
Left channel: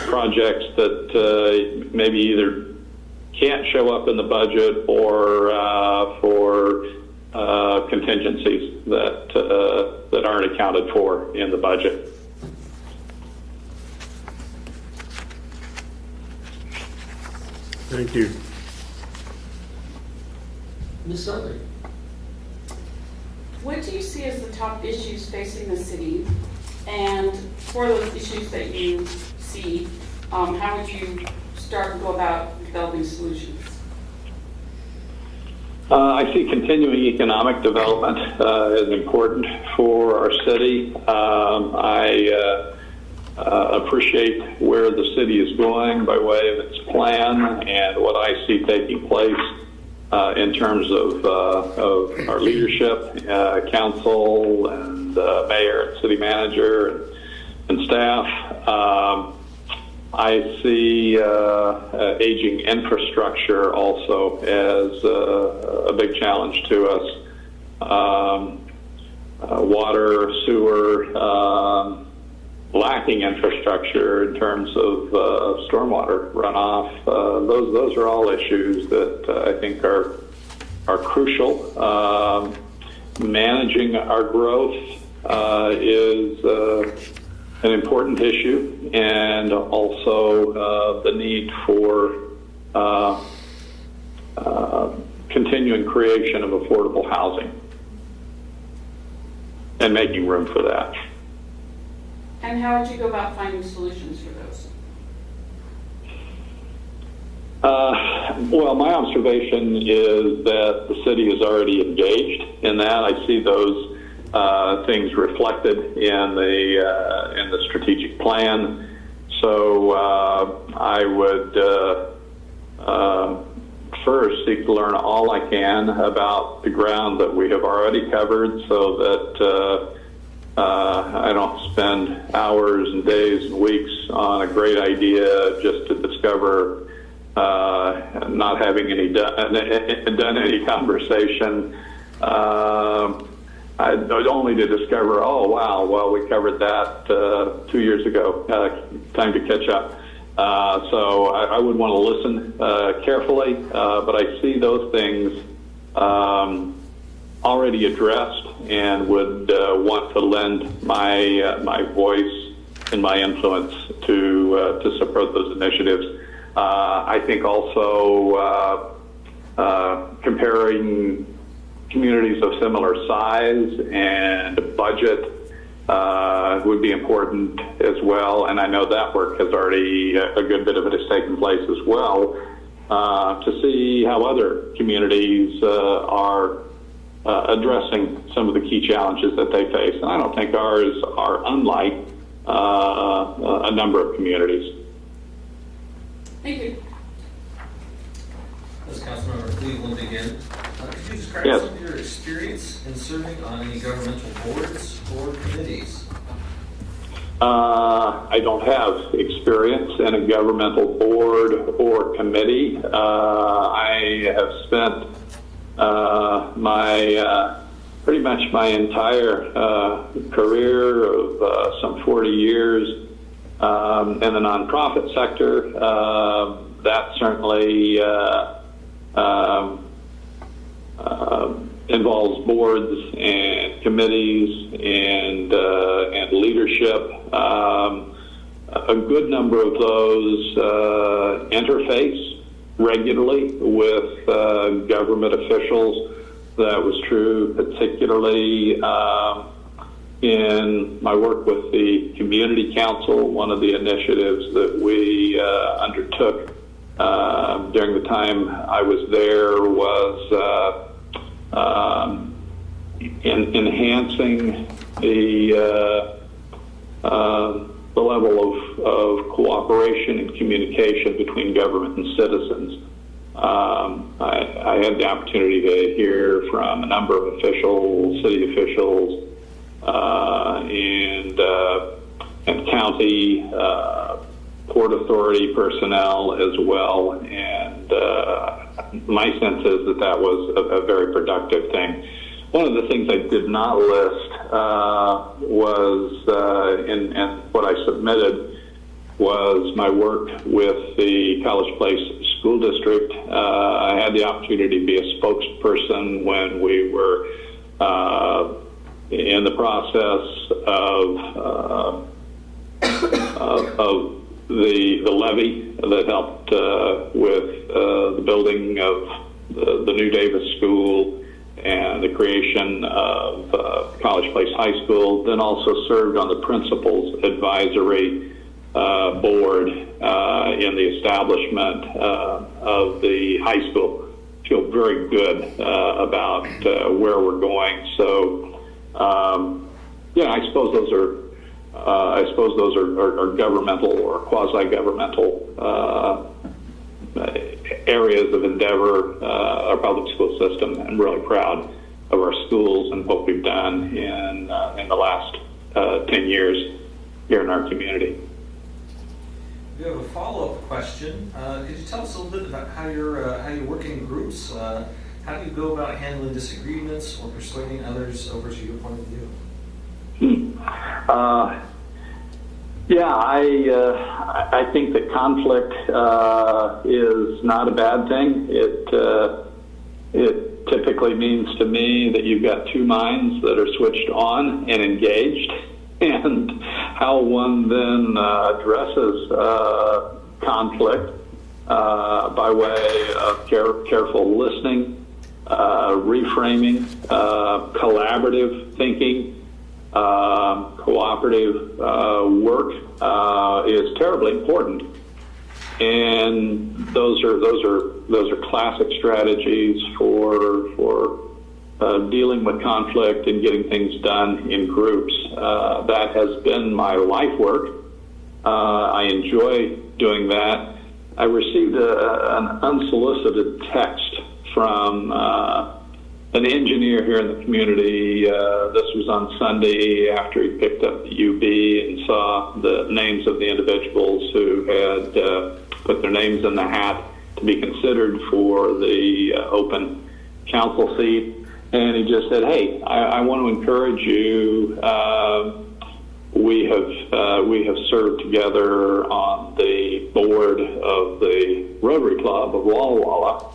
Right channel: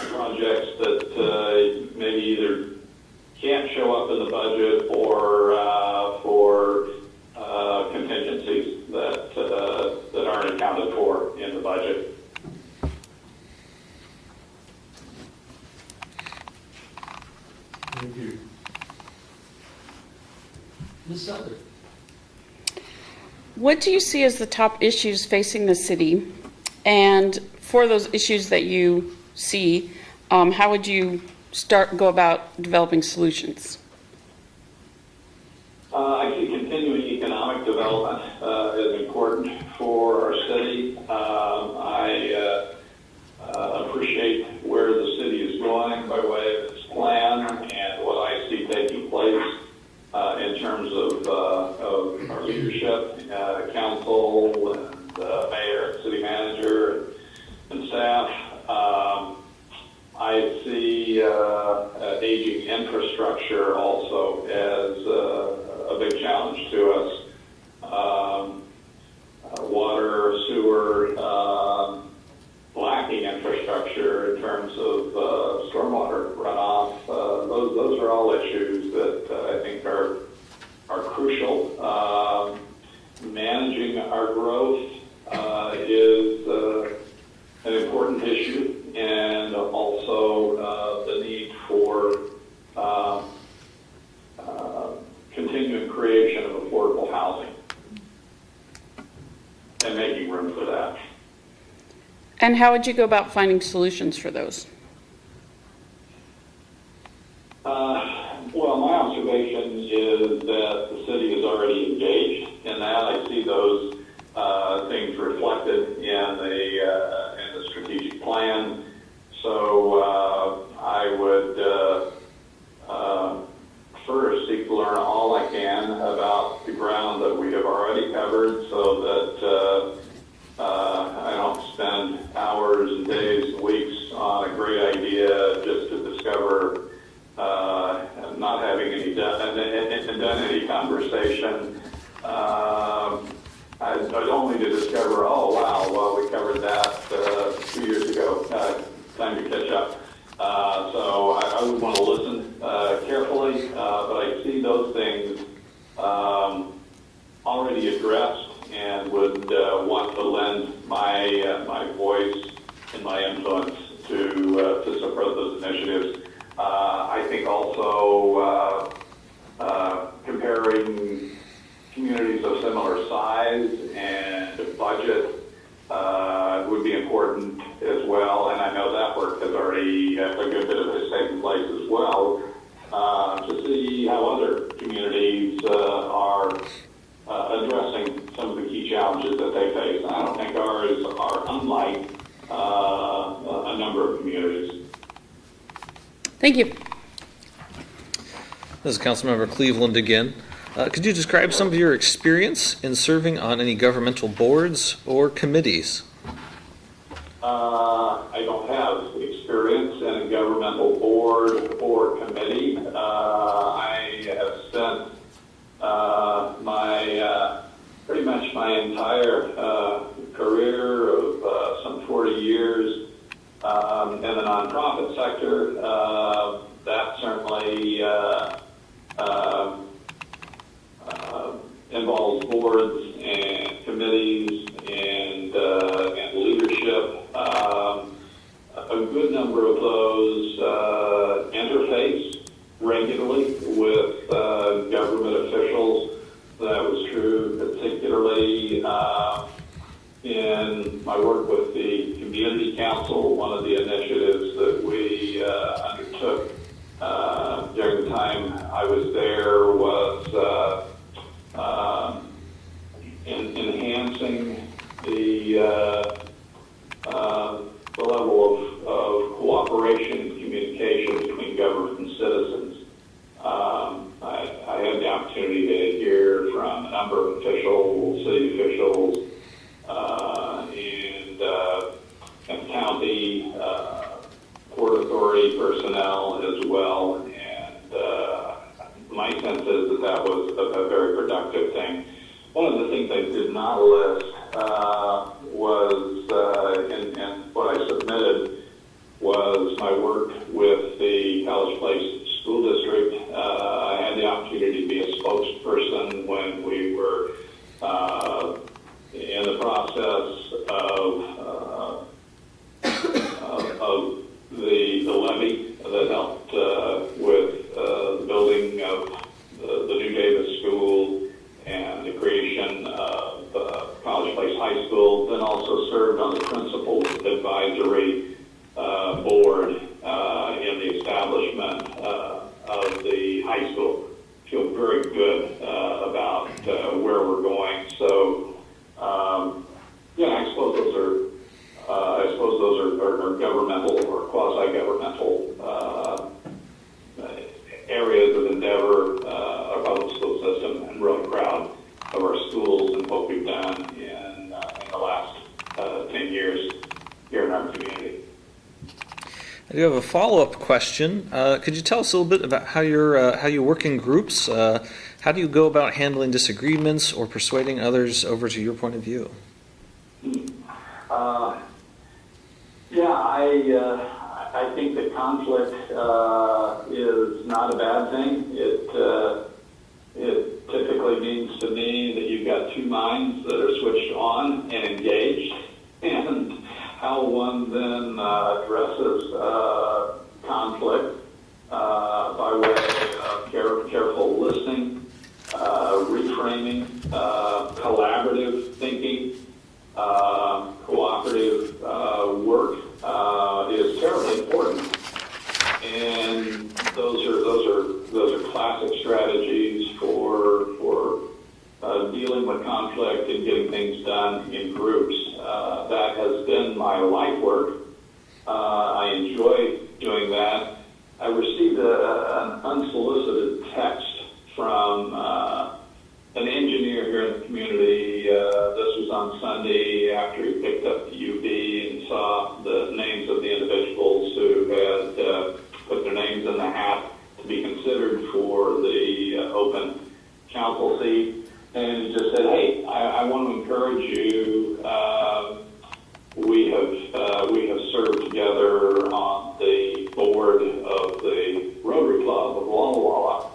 projects that maybe either can't show up in the budget or for contingencies that aren't accounted for in the budget. Thank you. Ms. Sully? What do you see as the top issues facing the city? And for those issues that you see, how would you go about developing solutions? I see continuing economic development as important for our city. I appreciate where the city is going by way of its plan and what I see taking place in terms of our leadership, council, and mayor, and city manager, and staff. I see aging infrastructure also as a big challenge to us. Water, sewer, lacking infrastructure in terms of stormwater runoff. Those are all issues that I think are crucial. Managing our growth is an important issue, and also the need for continuing creation of affordable housing and making room for that. And how would you go about finding solutions for those? Well, my observation is that the city is already engaged in that. I see those things reflected in the strategic plan. So I would first seek to learn all I can about the ground that we have already covered, so that I don't spend hours and days and weeks on a great idea just to discover not having done any conversation. Only to discover, oh wow, well we covered that 2 years ago. Time to catch up. So I would want to listen carefully, but I see those things already addressed, and would want to lend my voice and my influence to support those initiatives. I think also comparing communities of similar size and budget would be important as well, and I know that work has already, a good bit of it has taken place as well, to see how other communities are addressing some of the key challenges that they face. And I don't think ours are unlike a number of communities. Thank you. This is Councilmember Cleveland again. Could you describe some of your experience in serving on any governmental boards or committees? I don't have experience in a governmental board or committee. I have spent pretty much my entire career of some 40 years in the nonprofit sector. That certainly involves boards and committees and leadership. A good number of those interface regularly with government officials. That was true particularly in my work with the Community Council. One of the initiatives that we undertook during the time I was there was enhancing the level of cooperation and communication between government and citizens. I had the opportunity to hear from a number of officials, city officials, and county Port Authority personnel as well, and my sense is that that was a very productive thing. One of the things I did not list was, in what I submitted, was my work with the College Place School District. I had the opportunity to be a spokesperson when we were in the process of the levy that helped with the building of the new Davis School and the creation of College Place High School, then also served on the Principals Advisory Board in the establishment of the high school. Feel very good about where we're going. So, yeah, I suppose those are governmental or quasi-governmental areas of endeavor, our public school system. I'm really proud of our schools and what we've done in the last 10 years here in our community. I do have a follow-up question. Could you tell us a little bit about how you work in groups? How do you go about handling disagreements or persuading others over to your point of view? Yeah, I think that conflict is not a bad thing. It typically means to me that you've got two minds that are switched on and engaged, and how one then addresses conflict by way of careful listening, reframing, collaborative thinking, cooperative work is terribly important, and those are classic strategies for dealing with conflict and getting things done in groups. That has been my life work. I enjoy doing that. I received an unsolicited text from an engineer here in the community. This was on Sunday after he picked up the UB and saw the names of the individuals who had put their names in the hat to be considered for the open council seat. And he just said, hey, I want to encourage you. We have served together on the board of the Rotary Club of Walla Walla.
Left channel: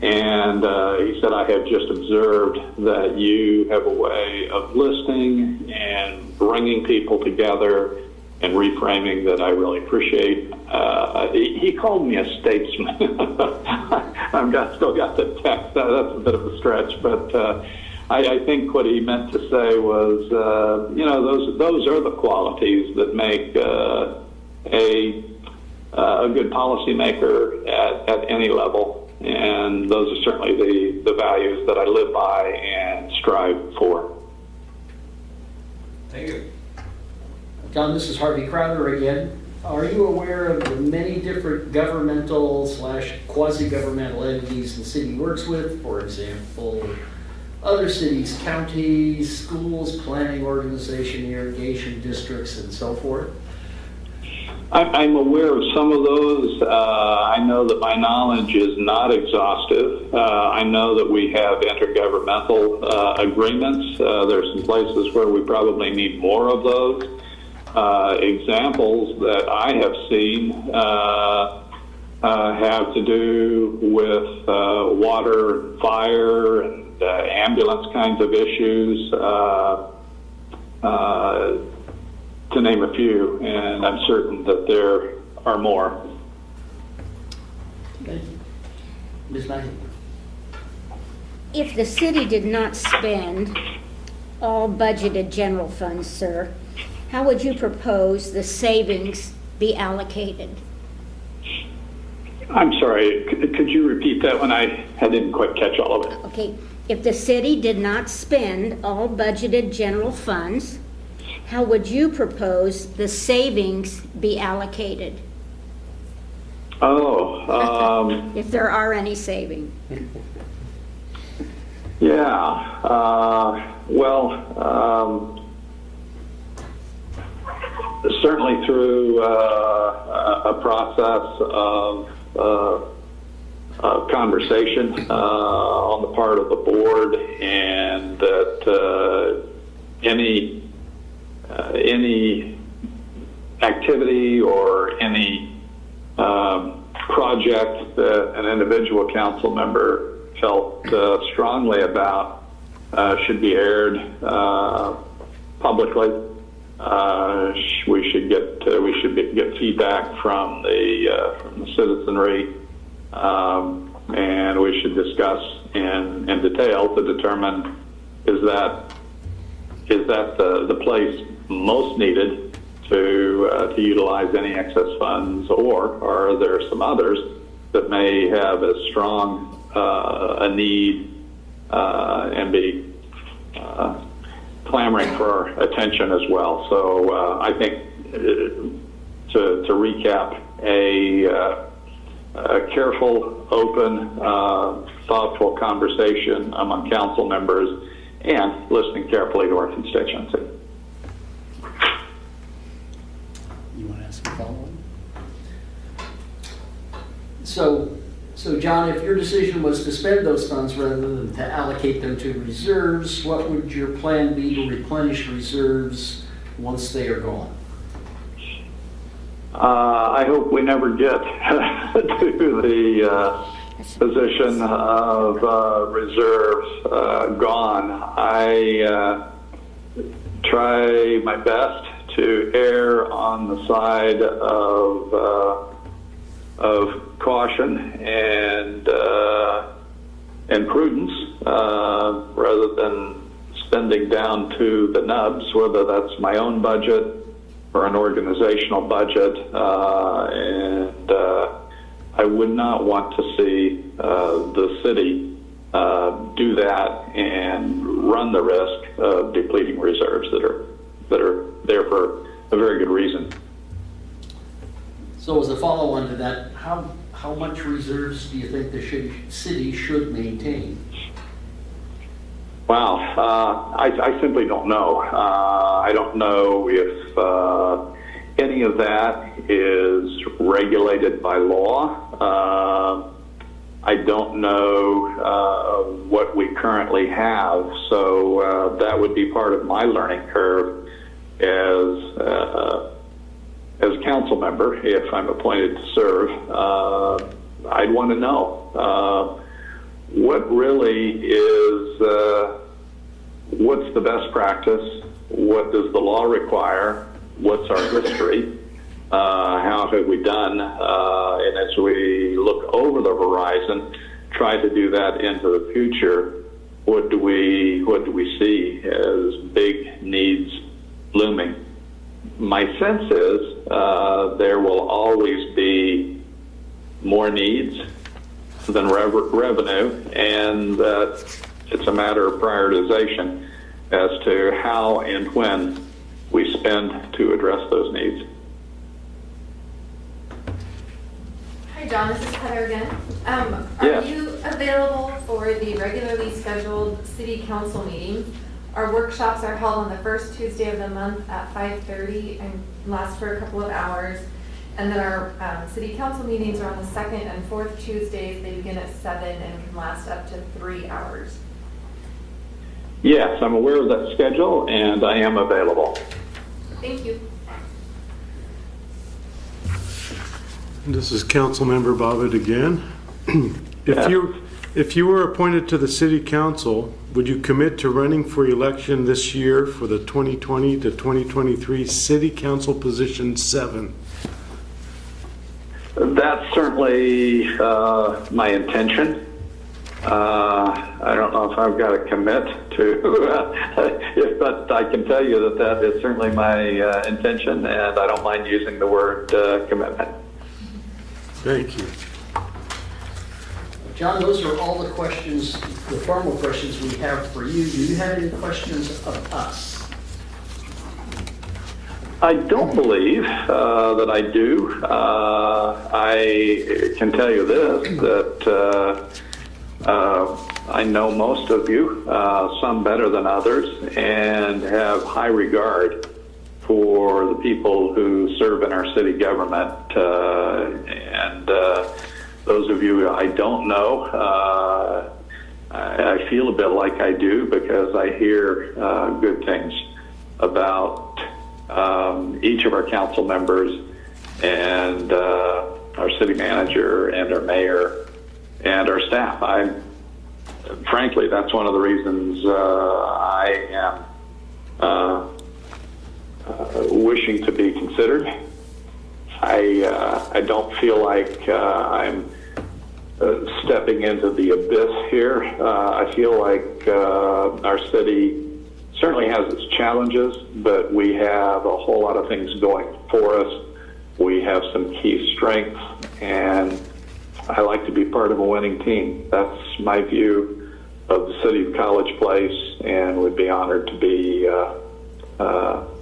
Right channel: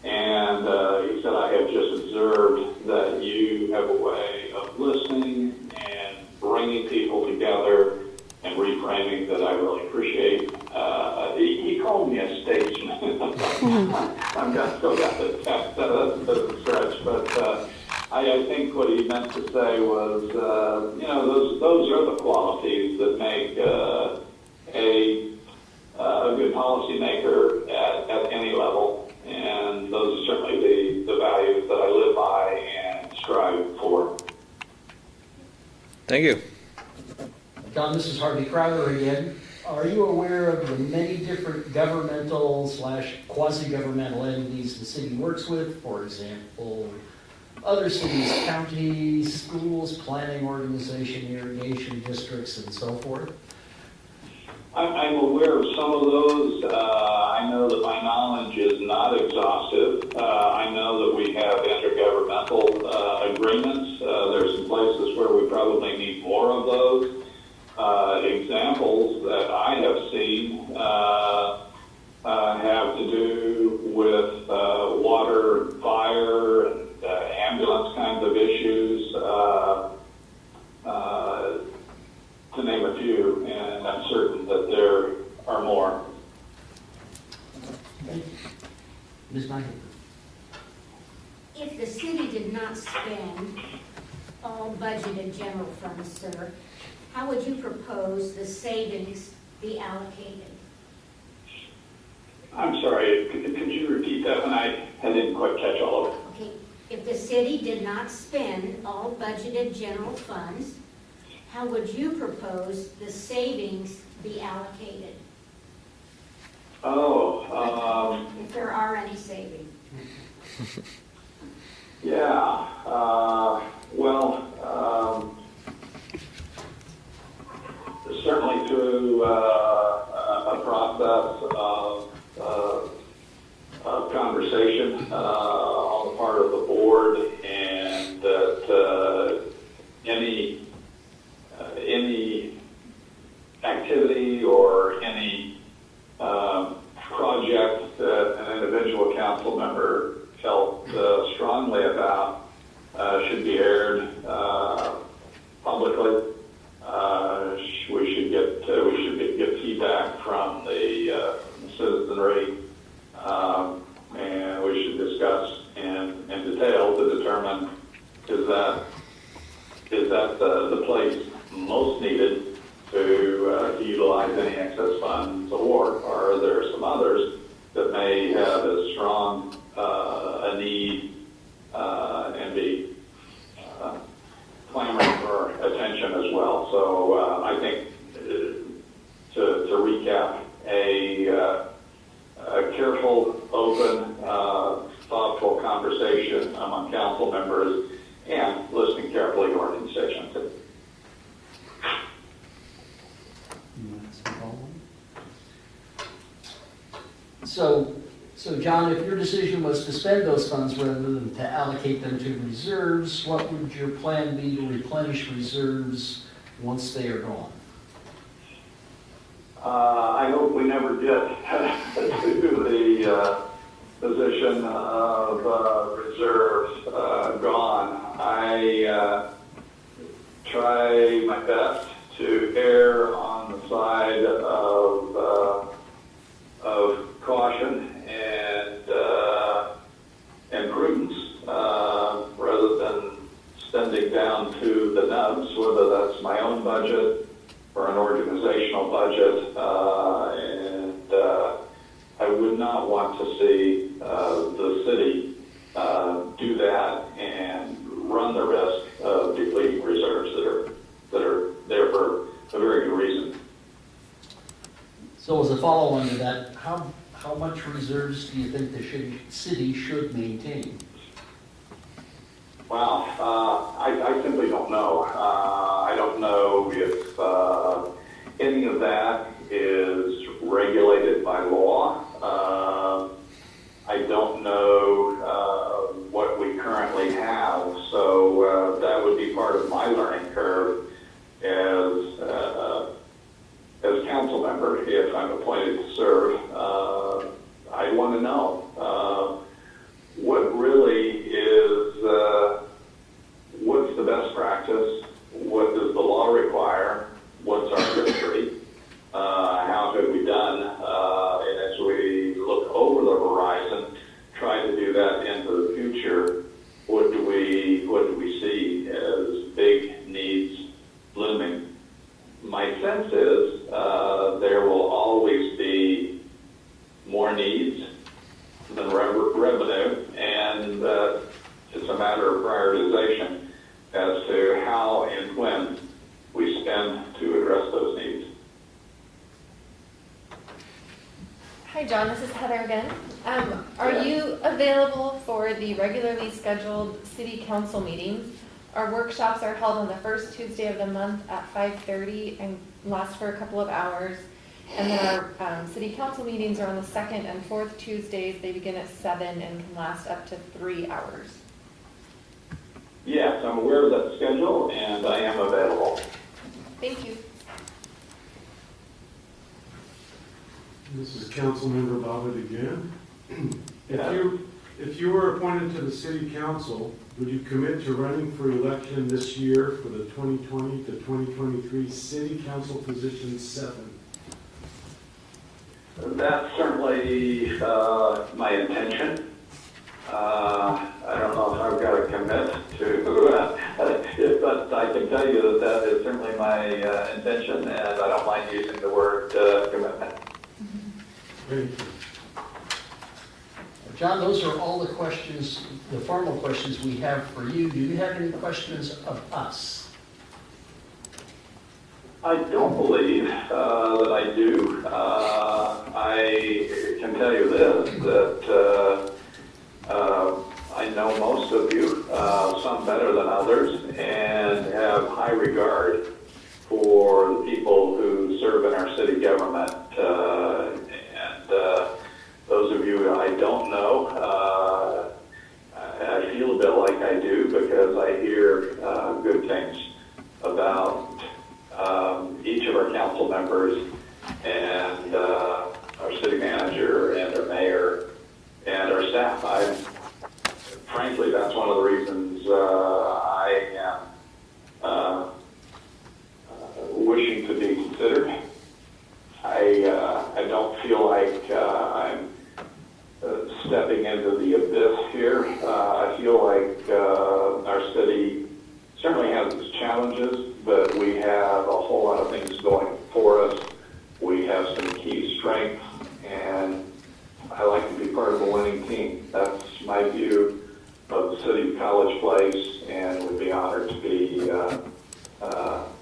And he said, I have just observed that you have a way of listening and bringing people together and reframing that I really appreciate. He called me a statesman. I've still got the text. That's a bit of a stretch, but I think what he meant to say was, those are the qualities that make a good policymaker at any level. And those are certainly the values that I live by and strive for. Thank you. John, this is Harvey Crowder again. Are you aware of the many different governmental / quasi-governmental entities the city works with? For example, other cities, counties, schools, planning organization, irrigation districts, and so forth? I'm aware of some of those. I know that my knowledge is not exhaustive. I know that we have intergovernmental agreements. There's some places where we probably need more of those. Examples that I have seen have to do with water, fire, and ambulance kinds of issues. To name a few, and I'm certain that there are more. Ms. Knight? If the city did not spend all budgeted general funds, sir, how would you propose the savings be allocated? I'm sorry, could you repeat that one? I didn't quite catch all of it. Okay, if the city did not spend all budgeted general funds, how would you propose the savings be allocated? Oh, If there are any savings? yeah. Certainly through a process of conversation on the part of the board, and that any activity or any project that an individual council member felt strongly about should be aired publicly. We should get feedback from the citizenry, and we should discuss in detail to determine is that the place most needed to utilize any excess funds, or are there some others that may have as strong a need and be clamoring for our attention as well. So I think to recap, a careful, open, thoughtful conversation among council members and listening carefully to our constituency. You want to ask a follow-up? So John, if your decision was to spend those funds rather than to allocate them to reserves, what would your plan be to replenish reserves once they are gone? I hope we never get to the position of reserves gone. I try my best to err on the side of caution and prudence rather than spending down to the nubs, whether that's my own budget or an organizational budget, and I would not want to see the city do that and run the risk of depleting reserves that are there for a very good reason. So as a follow-on to that, how much reserves do you think the city should maintain? Wow, I simply don't know. I don't know if any of that is regulated by law. I don't know what we currently have, so that would be part of my learning curve as a council member, if I'm appointed to serve. I'd want to know what really is, what's the best practice, what does the law require, what's our history, how have we done, and as we look over the horizon, try to do that into the future, what do we see as big needs looming? My sense is there will always be more needs than revenue, and it's a matter of prioritization as to how and when we spend to address those needs. Hi, John, this is Heather again. Are Yeah. you available for the regularly scheduled city council meetings? Our workshops are held on the first Tuesday of the month at 5:30 and last for a couple of hours. And then our city council meetings are on the second and fourth Tuesdays. They begin at 7 and can last up to 3 hours. Yes, I'm aware of that schedule, and I am available. Thank you. This is Councilmember Bobbitt again. Yeah. If you were appointed to the city council, would you commit to running for election this year for the 2020 to 2023 city council position 7? That's certainly my intention. I don't know if I've got to commit to, but I can tell you that is certainly my intention, and I don't mind using the word commitment. Thank you. John, those are all the questions, the formal questions we have for you. Do you have any questions of us? I don't believe that I do. I can tell you this, that I know most of you, some better than others, and have high regard for the people who serve in our city government. And those of you I don't know, I feel a bit like I do because I hear good things about each of our council members and our city manager and our mayor and our staff. Frankly, that's one of the reasons I am wishing to be considered. I don't feel like I'm stepping into the abyss here. I feel like our city certainly has its challenges, but we have a whole lot of things going for us. We have some key strengths, and I like to be part of a winning team. That's my view of the city of College Place, and would be honored to be to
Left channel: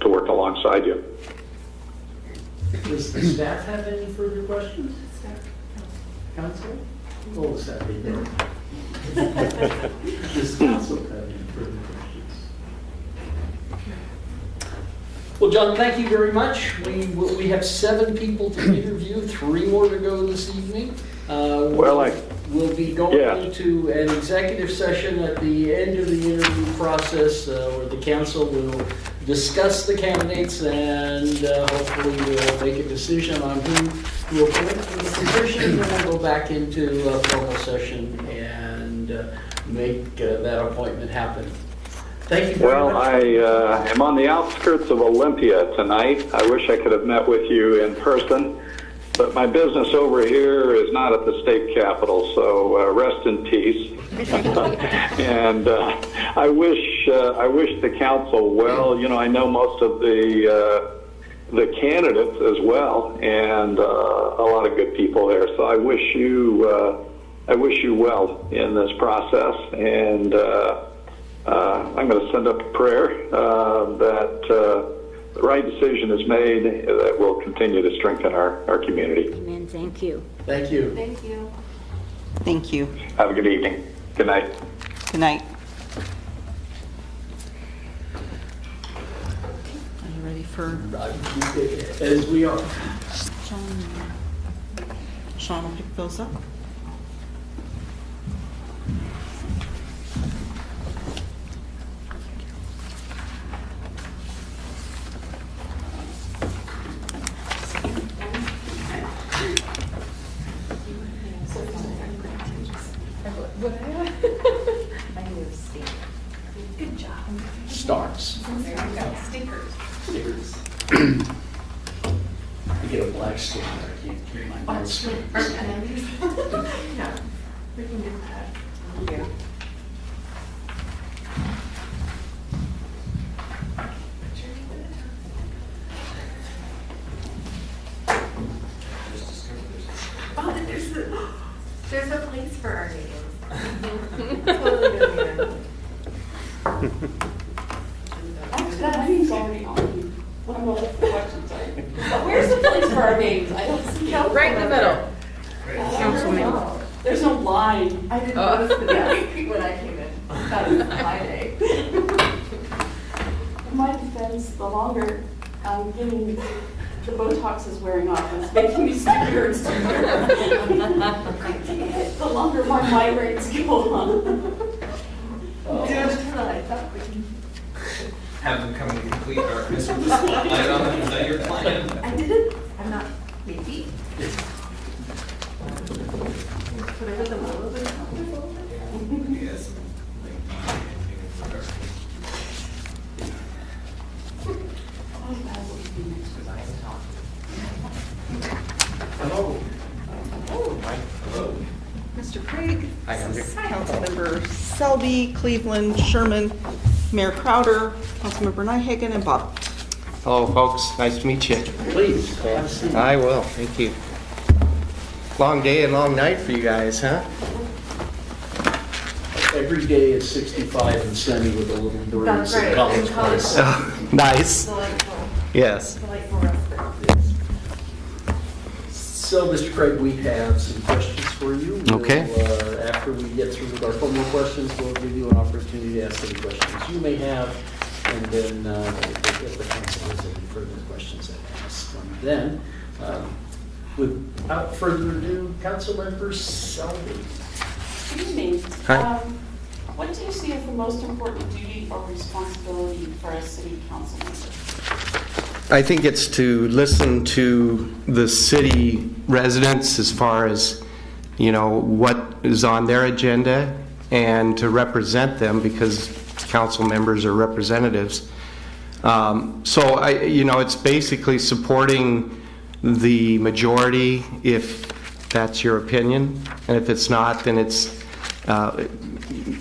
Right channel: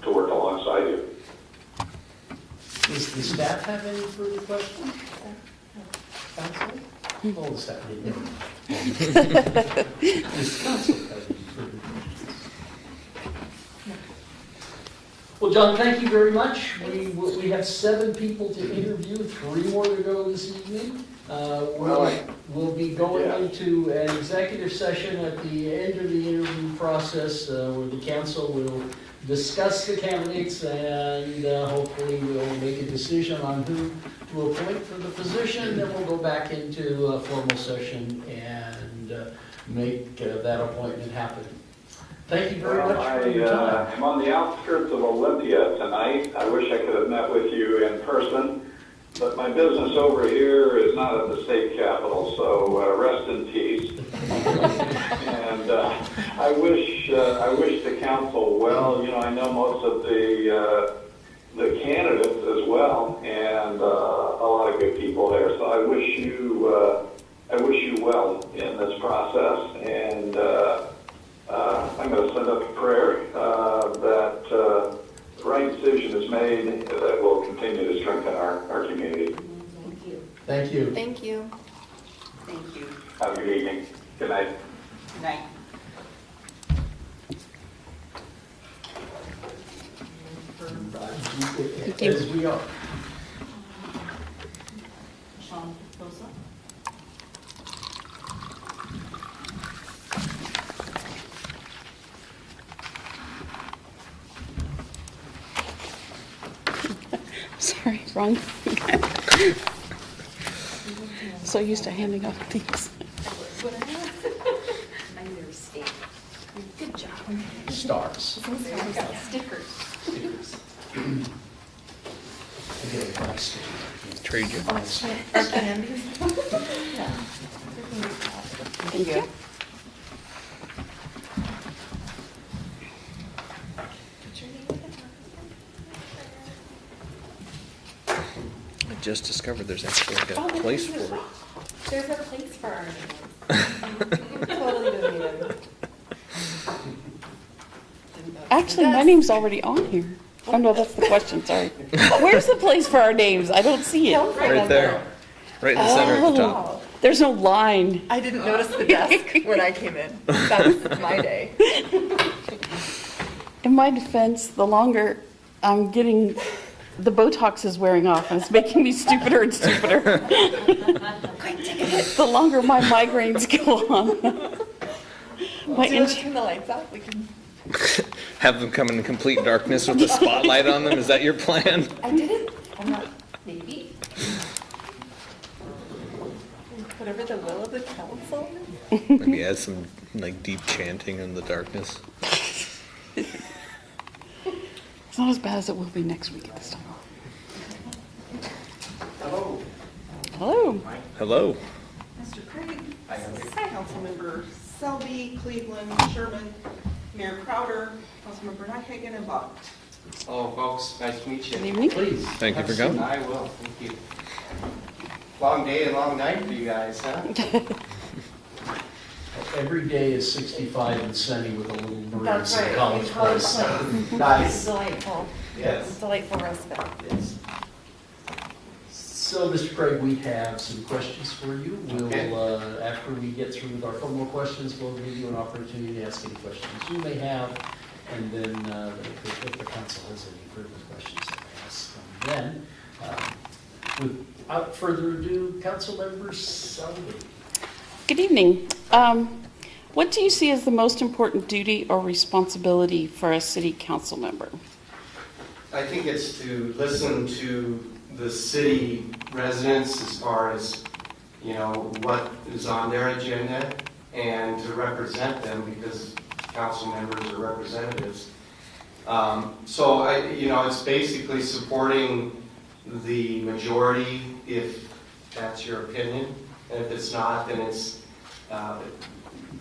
work alongside you. Does the staff have any further questions? Council? Oh, the staff, they don't. Does council have any further questions? Well, John, thank you very much. We have 7 people to interview, 3 more to go this evening. We'll be going into an executive session at the end of the interview process where the council will discuss the candidates and hopefully we'll make a decision on who to appoint for the position. Then we'll go back into a formal session and make that appointment happen. Thank you very much. Well, I am on the outskirts of Olympia tonight. I wish I could have met with you in person, but my business over here is not at the state capitol, so rest in peace. And I wish the council well. You know, I know most of the candidates as well, and a lot of good people there. So I wish you well in this process, and I'm going to send up a prayer that the right decision is made that will continue to strengthen our community. Amen. Thank you. Thank you. Thank you. Thank you. Have a good evening. Good night. Good night. Are you ready for As we are. Sean will pick those up? Sorry, wrong. So used to handing out things. Good job. Stars. We got stickers. Stickers. You get a black sticker. Trade you. Thank you. I just discovered there's actually like a place for it. There's a place for our names. Totally gonna Actually, my name's already on here. Oh, no, that's the question, sorry. Where's the place for our names? I don't see it. Right there. Right in the center. Oh, there's no line. I didn't notice the desk when I came in. That's my day. In my defense, the longer I'm getting, the Botox is wearing off and it's making me stupider and stupider. The longer my migraines go on. My Do you want to injury- turn the lights up? We can. Have them come in complete darkness with a spotlight on them. Is that your plan? I didn't. I'm not baby. Whatever the will of the council. Maybe add some like deep chanting in the darkness. It's not as bad as it will be next week. Hello. Hello. Hello. Mr. Craig. Hi, Andrew. Councilmember Selby, Cleveland, Sherman, Mayor Crowder, Councilmember Nyhagen, and Bob. Hello, folks. Nice to meet you. Please. Thank you for coming. I will. Thank you. long day and long night for you guys, huh? Every day is 65 and sunny with a little breeze That's in right. College Place. Nice. Delightful. Yes. Delightful respite. Yes. So, Mr. Craig, we have some questions for you. Okay. We'll, after we get through with our formal questions, we'll give you an opportunity to ask any questions you may have, and then if the council has any further questions to ask them. Then, without further ado, Councilmember Selby. Good evening. Hi. What do you see as the most important duty or responsibility for a city council member? I think it's to listen to the city residents as far as, what is on their agenda, and to represent them because council members are representatives. So it's basically supporting the majority if that's your opinion, and if it's not, then it's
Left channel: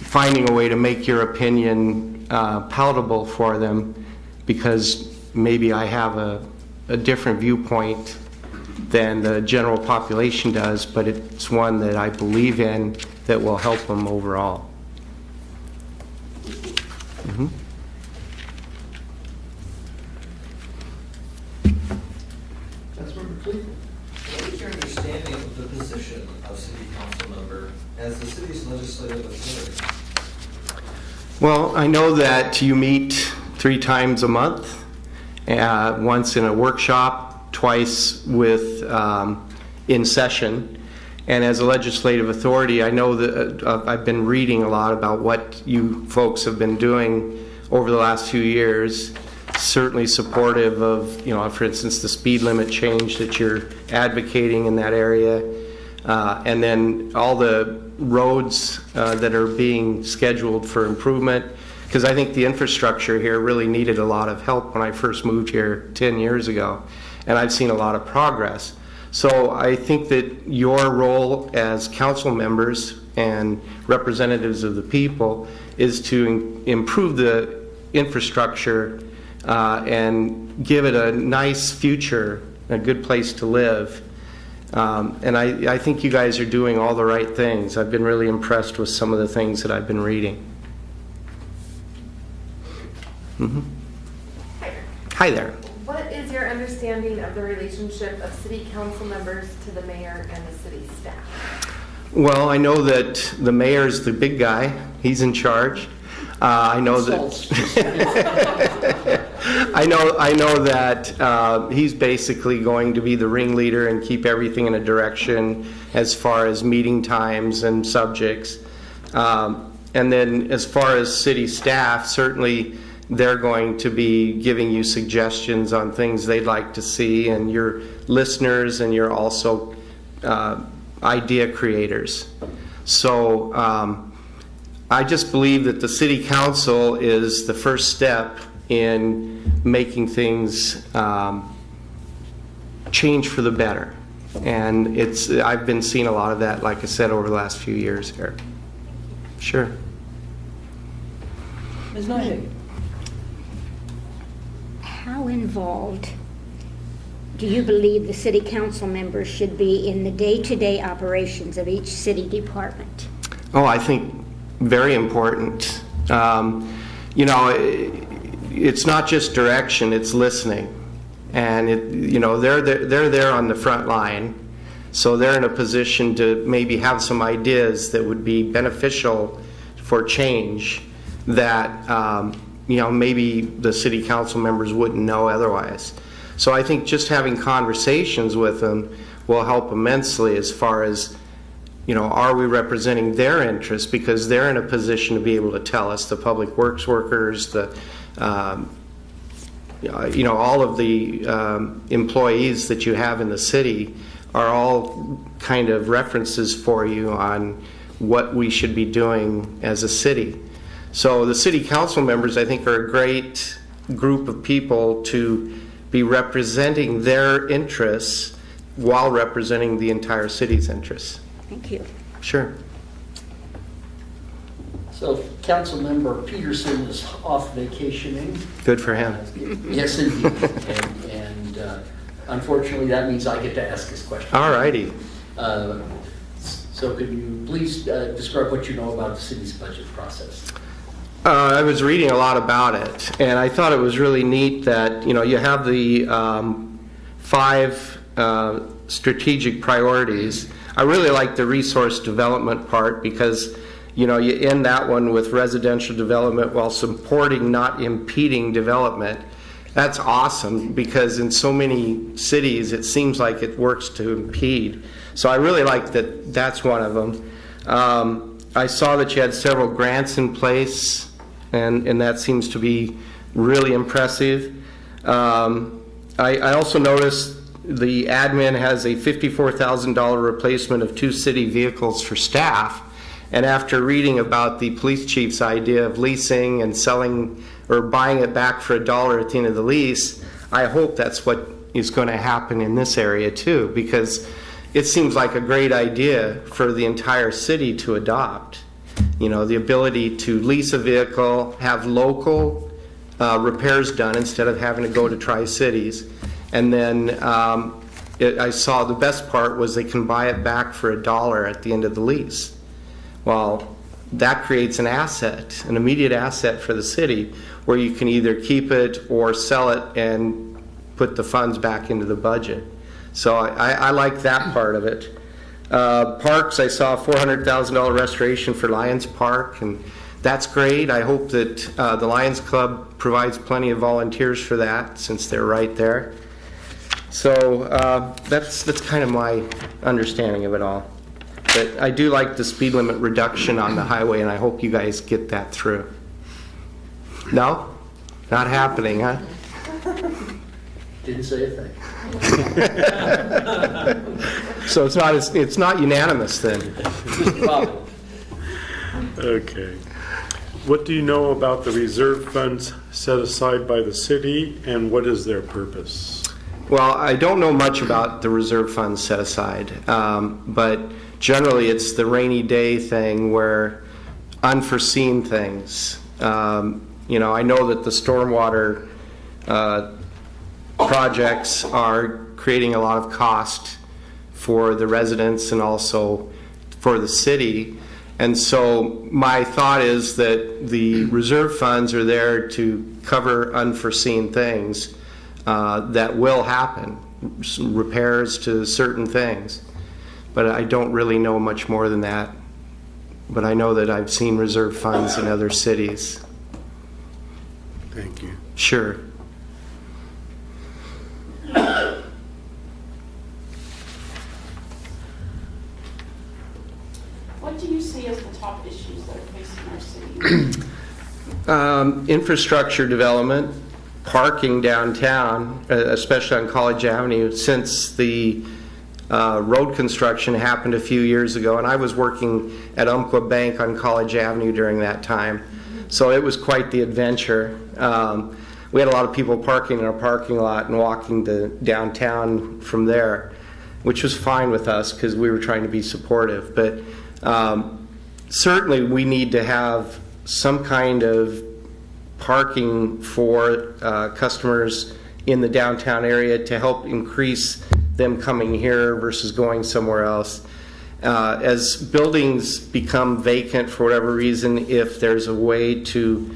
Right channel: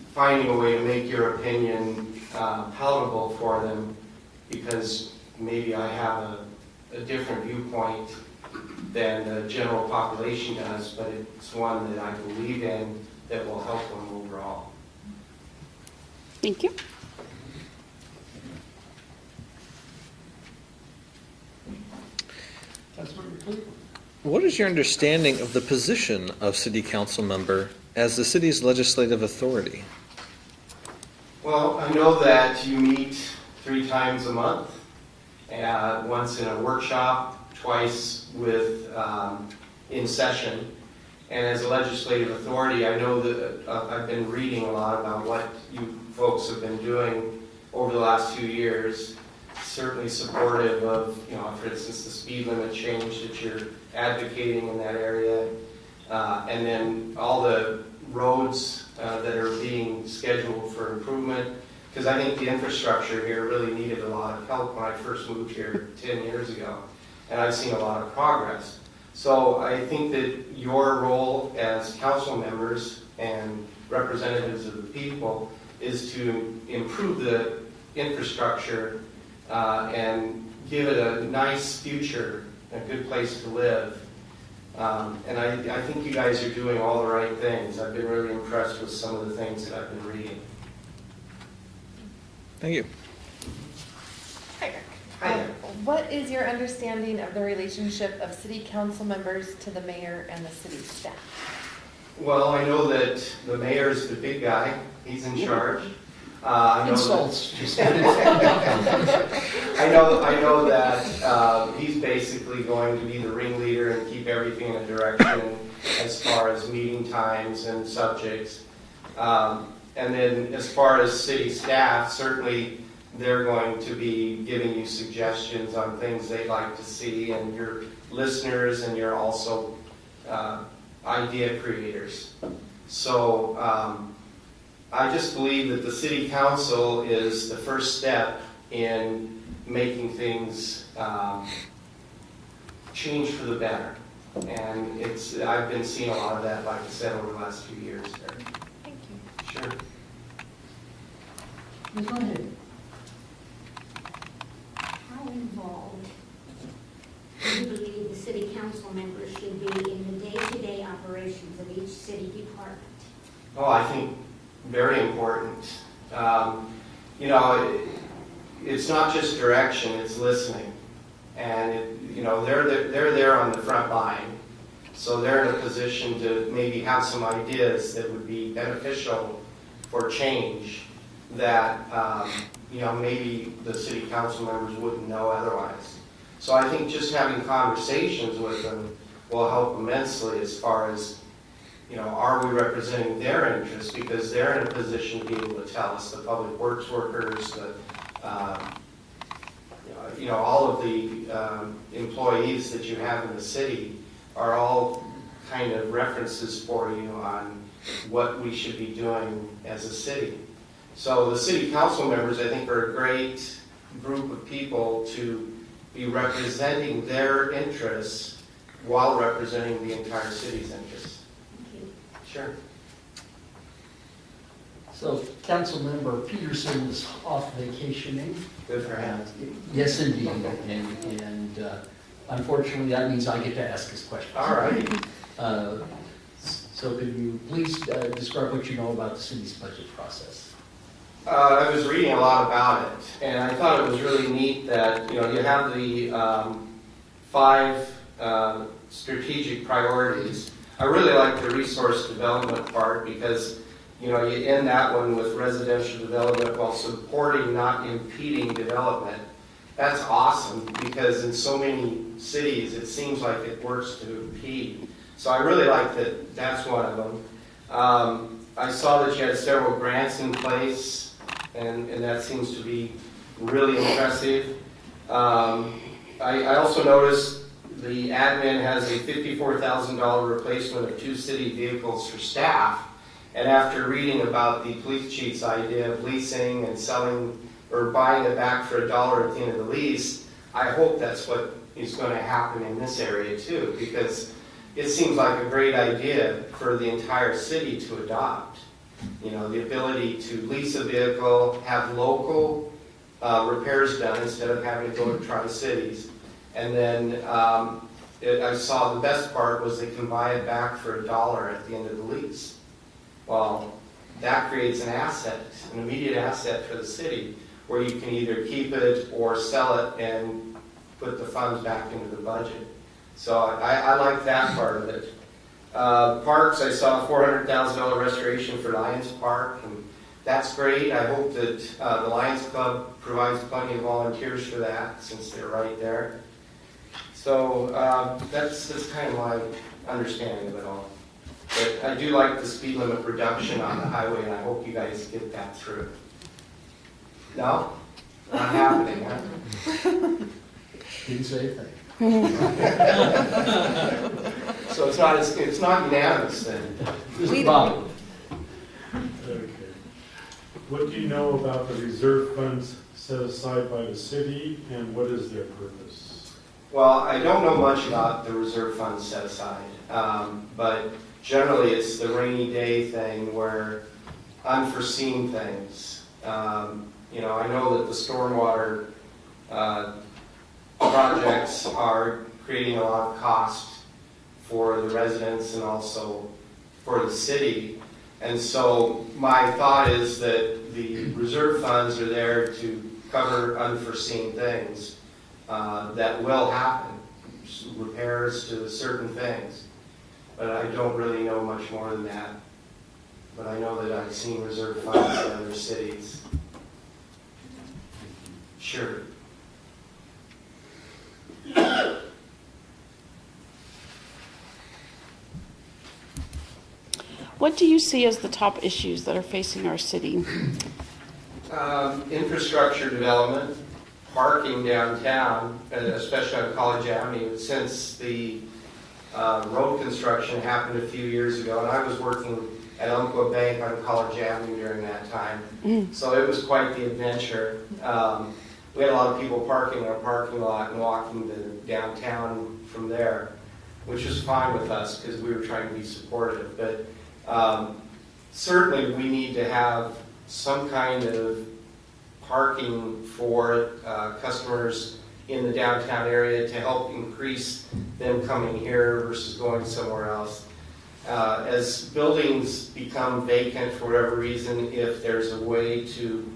finding a way to make your opinion palatable for them, because maybe I have a different viewpoint than the general population does, but it's one that I believe in that will help them overall. Thank you. Mm-hmm. Councilmember Cleveland. What is your understanding of the position of city council member as the city's legislative authority? Well, I know that you meet 3 times a month, once in a workshop, twice with in session. And as a legislative authority, I know that I've been reading a lot about what you folks have been doing over the last few years. Certainly supportive of, for instance, the speed limit change that you're advocating in that area. And then all the roads that are being scheduled for improvement. Because I think the infrastructure here really needed a lot of help when I first moved here 10 years ago. And I've seen a lot of progress. So I think that your role as council members and representatives of the people is to improve the infrastructure and give it a nice future, a good place to live. And I think you guys are doing all the right things. I've been really impressed with some of the things that I've been reading. Thank you. Mm-hmm. Hi, Rick. Hi there. What is your understanding of the relationship of city council members to the mayor and the city staff? Well, I know that the mayor's the big guy. He's in charge. I know that. I know that he's basically going to be the ringleader and keep everything in a direction as far as meeting times and subjects. And then as far as city staff, certainly they're going to be giving you suggestions on things they'd like to see, and you're listeners and you're also idea creators. So I just believe that the city council is the first step in making things change for the better. And I've been seeing a lot of that, like I said, over the last few years here. Thank you. Sure. Ms. Knight. How involved do you believe the city council members should be in the day-to-day operations of each city department? Oh, I think very important. It's not just direction, it's listening. And they're there on the front line, so they're in a position to maybe have some ideas that would be beneficial for change that maybe the city council members wouldn't know otherwise. So I think just having conversations with them will help immensely as far as, are we representing their interests, because they're in a position to be able to tell us, the public works workers, the all of the employees that you have in the city are all kind of references for you on what we should be doing as a city. So the city council members, I think, are a great group of people to be representing their interests while representing the entire city's interests. Thank you. Sure. So Councilmember Peterson is off vacationing. Good for him. Yes, indeed. And unfortunately, that means I get to ask his question. All righty. So could you please describe what you know about the city's budget process? I was reading a lot about it, and I thought it was really neat that, you have the 5 strategic priorities. I really like the resource development part because, you end that one with residential development while supporting, not impeding development. That's awesome because in so many cities, it seems like it works to impede. So I really like that that's one of them. I saw that you had several grants in place, and that seems to be really impressive. I also noticed the admin has a $54,000 replacement of 2 city vehicles for staff. And after reading about the police chief's idea of leasing and selling or buying it back for $1 at the end of the lease, I hope that's what is going to happen in this area too, because it seems like a great idea for the entire city to adopt. The ability to lease a vehicle, have local repairs done instead of having to go to Tri-Cities. And then I saw the best part was they can buy it back for $1 at the end of the lease. Well, that creates an asset, an immediate asset for the city, where you can either keep it or sell it and put the funds back into the budget. So I like that part of it. Parks, I saw a $400,000 restoration for Lions Park, and that's great. I hope that the Lions Club provides plenty of volunteers for that, since they're right there. So that's kind of my understanding of it all. But I do like the speed limit reduction on the highway, and I hope you guys get that through. No? Not happening, huh? Didn't say a thing. So it's not unanimous then. Okay. What do you know about the reserve funds set aside by the city, and what is their purpose? Well, I don't know much about the reserve funds set aside, but generally it's the rainy day thing where unforeseen things. I know that the stormwater projects are creating a lot of cost for the residents and also for the city. And so my thought is that the reserve funds are there to cover unforeseen things that will happen, repairs to certain things. But I don't really know much more than that. But I know that I've seen reserve funds in other cities. Thank you. Sure. What do you see as the top issues that are facing our city? Infrastructure development, parking downtown, especially on College Avenue, since the road construction happened a few years ago, and I was working at Umpqua Bank on College Avenue during that time. So it was quite the adventure. We had a lot of people parking in our parking lot and walking to downtown from there, which was fine with us because we were trying to be supportive. But certainly we need to have some kind of parking for customers in the downtown area to help increase them coming here versus going somewhere else. As buildings become vacant for whatever reason, if there's a way to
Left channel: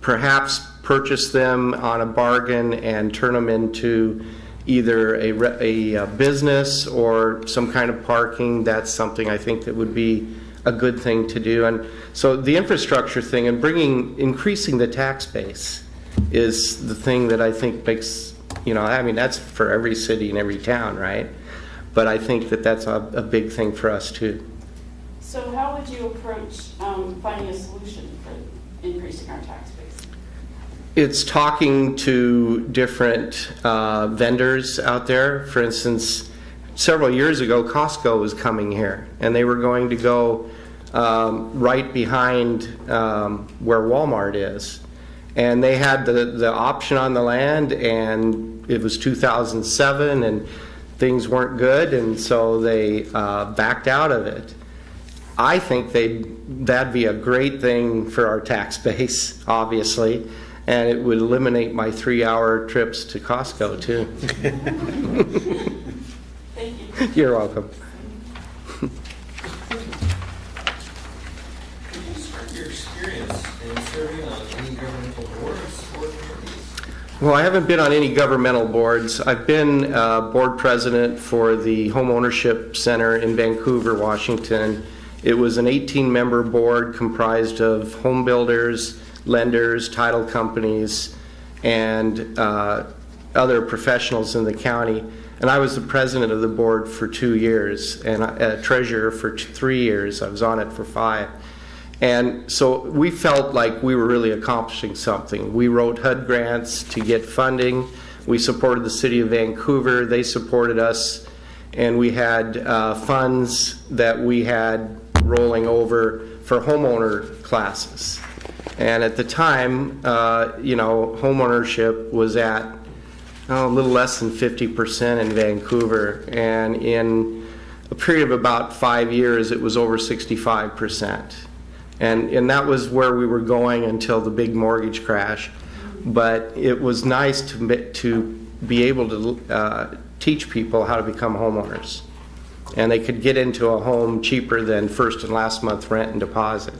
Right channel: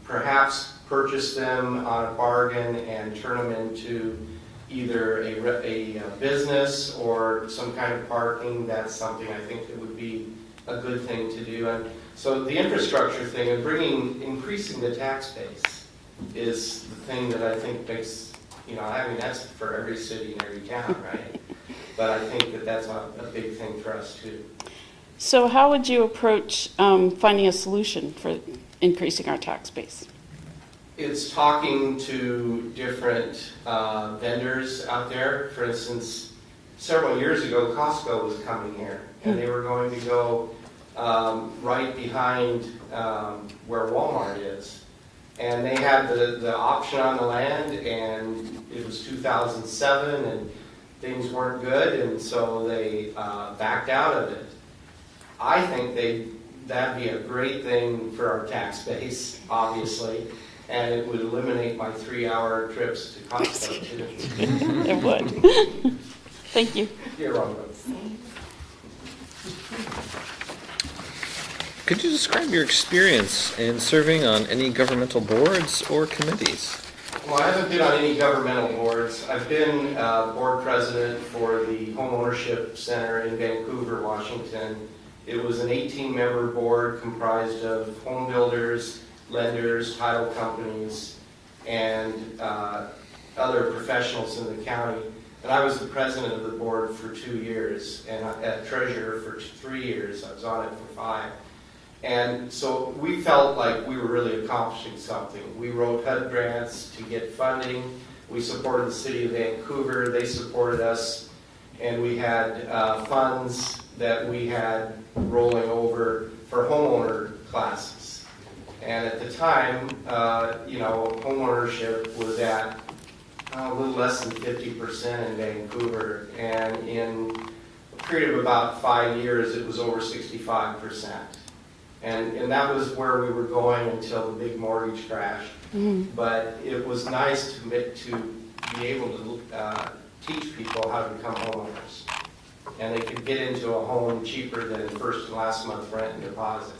perhaps purchase them on a bargain and turn them into either a business or some kind of parking, that's something I think that would be a good thing to do. And so the infrastructure thing and increasing the tax base is the thing that I think makes, that's for every city and every town, right? But I think that that's a big thing for us too. So how would you approach finding a solution for increasing our tax base? It's talking to different vendors out there. For instance, several years ago, Costco was coming here, and they were going to go right behind where Walmart is. And they had the option on the land, and it was 2007, and things weren't good, and so they backed out of it. I think that'd be a great thing for our tax base, obviously, and it would eliminate my 3-hour trips to Costco too. It would. Thank you. You're welcome. Could you describe your experience in serving on any governmental boards or committees? Well, I haven't been on any governmental boards. I've been board president for the Home Ownership Center in Vancouver, Washington. It was an 18-member board comprised of home builders, lenders, title companies, and other professionals in the county. And I was the president of the board for 2 years and treasurer for 3 years. I was on it for 5. And so we felt like we were really accomplishing something. We wrote HUD grants to get funding. We supported the city of Vancouver. They supported us. And we had funds that we had rolling over for homeowner classes. And at the time, home ownership was at a little less than 50% in Vancouver. And in a period of about 5 years, it was over 65%. And that was where we were going until the big mortgage crash. But it was nice to be able to teach people how to become homeowners. And they could get into a home cheaper than first and last month rent and deposit.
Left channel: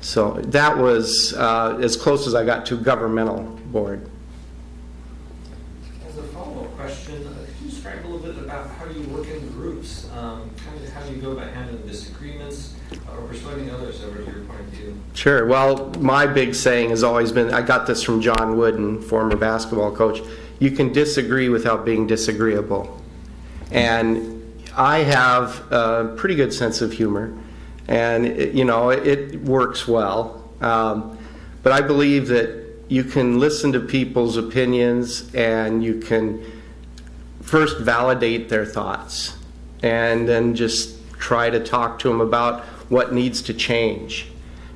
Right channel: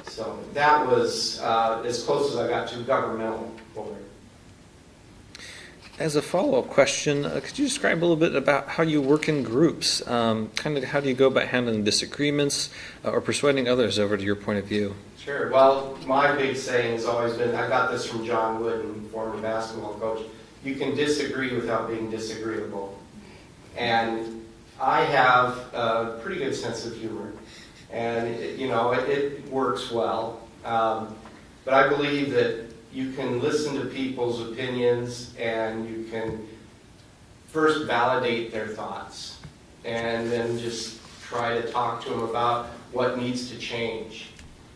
So that was as close as I got to a governmental board. As a follow-up question, could you describe a little bit about how you work in groups? Kind of how do you go about handling disagreements or persuading others over to your point of view? Sure. Well, my big saying has always been, I got this from John Wooden, former basketball coach, you can disagree without being disagreeable. And I have a pretty good sense of humor, and it works well. But I believe that you can listen to people's opinions and you can first validate their thoughts and then just try to talk to them about what needs to change.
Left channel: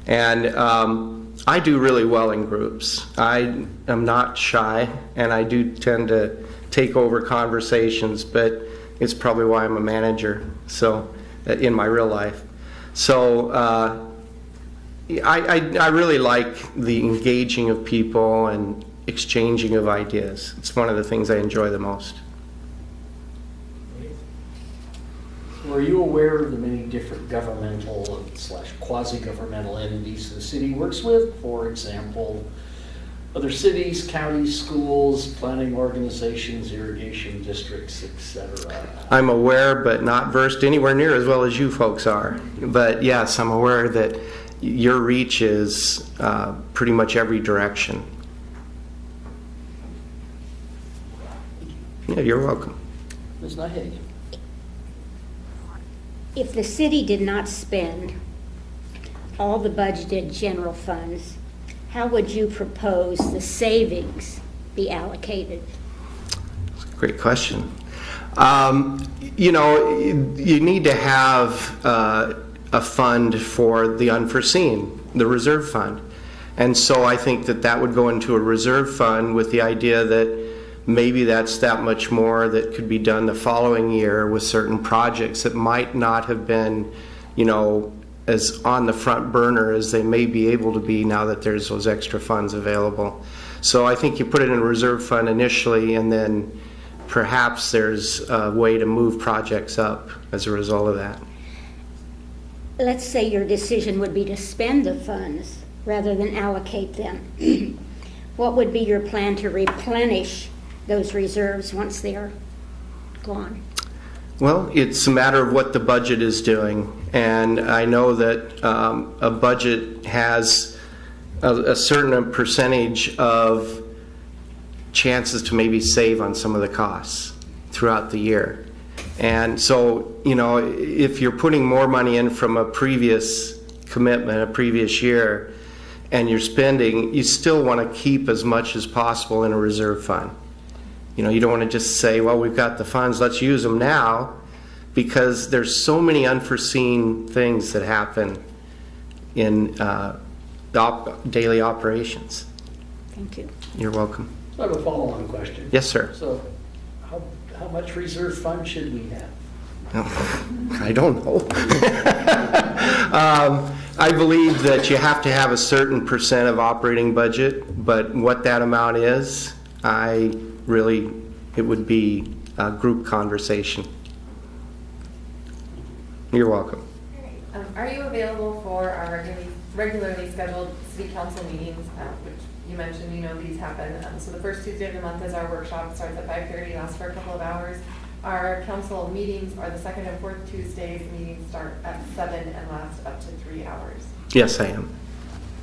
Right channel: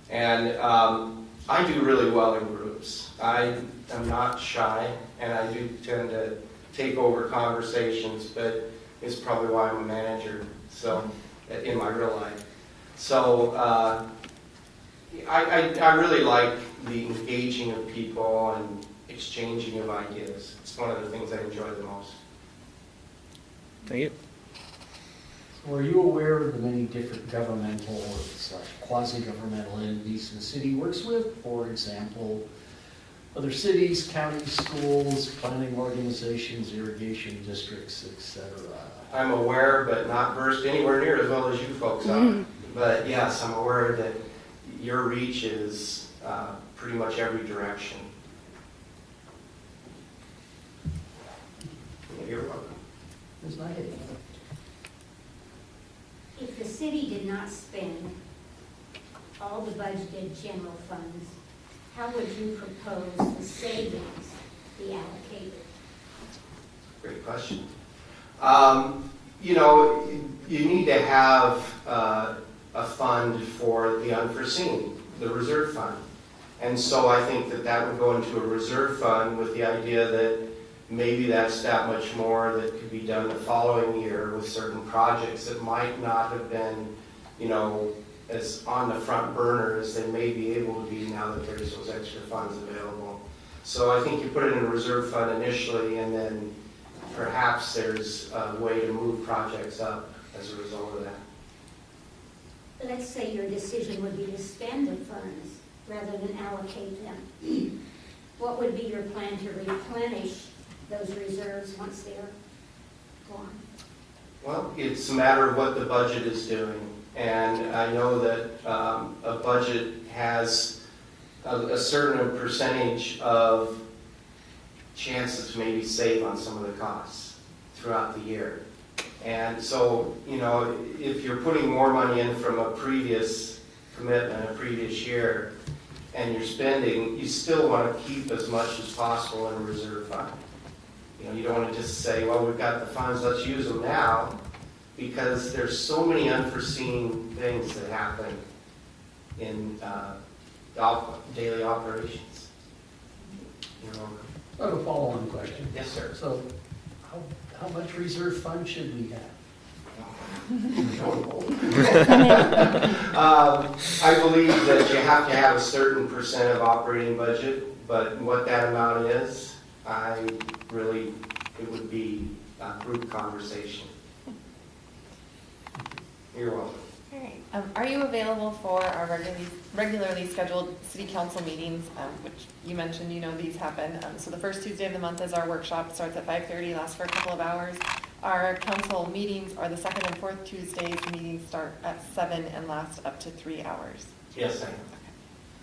And I do really well in groups. I am not shy and I do tend to take over conversations, but it's probably why I'm a manager, so in my real life. So I really like the engaging of people and exchanging of ideas. It's one of the things I enjoy the most. Thank you. Were you aware of the many different governmental / quasi-governmental entities the city works with? For example, other cities, counties, schools, planning organizations, irrigation districts, etc. I'm aware, but not versed anywhere near as well as you folks are. But yes, I'm aware that your reach is pretty much every direction. Yeah, you're welcome. Ms. Nahig. If the city did not spend all the budgeted general funds, how would you propose the savings be allocated? Great question. You need to have a fund for the unforeseen, the reserve fund. And so I think that would go into a reserve fund with the idea that maybe that's that much more that could be done the following year with certain projects that might not have been, as on the front burner as they may be able to be now that there's those extra funds available. So I think you put it in a reserve fund initially, and then perhaps there's a way to move projects up as a result of that. Let's say your decision would be to spend the funds rather than allocate them. What would be your plan to replenish those reserves once they're gone? Well, it's a matter of what the budget is doing. And I know that a budget has a certain percentage of chances to maybe save on some of the costs throughout the year. And so, if you're putting more money in from a previous commitment, a previous year, and you're spending, you still want to keep as much as possible in a reserve fund. You don't want to just say, well, we've got the funds, let's use them now, because there's so many unforeseen things that happen in daily operations. Thank you. You're welcome. I have a follow-on question. Yes, sir. So how much reserve fund should we have? I don't know. I believe that you have to have a certain percent of operating budget, but what that amount is, it would be group conversation. You're welcome. Are you available for our regularly scheduled city council meetings, which you mentioned, these happen. So the first Tuesday of the month is our workshop. It starts at 5:30, lasts for a couple of hours. Our council meetings are the second and fourth Tuesdays. Meetings start at 7 and last up to 3 hours. Yes, I am.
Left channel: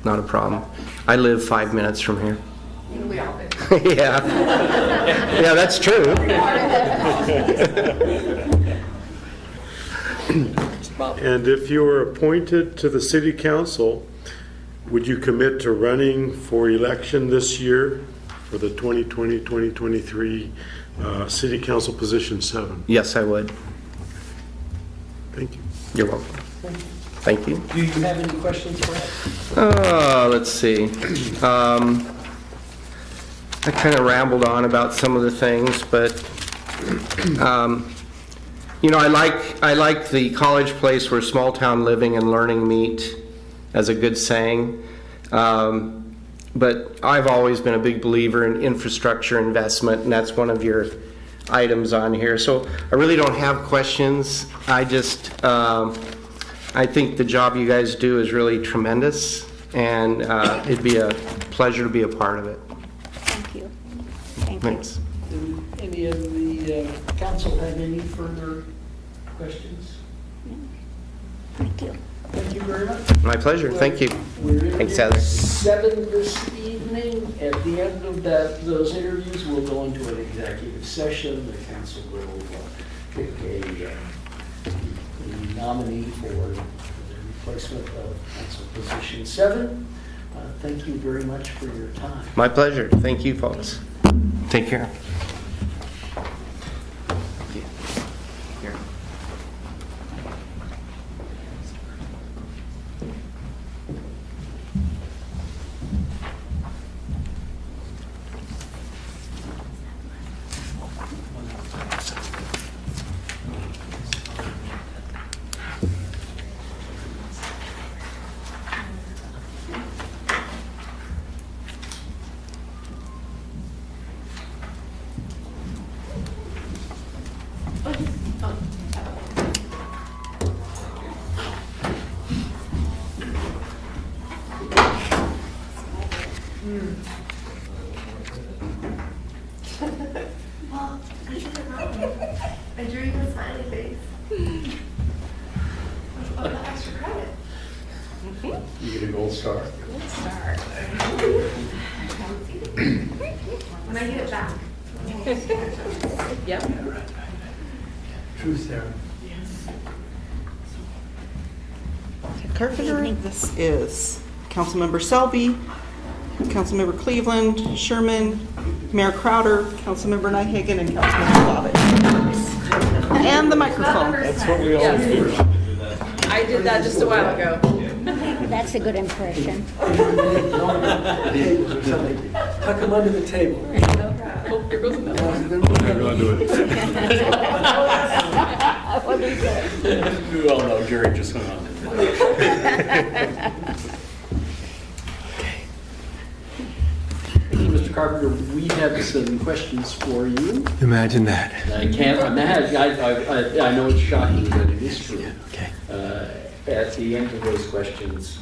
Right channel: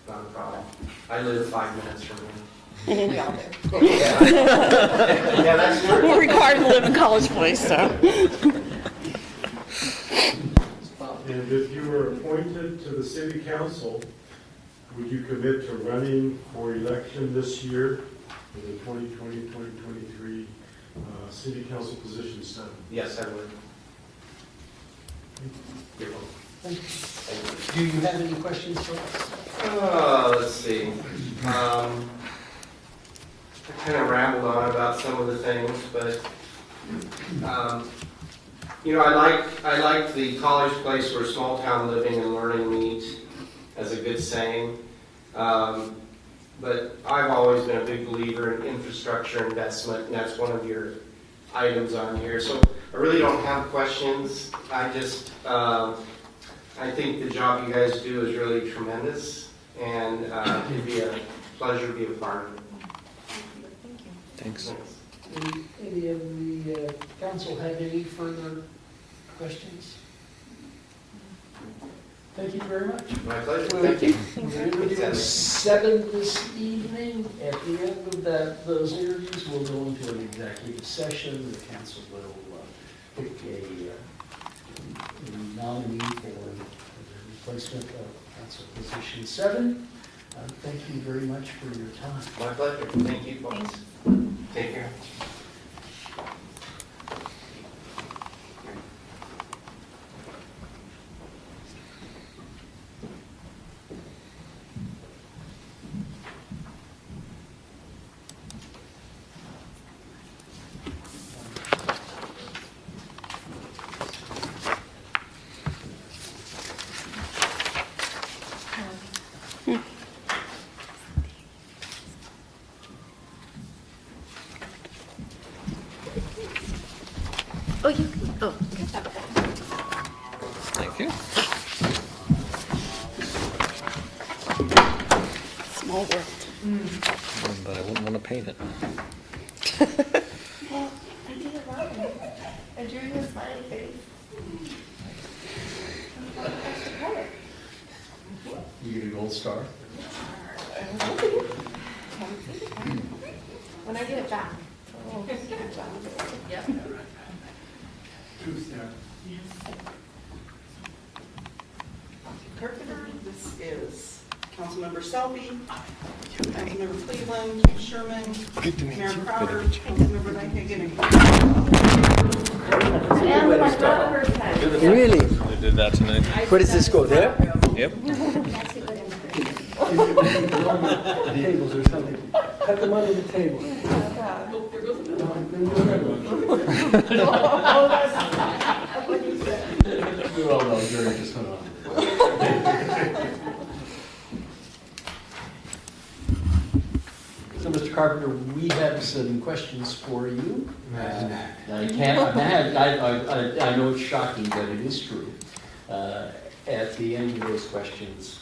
Not a problem. I live 5 minutes from here. We all do. Yeah. Yeah, that's true. We're required to live in College Place, so. And if you were appointed to the city council, would you commit to running for election this year for the 2020-2023 city council position 7? Yes, I would. Thank you. You're welcome. Thank you. Do you have any questions for us? Let's see. I kind of rambled on about some of the things, but I like the college place where small town living and learning meet, as a good saying. But I've always been a big believer in infrastructure investment, and that's one of your items on here. So I really don't have questions. I just, I think the job you guys do is really tremendous, and it'd be a pleasure to be a part of it. Thank you. Thanks. Any of the council have any further questions? Thank you. Thank you very much. My pleasure. Thank you. We're Thanks, interviewing Alex. 7 this evening. At the end of those interviews, we'll go into an executive session. The council will pick a nominee for the replacement of council position 7. Thank you very much for your time. My pleasure. Thank you, folks. Take care. Thank you. Small work. But I wouldn't want to paint it. Well, I did it wrong. I drew you a smiley face. Oh, that extra credit. You get a gold star? Star. When I get it back. Yep. Truth there. Carpenter, this is Councilmember Selby, Councilmember Cleveland, Sherman, Mayor Crowder, Councilmember Nyhagen, and Councilmember Bobbitt. And the microphone. They did that tonight. I did that just a while ago. Yep. That's a good impression. Tables or something. Tuck them under the table. Oh, here goes another one. What do you say? You all know Jerry just went on. So, Mr. Carpenter, we have some questions for you. Imagine that. I can't imagine, I know it's shocking, but it is true. Okay. At the end of those questions,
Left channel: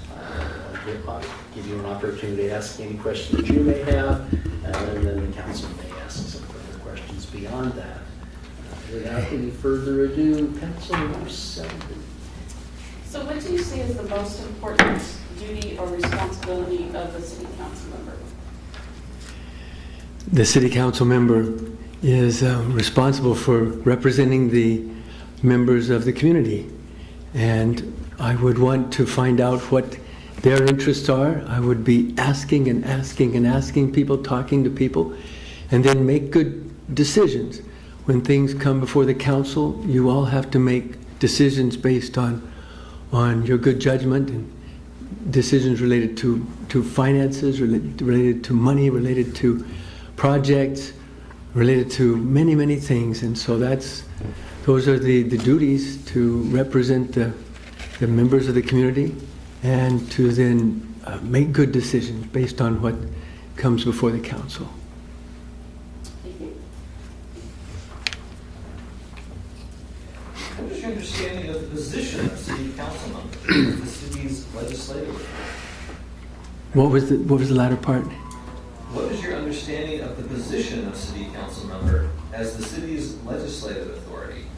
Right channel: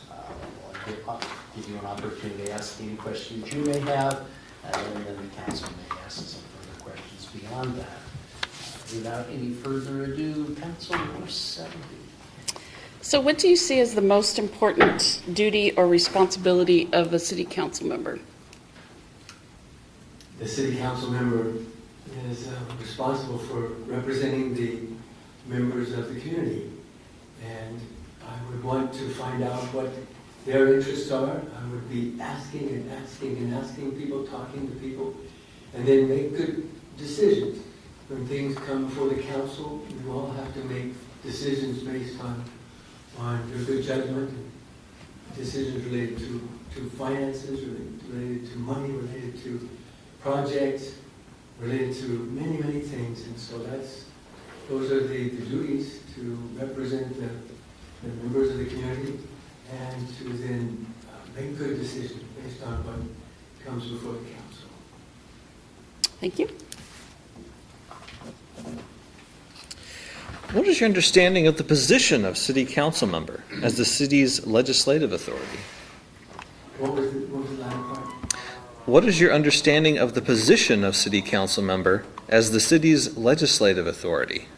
I'll give you an opportunity to ask any questions you may have, and then the council may ask some further questions beyond that. Without any further ado, Councilmember Selby. So what do you see as the most important duty or responsibility of a city council member? The city council member is responsible for representing the members of the community. And I would want to find out what their interests are. I would be asking and asking and asking people, talking to people, and then make good decisions. When things come before the council, you all have to make decisions based on your good judgment and decisions related to finances, related to money, related to projects, related to many, many things. And so those are the duties to represent the members of the community and to then make good decisions based on what comes before the council. Thank you. What is your understanding of the position of city council member as the city's legislative authority? What was the latter part? What is your understanding of the position of city council member as the city's legislative authority?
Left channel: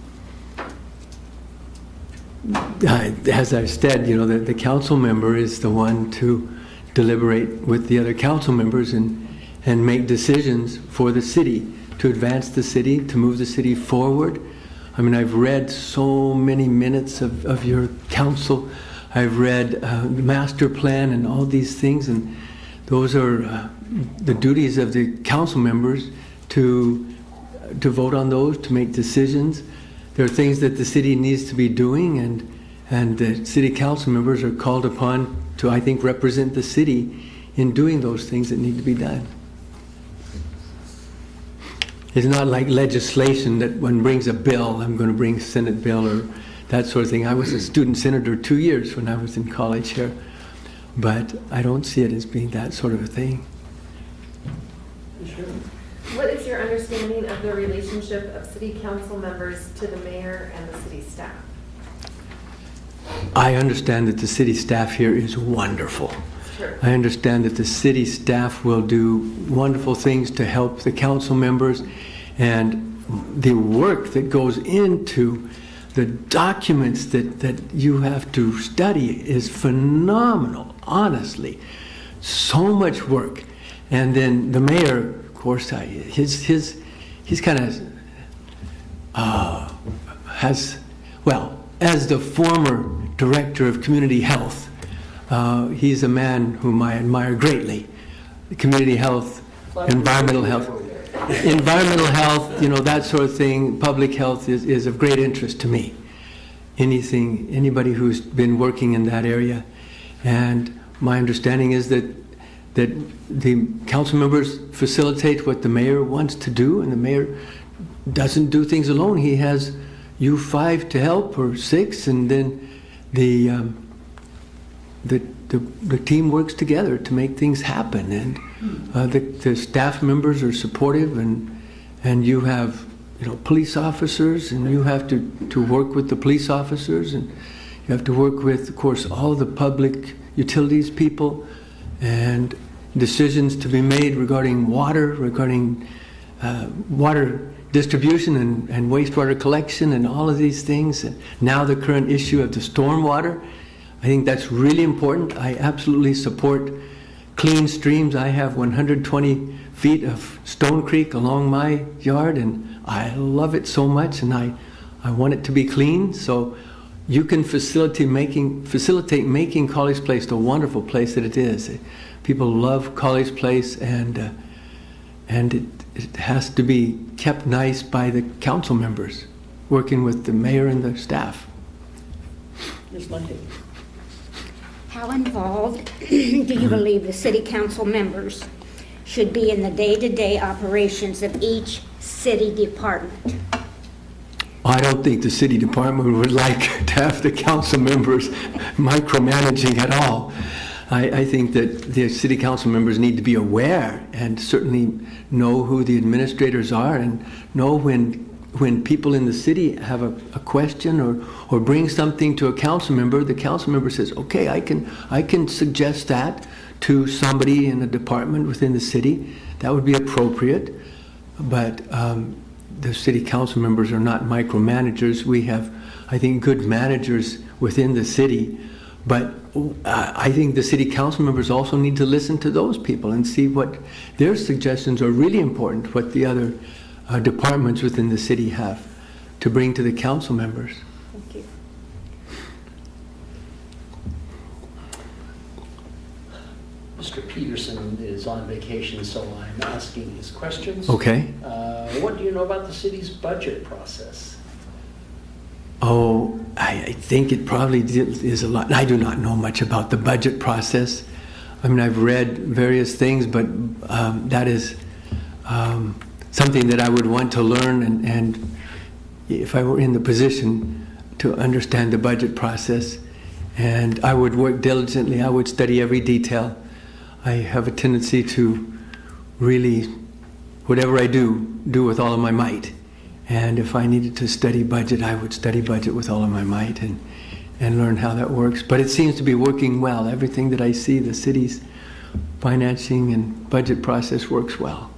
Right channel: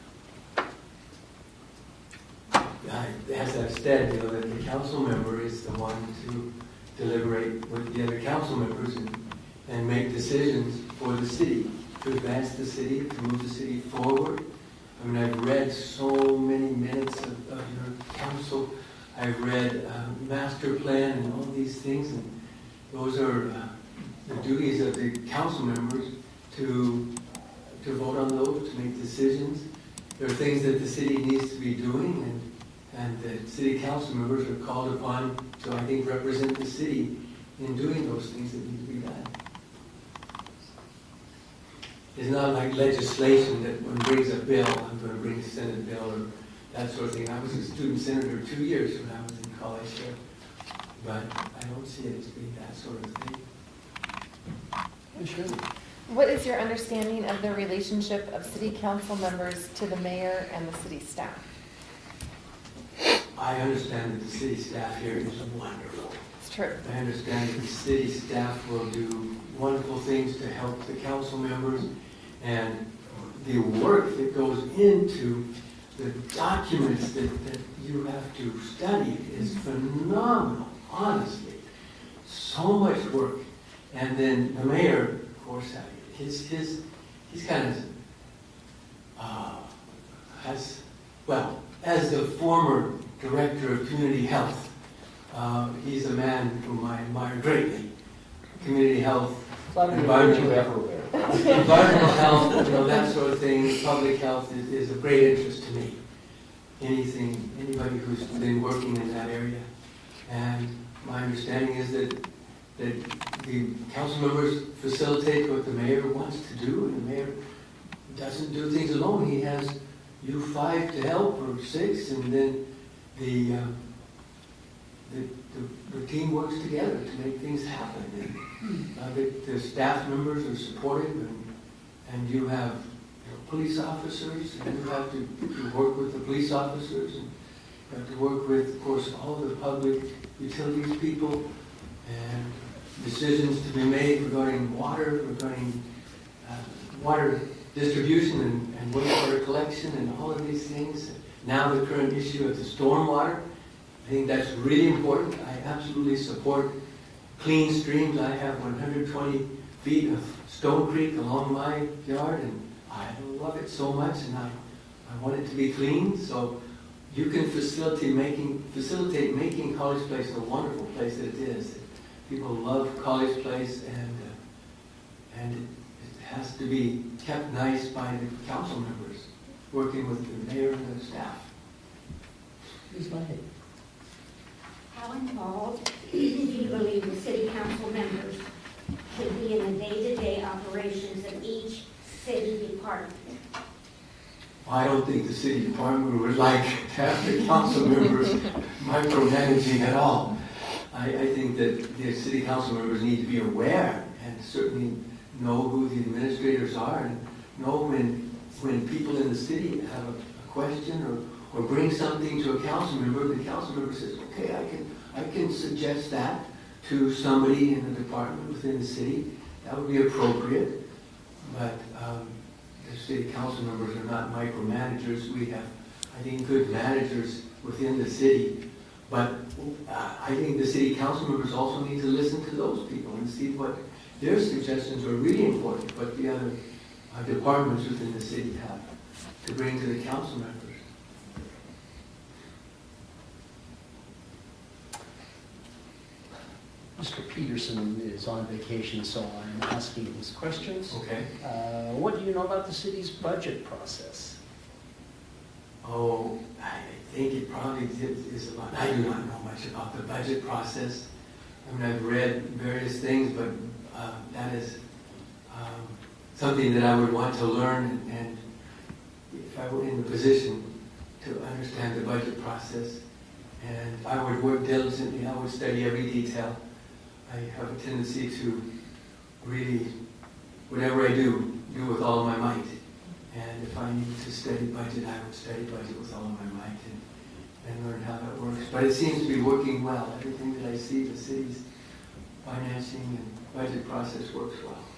As I've said, the council member is the one to deliberate with the other council members and make decisions for the city, to advance the city, to move the city forward. I mean, I've read so many minutes of your council. I've read the master plan and all these things, and those are the duties of the council members to vote on those, to make decisions. There are things that the city needs to be doing, and the city council members are called upon to, I think, represent the city in doing those things that need to be done. It's not like legislation that one brings a bill, I'm going to bring a Senate bill or that sort of thing. I was a student senator 2 years when I was in college here, but I don't see it as being that sort of a thing. What is your understanding of the relationship of city council members to the mayor and the city staff? I understand that the city staff here is wonderful. It's true. I understand that the city staff will do wonderful things to help the council members, and the work that goes into the documents that you have to study is phenomenal, honestly. So much work. And then the mayor, of course, he's kind of has, well, as the former director of community health, he's a man whom I admire greatly. Community health, environmental health, that sort of thing, public health is of great interest to me. Anybody who's been working in that area. And my understanding is that the council members facilitate what the mayor wants to do, and the mayor doesn't do things alone. He has you 5 to help, or 6, and then the team works together to make things happen. And the staff members are supportive, and you have police officers, and you have to work with the police officers, and you have to work with, of course, all the public utilities people, and decisions to be made regarding water, water distribution and wastewater collection and all of these things. And now the current issue of the stormwater, I think that's really important. I absolutely support clean streams. I have 120 feet of Stone Creek along my yard, and I love it so much, and I want it to be clean. So you can facilitate making College Place the wonderful place that it is. People love College Place, and it has to be kept nice by the council members, working with the mayor and the staff. How involved do you believe the city council members should be in the day-to-day operations of each city department? I don't think the city department would like to have the council members micromanaging at all. I think that the city council members need to be aware and certainly know who the administrators are, and know when people in the city have a question or bring something to a council member, the council member says, okay, I can suggest that to somebody in the department within the city. That would be appropriate. But the city council members are not micromanagers. We have, I think, good managers within the city. But I think the city council members also need to listen to those people and see what their suggestions are really important, what the other departments within the city have to bring to the council members. Thank you. Mr. Peterson is on vacation, so I'm asking his questions. Okay. What do you know about the city's budget process? Oh, I think it probably is a lot. I do not know much about the budget process. I mean, I've read various things, but that is something that I would want to learn, and if I were in the position to understand the budget process, and I would work diligently, I would study every detail. I have a tendency to really, whatever I do with all of my might. And if I needed to study budget, I would study budget with all of my might and learn how that works. But it seems to be working well. Everything that I see, the city's financing and budget process works well.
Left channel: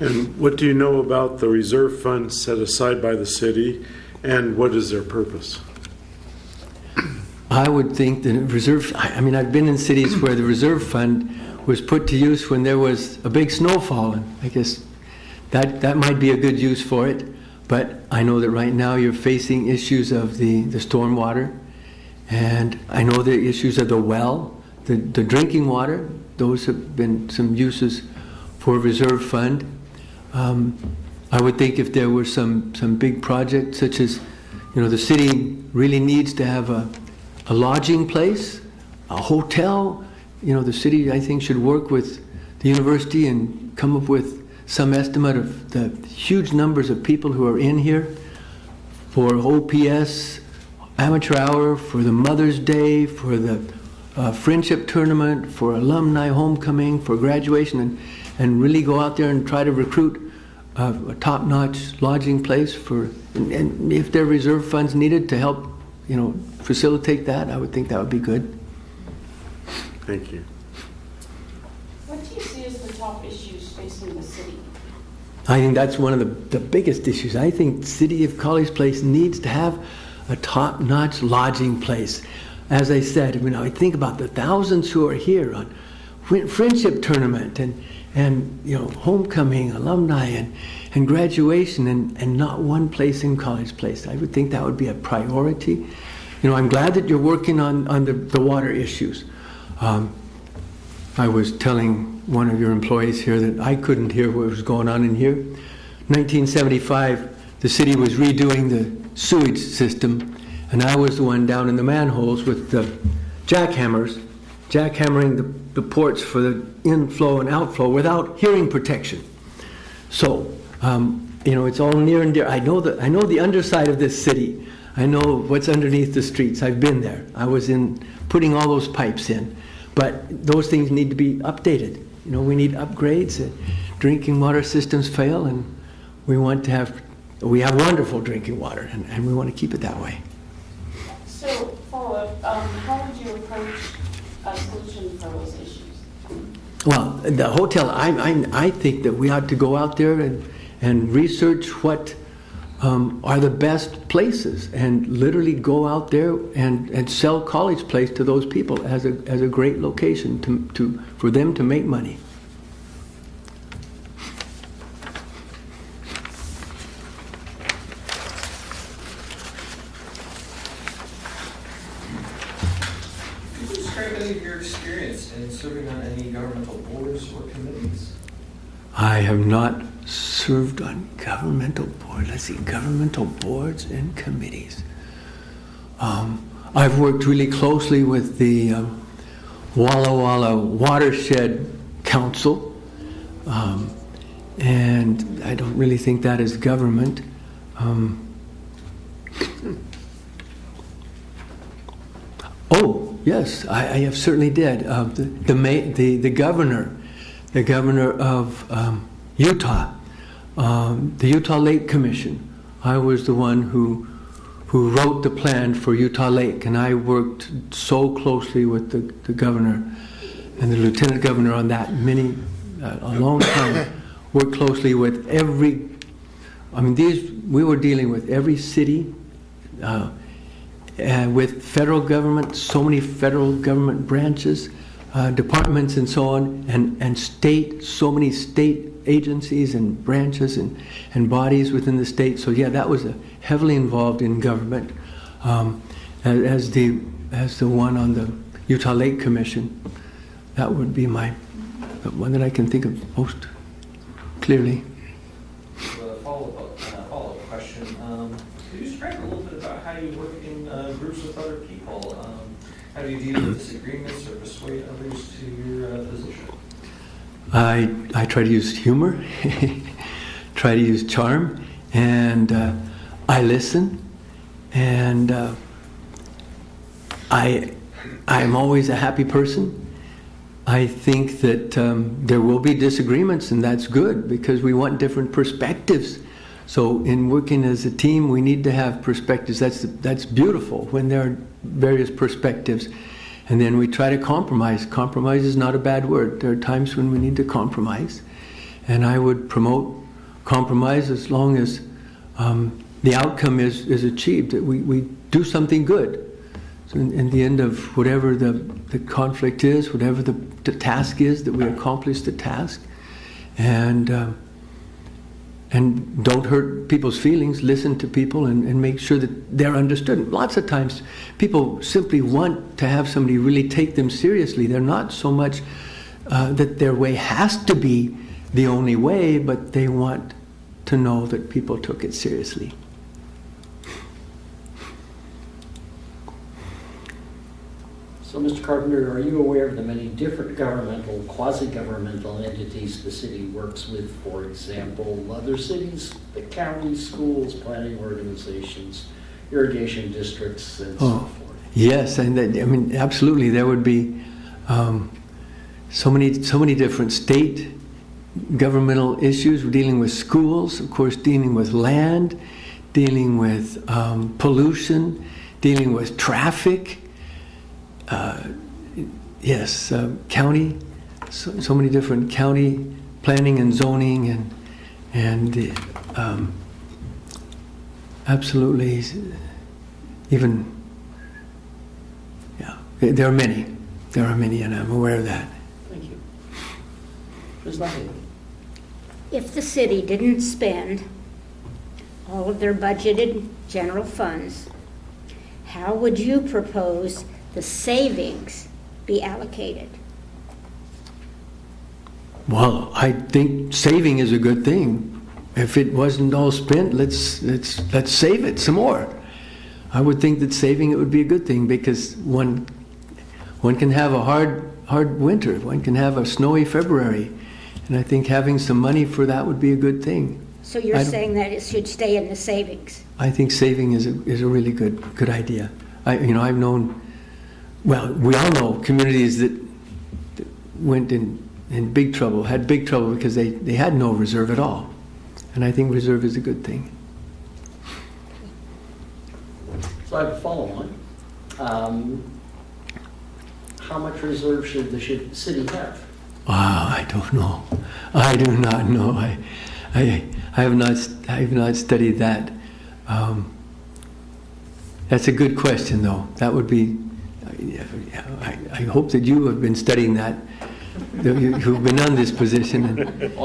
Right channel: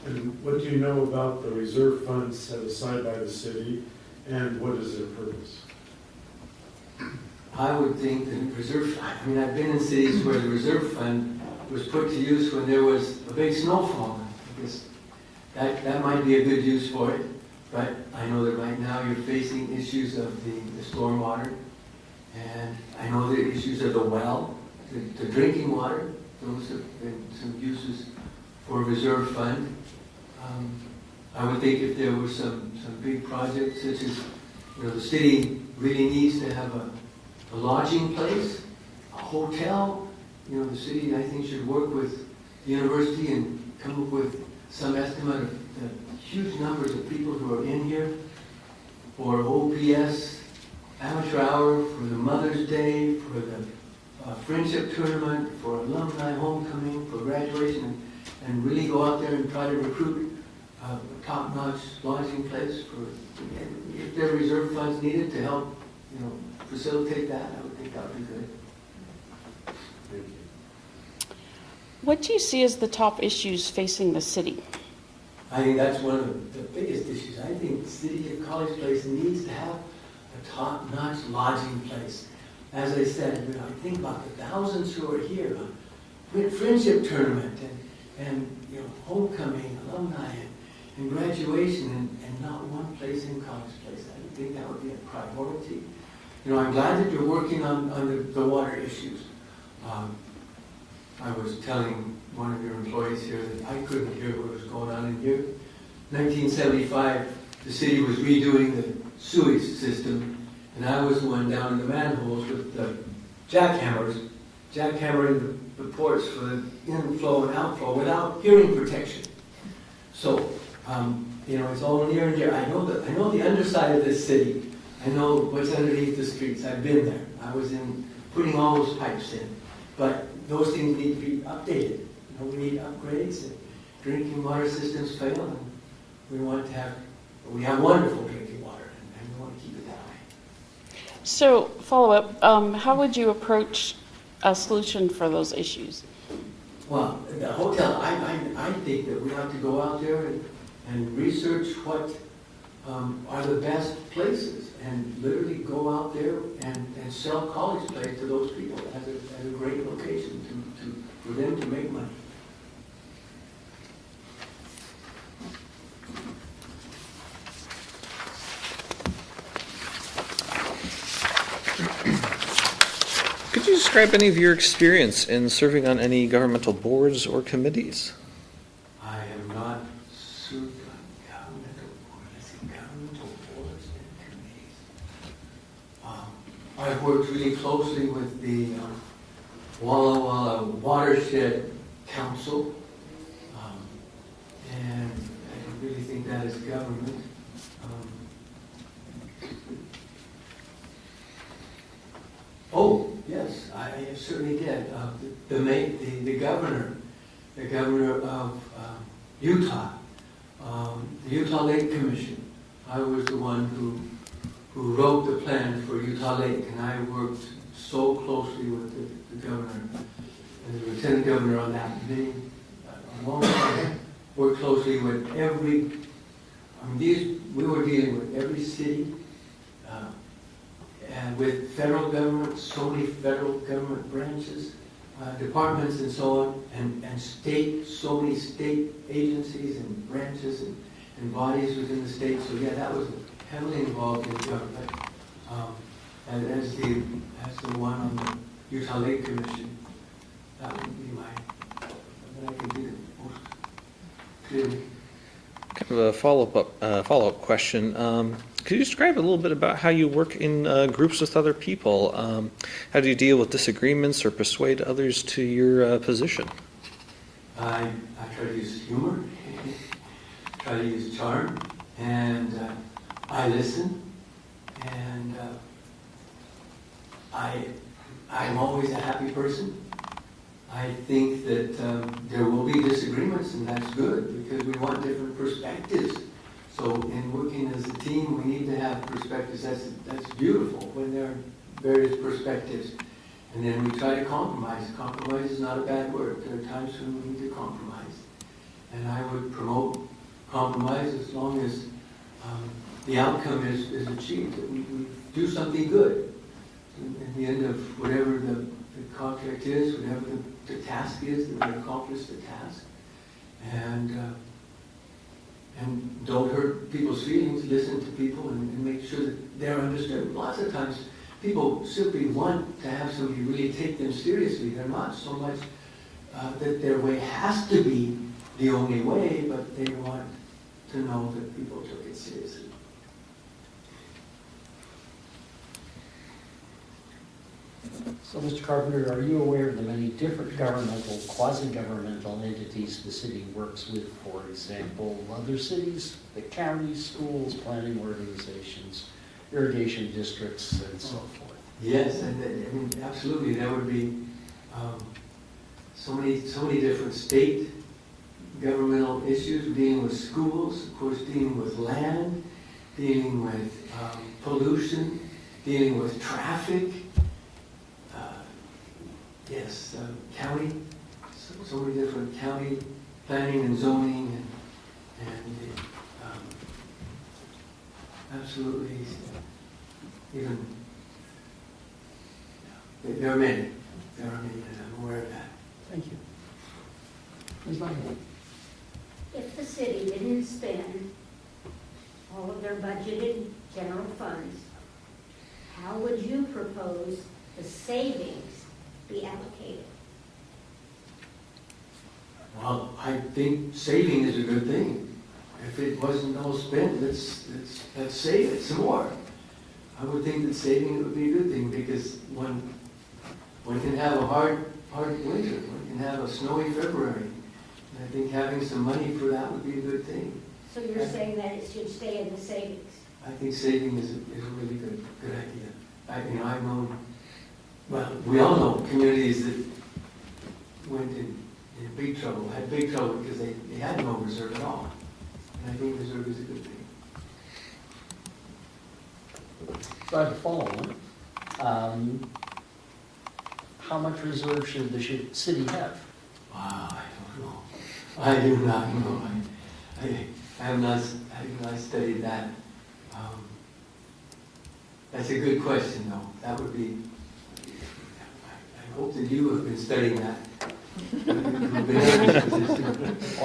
And what do you know about the reserve funds set aside by the city, and what is their purpose? I would think that I mean, I've been in cities where the reserve fund was put to use when there was a big snowfall, and I guess that might be a good use for it. But I know that right now you're facing issues of the stormwater, and I know the issues of the well, the drinking water. Those have been some uses for reserve fund. I would think if there were some big projects, such as, the city really needs to have a lodging place, a hotel. The city, I think, should work with the university and come up with some estimate of the huge numbers of people who are in here for OPS, amateur hour, for the Mother's Day, for the friendship tournament, for alumni homecoming, for graduation, and really go out there and try to recruit a top-notch lodging place and if there are reserve funds needed to help, facilitate that, I would think that would be good. Thank you. What do you see as the top issues facing the city? I think that's one of the biggest issues. I think the city of College Place needs to have a top-notch lodging place. As I said, I think about the thousands who are here on friendship tournament and homecoming, alumni, and graduation, and not one place in College Place. I would think that would be a priority. I'm glad that you're working on the water issues. I was telling one of your employees here that I couldn't hear what was going on in here. 1975, the city was redoing the sewage system, and I was the one down in the manholes with the jackhammering the ports for the inflow and outflow without hearing protection. So, it's all near and dear. I know the underside of this city. I know what's underneath the streets. I've been there. I was in putting all those pipes in. But those things need to be updated. We need upgrades. And drinking water systems fail, and we have wonderful drinking water, and we want to keep it that way. So, follow-up, how would you approach a solution for those issues? Well, the hotel, I think that we ought to go out there and research what are the best places, and literally go out there and sell College Place to those people as a great location for them to make money. Could you describe any of your experience in serving on any governmental boards or committees? I have not served on governmental boards. Let's see, governmental boards and committees. I've worked really closely with the Walla Walla Watershed Council, and I don't really think that is government. Oh, yes, I have certainly did. The governor of Utah, the Utah Lake Commission. I was the one who wrote the plan for Utah Lake, and I worked so closely with the governor and the lieutenant governor on that a long time. Worked closely with we were dealing with every city, and with federal government, so many federal government branches, departments and so on, and so many state agencies and branches and bodies within the state. So yeah, that was heavily involved in government, as the one on the Utah Lake Commission. That would be the one that I can think of most clearly. So a follow-up question. Could you describe a little bit about how you work in groups with other people? How do you deal with disagreements or persuade others to your position? I try to use humor, try to use charm, and I listen, and I'm always a happy person, I think that there will be disagreements, and that's good because we want different perspectives. So in working as a team, we need to have perspectives. That's beautiful when there are various perspectives. And then we try to compromise. Compromise is not a bad word. There are times when we need to compromise. And I would promote compromise as long as the outcome is achieved, that we do something good. So in the end of whatever the conflict is, whatever the task is, that we accomplish the task. And don't hurt people's feelings, listen to people and make sure that they're understood. Lots of times people simply want to have somebody really take them seriously. They're not so much that their way has to be the only way, but they want to know that people took it seriously. So, Mr. Carpenter, are you aware of the many different governmental, quasi-governmental entities the city works with? For example, other cities, the county, schools, planning organizations, irrigation districts, and so forth? Yes, and I mean, absolutely. There would be so many different state governmental issues. We're dealing with schools, of course, dealing with land, dealing with pollution, dealing with traffic. Yes, county, so many different county planning and zoning and absolutely even, yeah, there are many and I'm aware of that. Thank you. Ms. Langley. If the city didn't spend all of their budgeted general funds, how would you propose the savings be allocated? Well, I think saving is a good thing. If it wasn't all spent, let's save it some more. I would think that saving it would be a good thing because one can have a hard winter, one can have a snowy February, and I think having some money for that would be a good thing. So you're saying that it should stay in the savings? I think saving is a really good idea. I've known. Well, we all know communities that went in big trouble, had big trouble because they had no reserve at all. And I think reserve is a good thing. So I have a follow-on. How much reserve should the city have? I don't know. I do not know. I have not studied that. That's a good question, though. That would be. I hope that you have been studying that. You've been in this position. I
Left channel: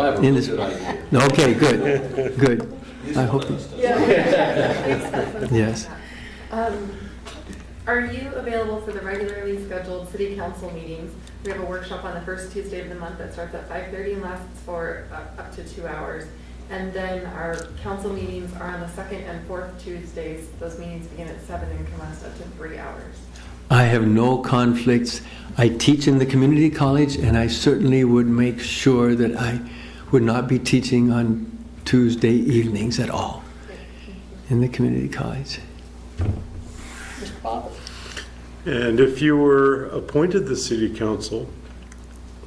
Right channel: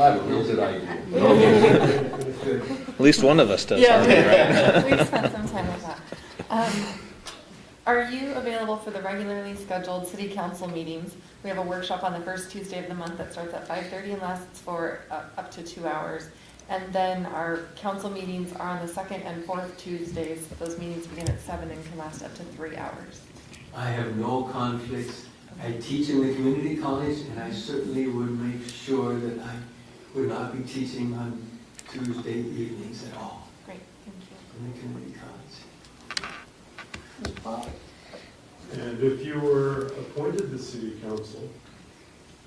have a good idea. Okay, good. At least one of us does. Yeah. Yes. Are you available for the regularly scheduled city council meetings? We have a workshop on the first Tuesday of the month that starts at 5:30 and lasts for up to 2 hours. And then our council meetings are on the second and fourth Tuesdays. Those meetings begin at 7 and can last up to 3 hours. I have no conflicts. I teach in the community college, and I certainly would make sure that I would not be teaching on Tuesday evenings at all in the community college. And if you were appointed to city council,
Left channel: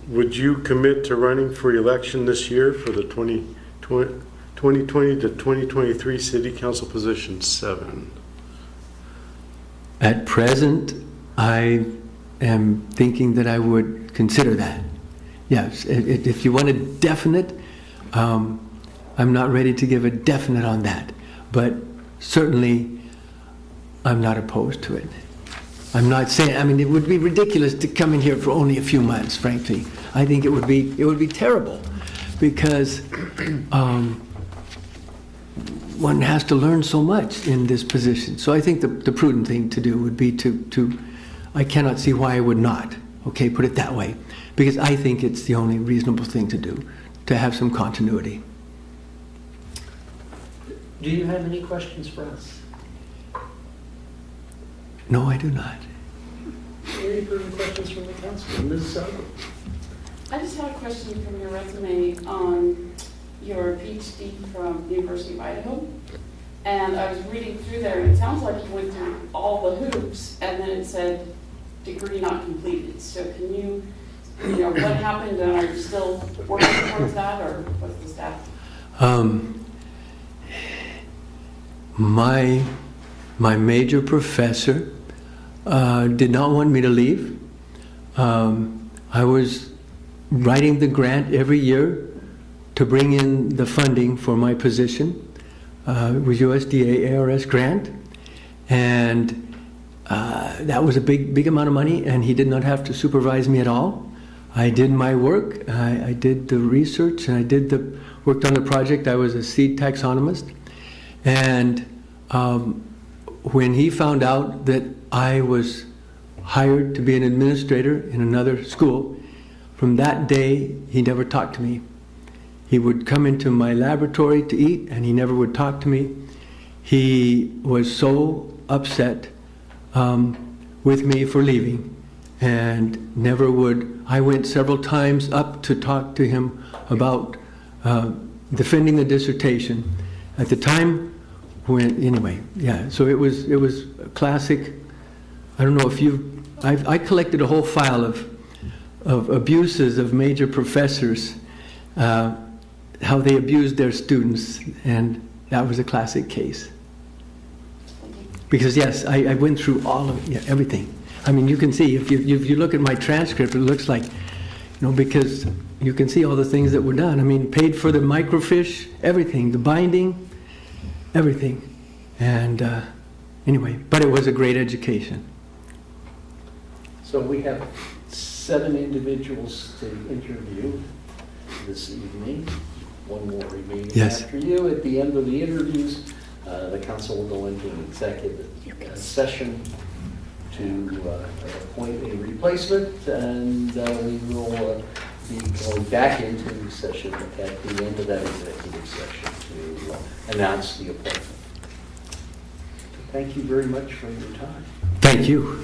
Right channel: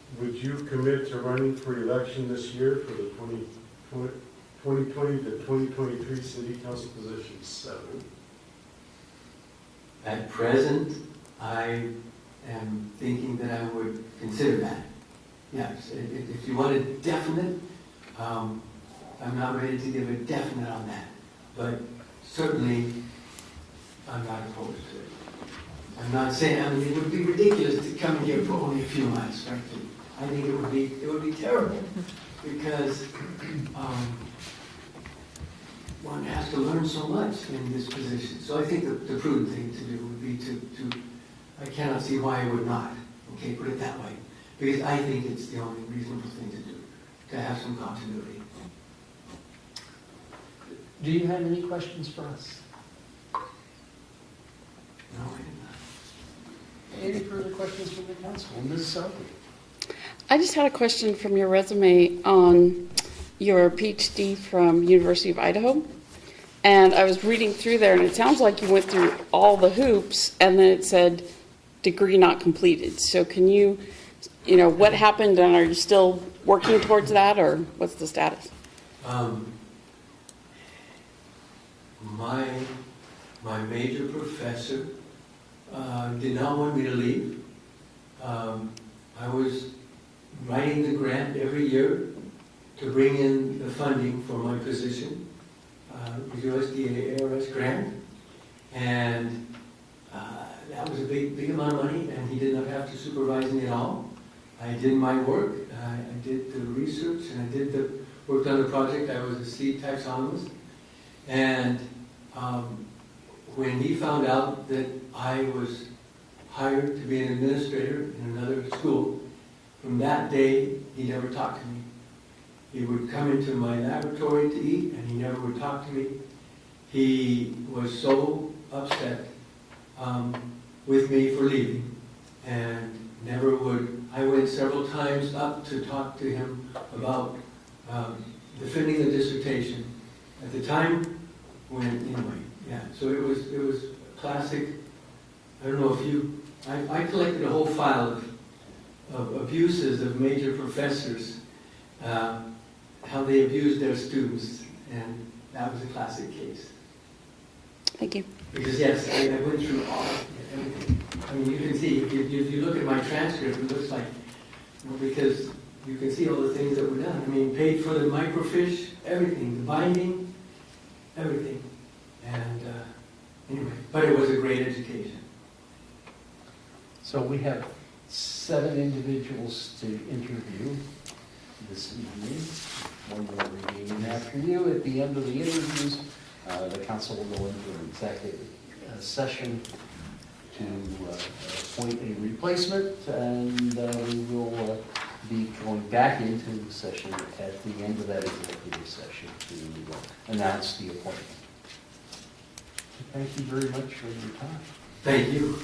would you commit to running for election this year for the 2020 to 2023 city council position 7? At present, I am thinking that I would consider that. Yes, if you want a definite, I'm not ready to give a definite on that, but certainly I'm not opposed to it. I'm not saying, I mean, it would be ridiculous to come in here for only a few months, frankly. I think it would be terrible because one has to learn so much in this position. So I think the prudent thing to do would be to I cannot see why I would not, okay, put it that way, because I think it's the only reasonable thing to do, to have some continuity. Do you have any questions for us? No, I do not. Any further questions from the council? Ms. Sullivan? I just had a question from your resume on your PhD from University of Idaho. And I was reading through there, and it sounds like you went through all the hoops, and then it said degree not completed. So can you what happened, and are you still working towards that, or what's the status? My major professor did not want me to leave. I was writing the grant every year to bring in the funding for my position. It was USDA ARS grant, and that was a big amount of money, and he did not have to supervise me at all. I did my work, I did the research, and worked on the project. I was a seed taxonomist. And when he found out that I was hired to be an administrator in another school, from that day, he never talked to me. He would come into my laboratory to eat, and he never would talk to me. He was so upset with me for leaving, and never would. I went several times up to talk to him about defending the dissertation. At the time, so it was classic. I don't know if I collected a whole file of abuses of major professors, how they abused their students, and that was a classic case. Thank you. Because yes, I went through everything. I mean, you can see, if you look at my transcript, it looks like, because you can see all the things that were done. I mean, paid for the microfiche, everything, the binding, everything. And anyway, but it was a great education. So we have 7 individuals to interview this evening. One more remaining after you. At the end of the interviews, the council will go into an executive session to appoint a replacement, and we will be going back into session at the end of that executive session to announce the appointment. So thank you very much for your time. Thank you.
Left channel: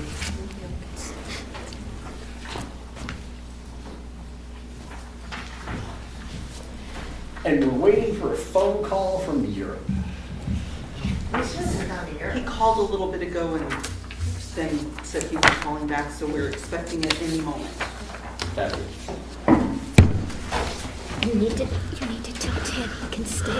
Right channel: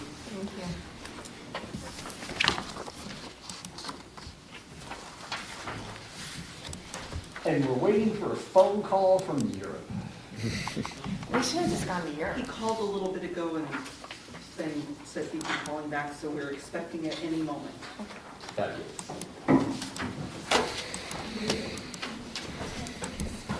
And we're waiting for a phone call from Europe. He called a little bit ago and then said he was calling back, so we're expecting it any moment. Fabulous. You need to tell Ted he can stay.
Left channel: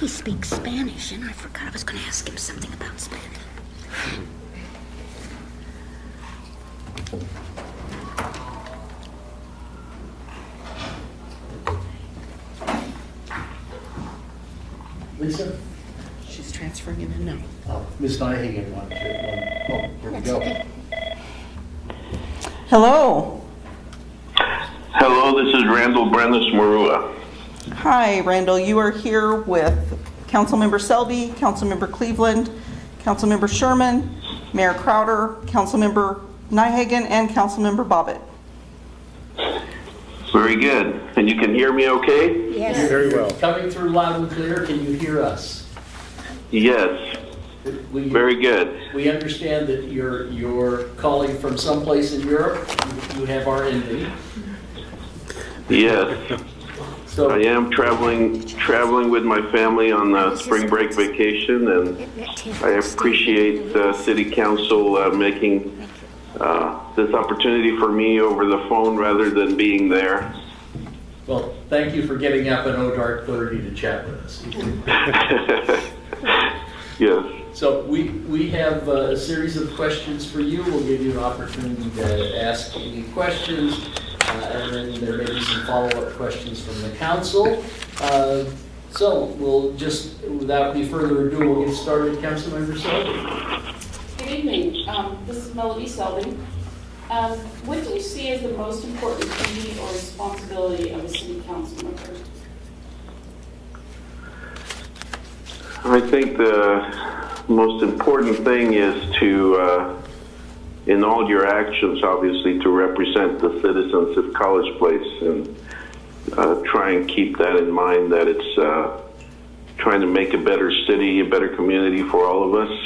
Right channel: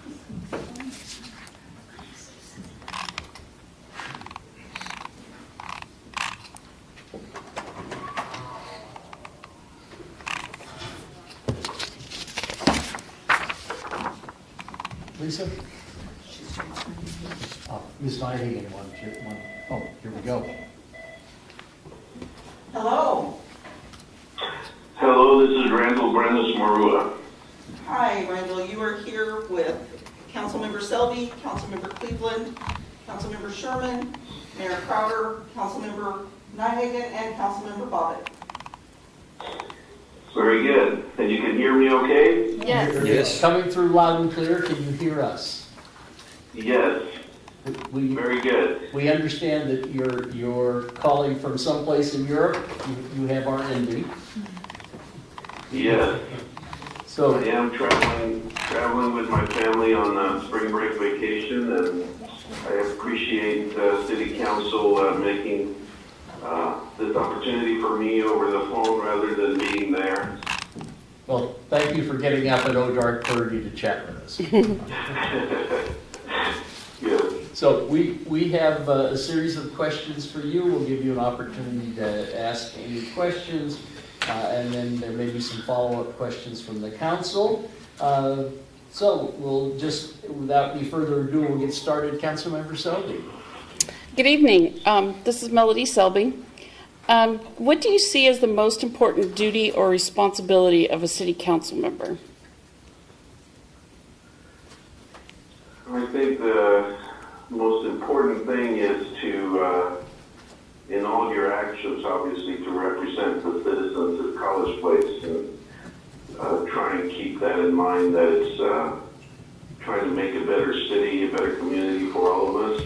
He speaks Spanish, and I forgot I was going to ask him something about Spanish. Lisa? She's transferring in the next. Oh, Ms. Nyhagen wanted to, oh, here we go. Hello. Hello, this is Randall Brenes Marua. Hi, Randall. You are here with Councilmember Selby, Councilmember Cleveland, Councilmember Sherman, Mayor Crowder, Councilmember Nyhagen, and Councilmember Bobbitt. Very good. And you can hear me okay? Yes. Very well. Coming through loud and clear. Can you hear us? Yes. Very good. We understand that you're calling from someplace in Europe. You have our envy. Yes. So I am traveling with my family on a spring break vacation, and I appreciate the City Council making this opportunity for me over the phone rather than being there. well, thank you for getting up at dark 30 to chat with us. Yes. So we have a series of questions for you. We'll give you an opportunity to ask any questions, and then there may be some follow-up questions from the council. So we'll just, without any further ado, we'll get started. Councilmember Selby. Good evening. This is Melody Selby. What do you see as the most important duty or responsibility of a city council member? I think the most important thing is to, in all your actions, obviously, to represent the citizens of College Place, and try and keep that in mind, that it's trying to make a better city, a better community for all of us.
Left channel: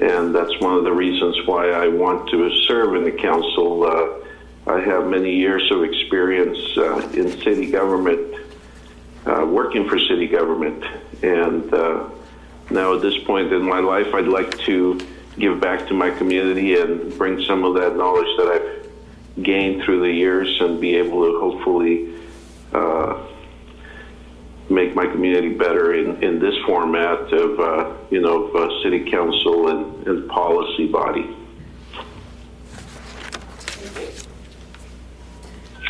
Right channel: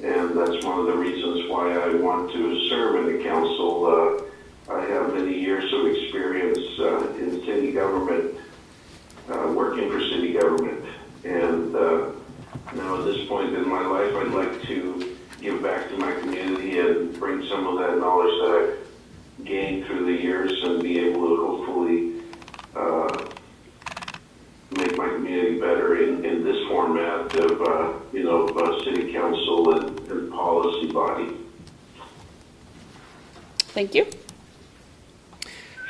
And that's one of the reasons why I want to serve in the council. I have many years of experience in city government, working for city government. And now at this point in my life, I'd like to give back to my community and bring some of that knowledge that I've gained through the years and be able to hopefully make my community better in this format of, city council and policy body. Thank you.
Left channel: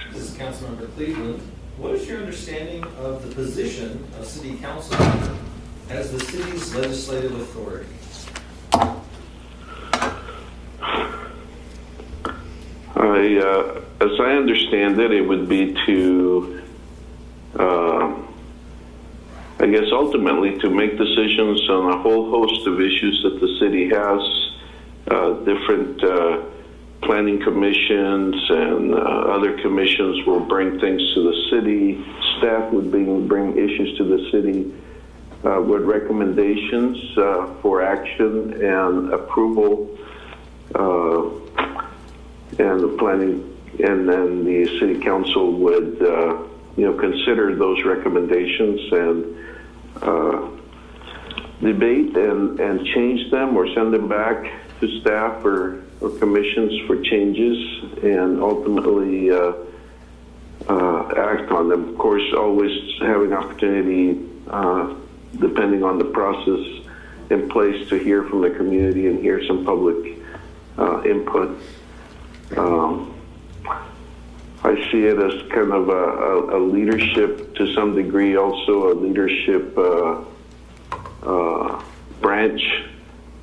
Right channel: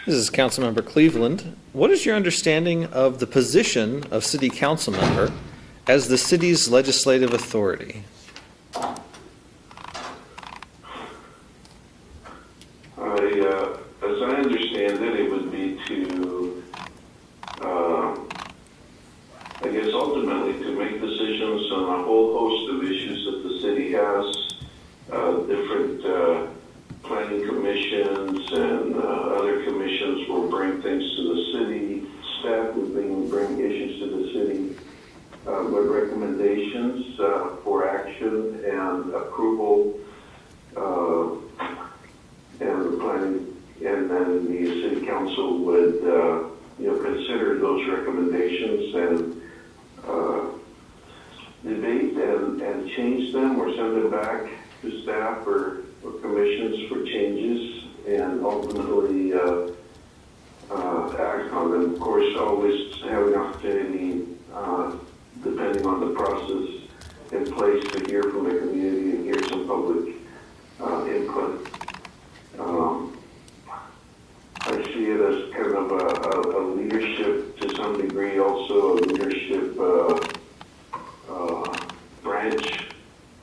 This is Councilmember Cleveland. What is your understanding of the position of city council member as the city's legislative authority? As I understand it, it would be to, I guess ultimately to make decisions on a whole host of issues that the city has, different planning commissions and other commissions will bring things to the city. Staff would bring issues to the city with recommendations for action and approval, and the planning, and then the city council would consider those recommendations and debate and change them or send them back to staff or commissions for changes, and ultimately act on them. Of course, always have an opportunity, depending on the process in place, to hear from the community and hear some public input. I see it as kind of a leadership, to some degree, also a leadership branch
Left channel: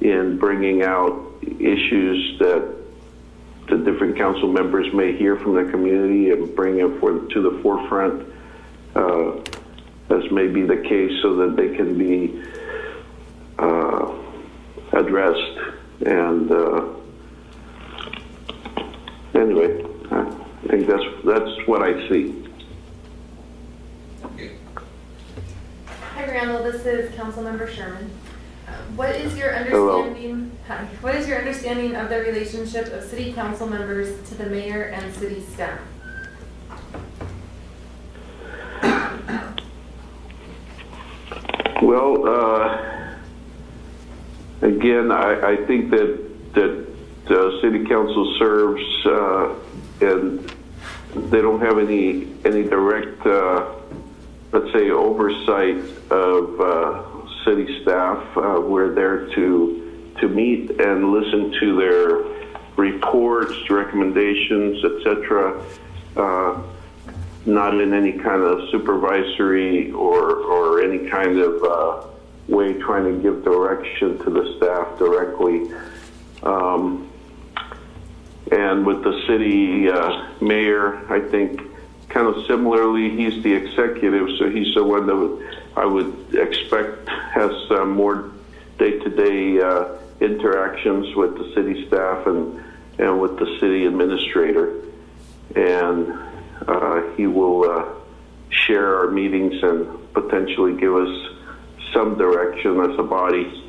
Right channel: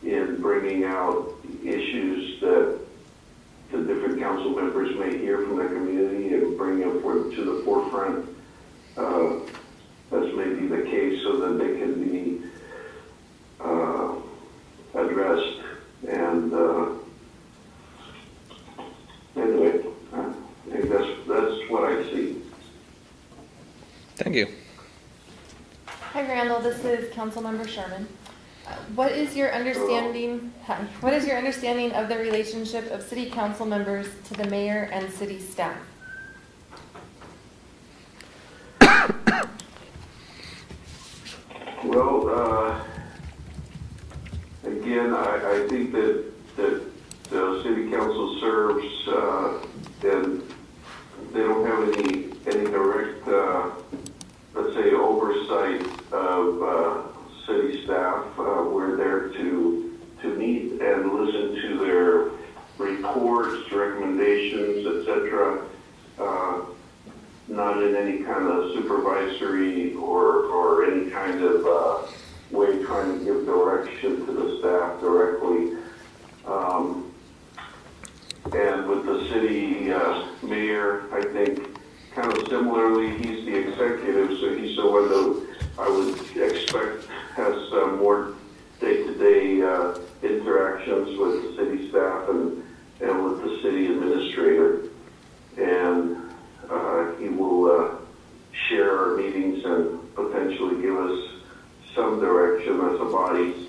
in bringing out issues that the different council members may hear from the community and bring them to the forefront, as may be the case, so that they can be addressed. And anyway, I think that's what I see. Thank you. Hi, Randall. This is Councilmember Sherman. What is your understanding? Hi. What is your understanding of the relationship of city council members to the mayor and city staff? Well, again, I think that the city council serves, and they don't have any direct, let's say, oversight of city staff. We're there to meet and listen to their reports, recommendations, etc. Not in any kind of supervisory or any kind of way trying to give direction to the staff directly. And with the city mayor, I think kind of similarly, he's the executive, so he's the one that I would expect has more day-to-day interactions with the city staff and with the city administrator. And he will share our meetings and potentially give us some direction as a body.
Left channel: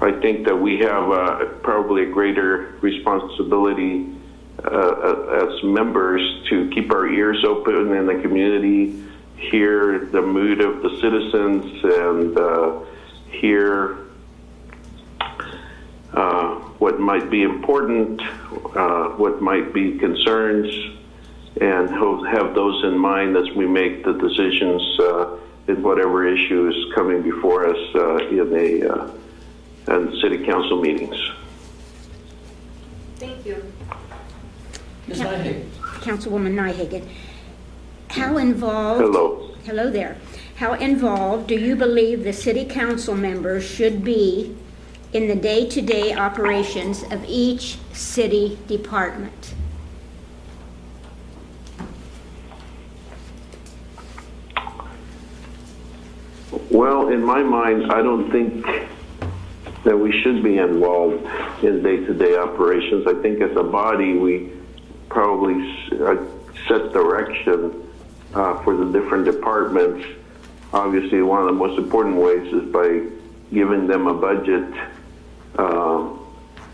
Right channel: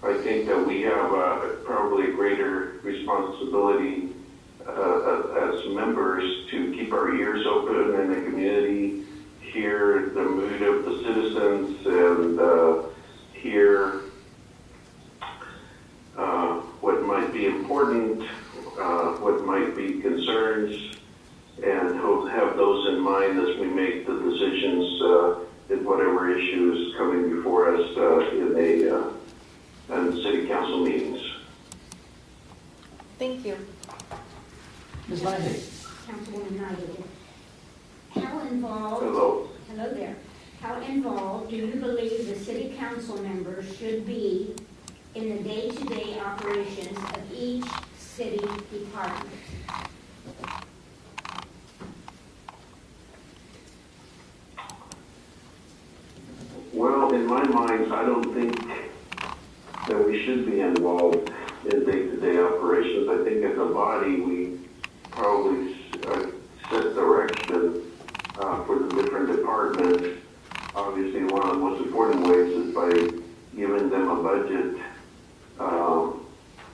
I think that we have probably a greater responsibility as members to keep our ears open in the community, hear the mood of the citizens, and hear what might be important, what might be concerns, and have those in mind as we make the decisions in whatever issue is coming before us in city council meetings. Thank you. Ms. Nyhagen. Councilwoman Nyhagen, how involved? Hello there. How involved do you believe the city council members should be in the day-to-day operations of each city department? Well, in my mind, I don't think that we should be involved in day-to-day operations. I think as a body, we probably set direction for the different departments. Obviously, one of the most important ways is by giving them a budget,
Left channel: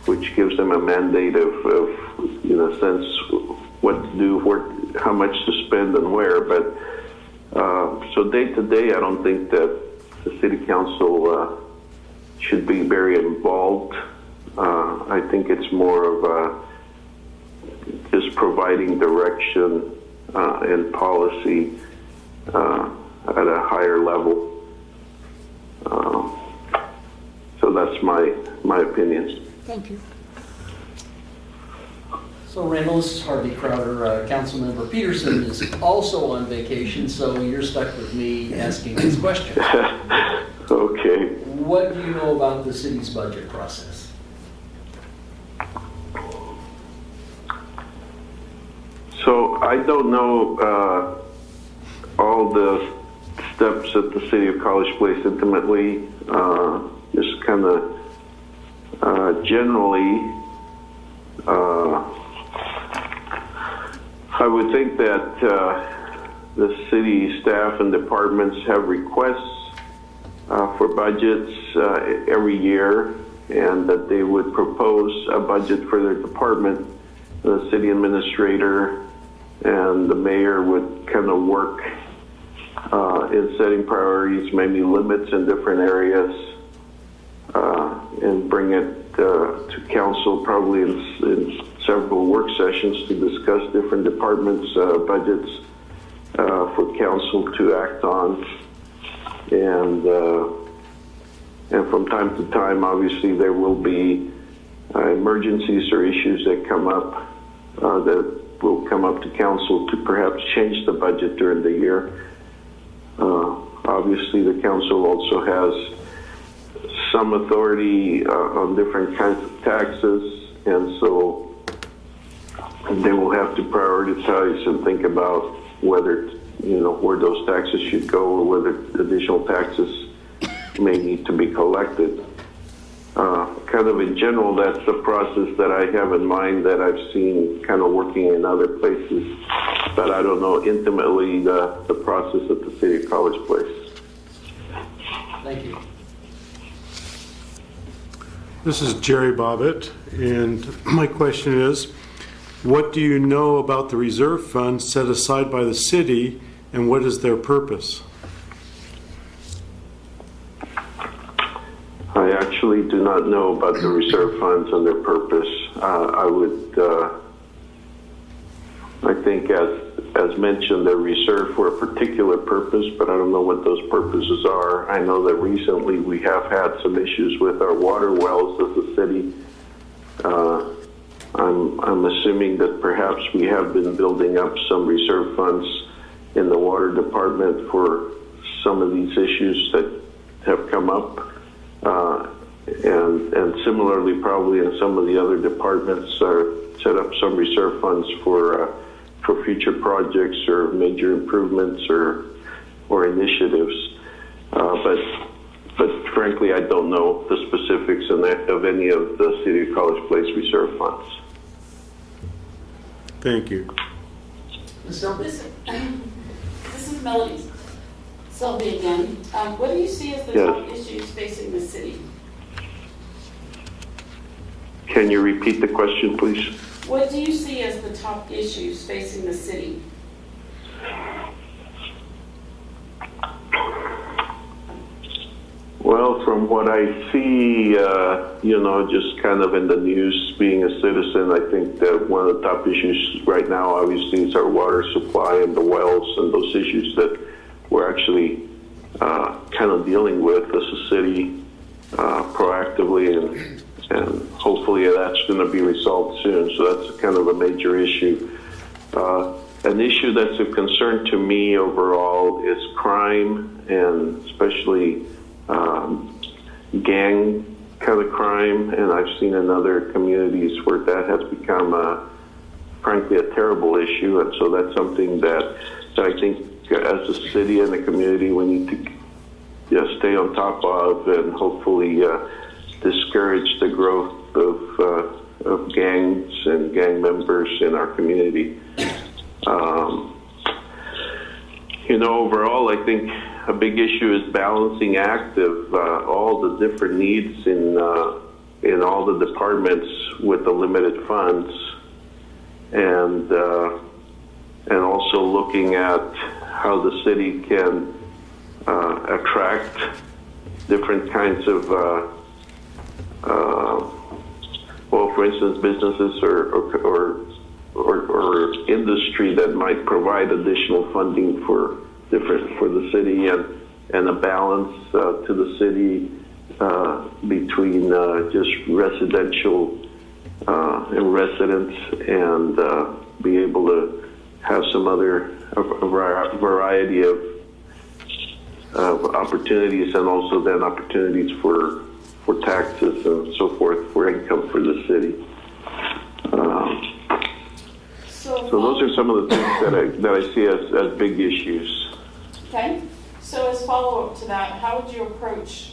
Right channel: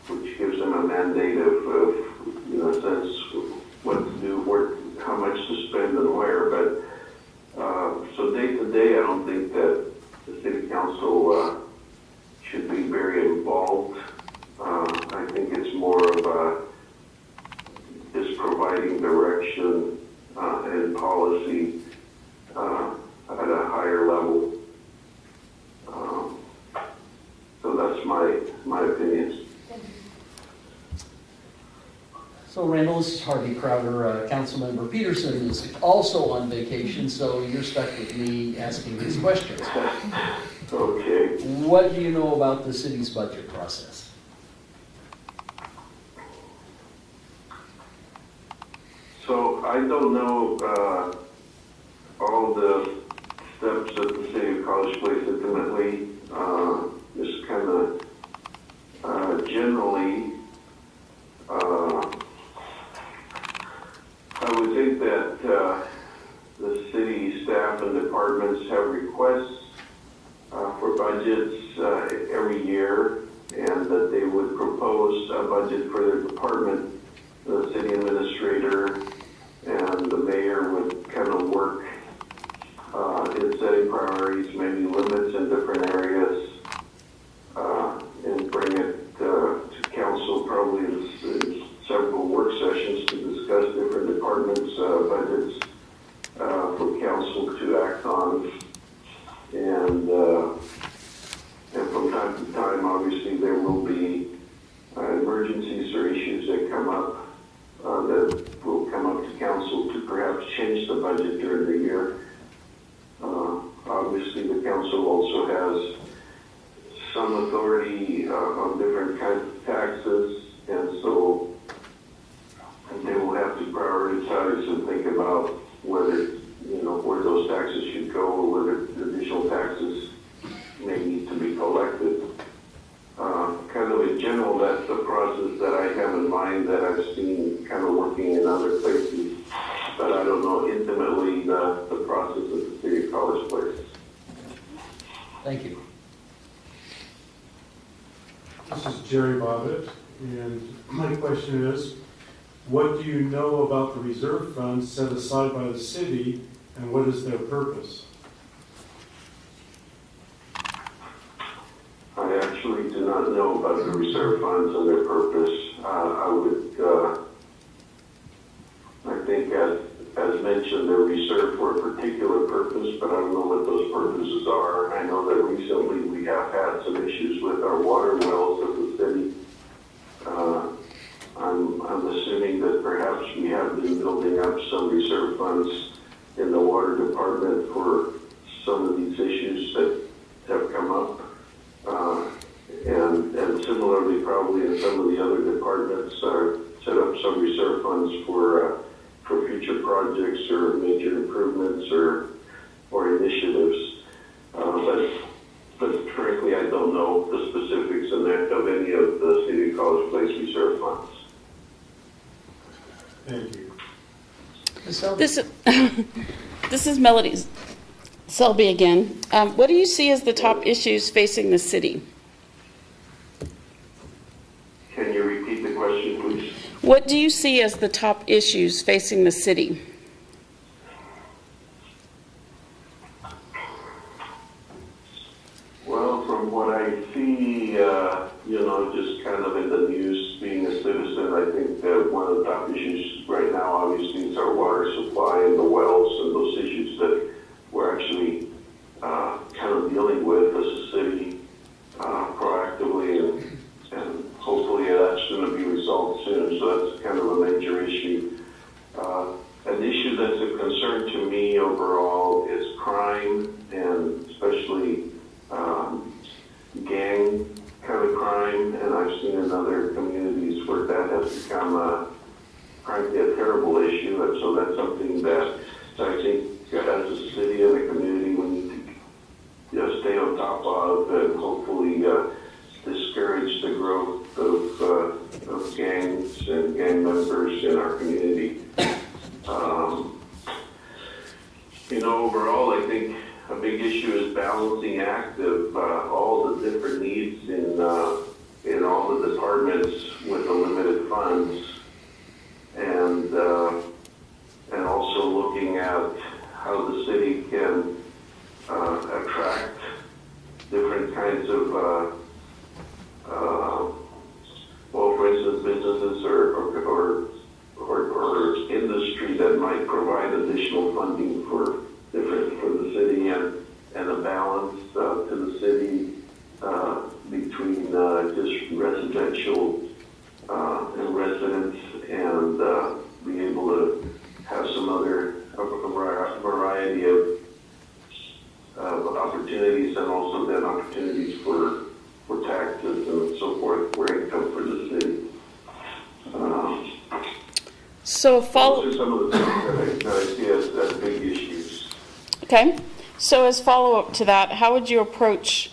which gives them a mandate of in a sense, what to do, how much to spend and where. But so day to day, I don't think that the city council should be very involved. I think it's more of just providing direction and policy at a higher level. So that's my opinion. Thank you. So Randall, this is Harvey Crowder. Councilmember Peterson is also on vacation, so you're stuck with me asking these questions. Okay. What do you know about the city's budget process? So I don't know all the steps at the city of College Place intimately. Just kind of generally, I would think that the city staff and departments have requests for budgets every year, and that they would propose a budget for their department. The city administrator and the mayor would kind of work in setting priorities, maybe limits in different areas, and bring it to council probably in several work sessions to discuss different departments' budgets for council to act on. And from time to time, obviously, there will be emergencies or issues that come up that will come up to council to perhaps change the budget during the year. Obviously, the council also has some authority on different kinds of taxes, and so they will have to prioritize and think about whether, where those taxes should go or whether additional taxes may need to be collected. Kind of in general, that's the process that I have in mind that I've seen kind of working in other places, but I don't know intimately the process at the city of College Place. Thank you. This is Jerry Bobbitt, and my question is, what do you know about the reserve funds set aside by the city, and what is their purpose? I actually do not know about the reserve funds and their purpose. I think as mentioned, they're reserved for a particular purpose, but I don't know what those purposes are. I know that recently we have had some issues with our water wells as a city. I'm assuming that perhaps we have been building up some reserve funds in the water department for some of these issues that have come up. And similarly, probably in some of the other departments, set up some reserve funds for future projects or major improvements or initiatives. But frankly, I don't know the specifics of any of the City of College Place reserve funds. Thank you. This is Melody Selby again. What do you see as the top issues facing the city? Can you repeat the question, please? What do you see as the top issues facing the city? Well, from what I see, just kind of in the news, being a citizen, I think that one of the top issues right now, obviously, is our water supply and the wells and those issues that we're actually kind of dealing with as a city proactively, and hopefully that's going to be resolved soon. So that's kind of a major issue. An issue that's of concern to me overall is crime, and especially gang kind of crime, and I've seen in other communities where that has become, frankly, a terrible issue, and so that's something that I think as a city and a community we need to stay on top of and hopefully discourage the growth of gangs and gang members in our community. Overall, I think a big issue is balancing act of all the different needs in all the departments with the limited funds, and also looking at how the city can attract different kinds of, for instance, businesses or industry that might provide additional funding for the city, and a balance to the city between just residential and residents, and be able to have some other variety of opportunities, and also then opportunities for taxes and so forth for income for the city. So those are some of the things that I see as big issues. Okay. So as follow-up to that, how would you approach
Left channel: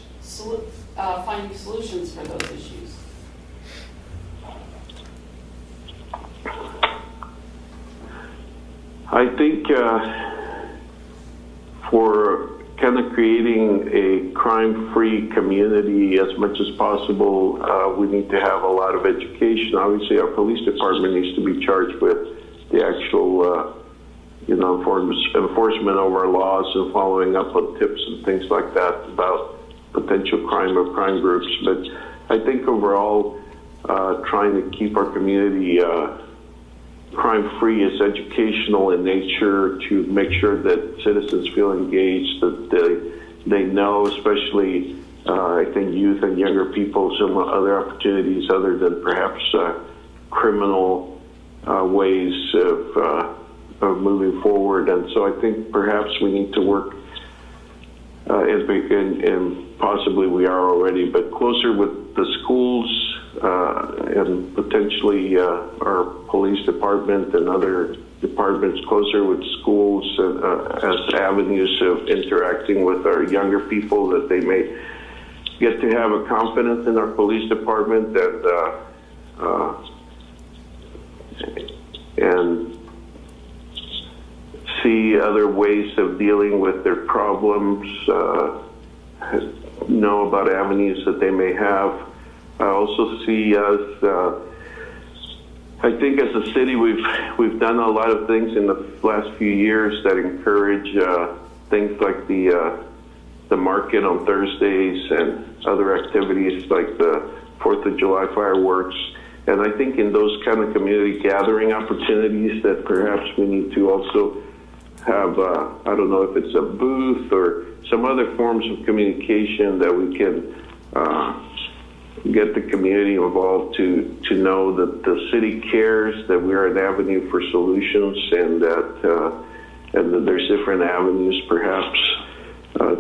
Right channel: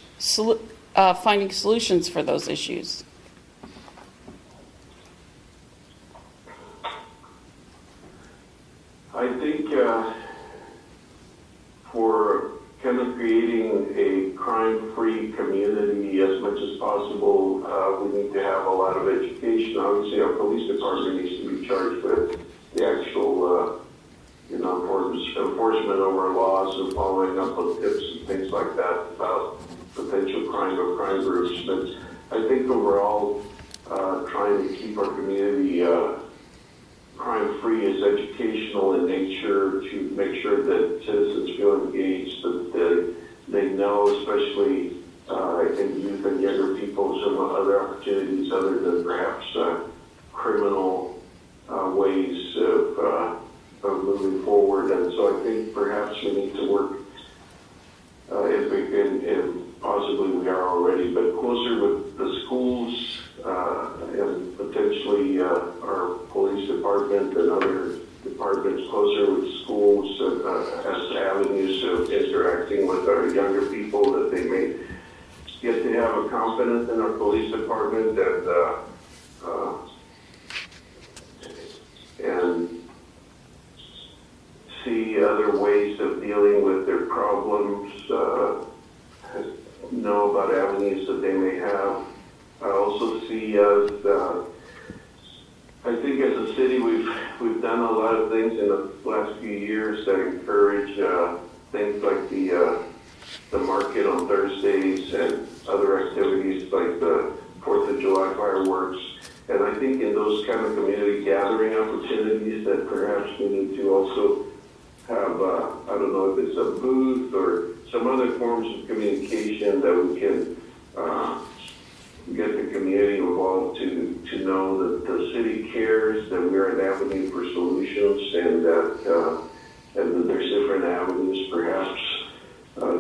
finding solutions for those issues? I think for kind of creating a crime-free community as much as possible, we need to have a lot of education. Obviously, our police department needs to be charged with the actual, enforcement of our laws and following up on tips and things like that about potential crime or crime groups. But I think overall, trying to keep our community crime-free is educational in nature, to make sure that citizens feel engaged, that they know, especially I think youth and younger people, some other opportunities other than perhaps criminal ways of moving forward. And so I think perhaps we need to work, and possibly we are already, but closer with the schools and potentially our police department and other departments, closer with schools as avenues of interacting with our younger people, that they may get to have a confidence in our police department, and see other ways of dealing with their problems, know about avenues that they may have. I also see us, I think as a city, we've done a lot of things in the last few years that encourage things like the market on Thursdays and other activities like the 4th of July fireworks. And I think in those kind of community gathering opportunities that perhaps we need to also have, I don't know if it's a booth or some other forms of communication that we can get the community involved to know that the city cares, that we're an avenue for solutions, and that there's different avenues, perhaps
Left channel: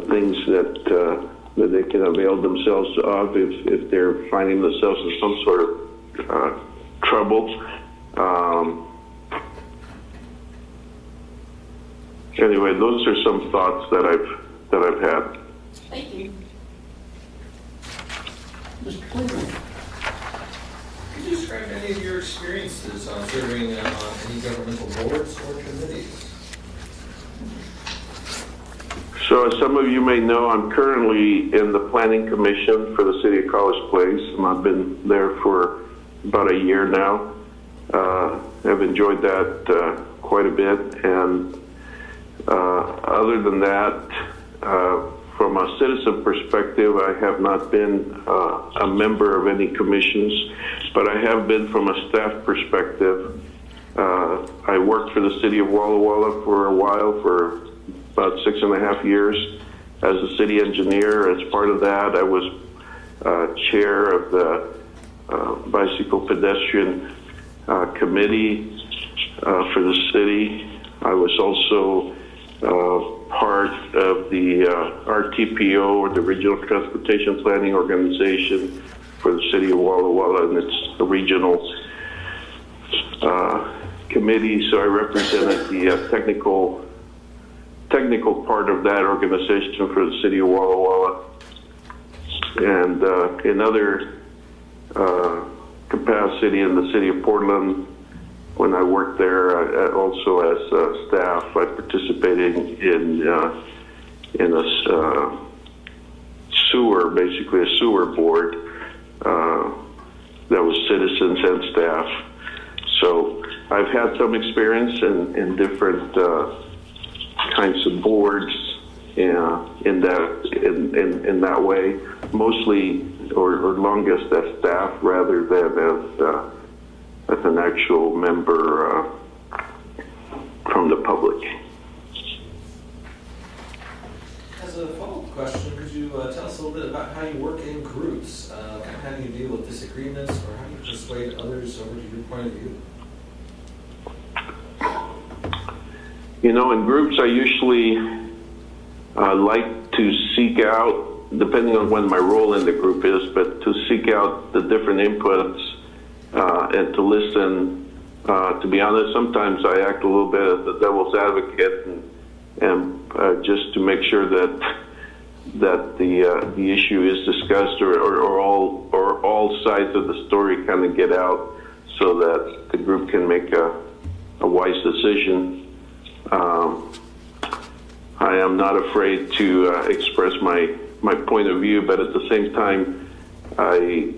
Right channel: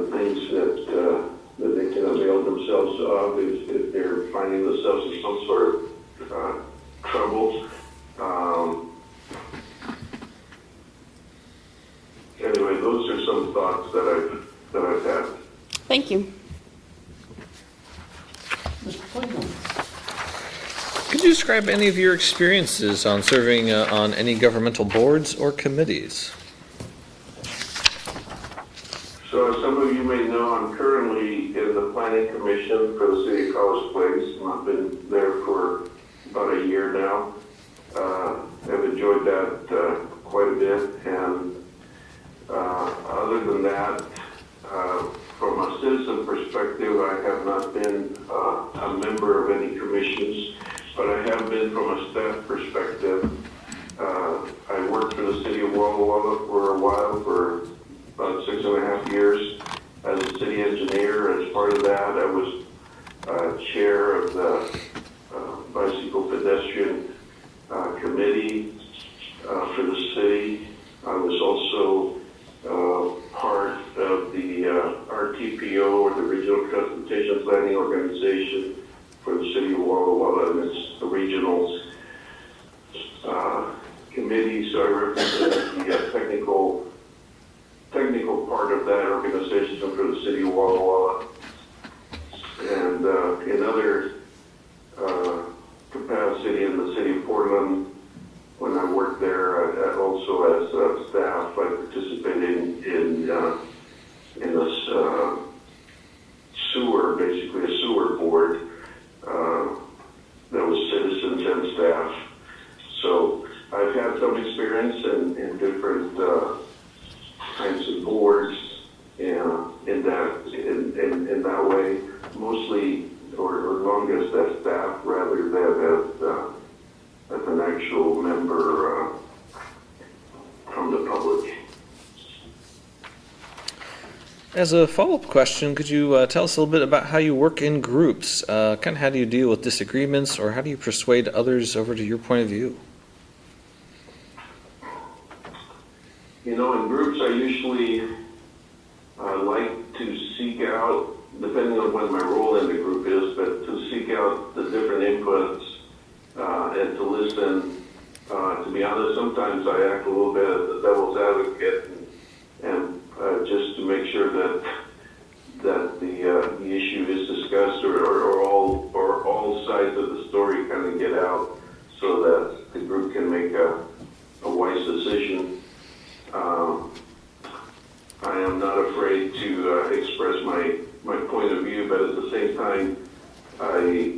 things that they can avail themselves of if they're finding themselves in some sort of trouble. Anyway, those are some thoughts that I've had. Thank you. Mr. Cleveland. Could you describe any of your experiences on serving on any governmental boards or committees? So as some of you may know, I'm currently in the Planning Commission for the City of College Place, and I've been there for about a year now. I've enjoyed that quite a bit, and other than that, from a citizen perspective, I have not been a member of any commissions, but I have been from a staff perspective. I worked for the city of Walla Walla for a while, for about 6.5 years as a city engineer. As part of that, I was chair of the bicycle pedestrian committee for the city. I was also part of the RTPO, or the Regional Transportation Planning Organization for the city of Walla Walla, and it's a regional committee. So I represented the technical technical part of that organization for the city of Walla Walla. And in other capacity in the city of Portland, when I worked there, also as staff, I participated in a sewer, basically a sewer board that was citizens and staff. So I've had some experience in different kinds of boards in that way, mostly or longest as staff rather than as an actual member from the public. As a follow-up question, could you tell us a little bit about how you work in groups? Kind of how do you deal with disagreements, or how do you persuade others over to your point of view? You know, in groups, I usually like to seek out, depending on what my role in the group is, but to seek out the different inputs and to listen. To be honest, sometimes I act a little bit as the devil's advocate and just to make sure that the issue is discussed or all sides of the story kind of get out so that the group can make a wise decision. I am not afraid to express my point of view, but at the same time, I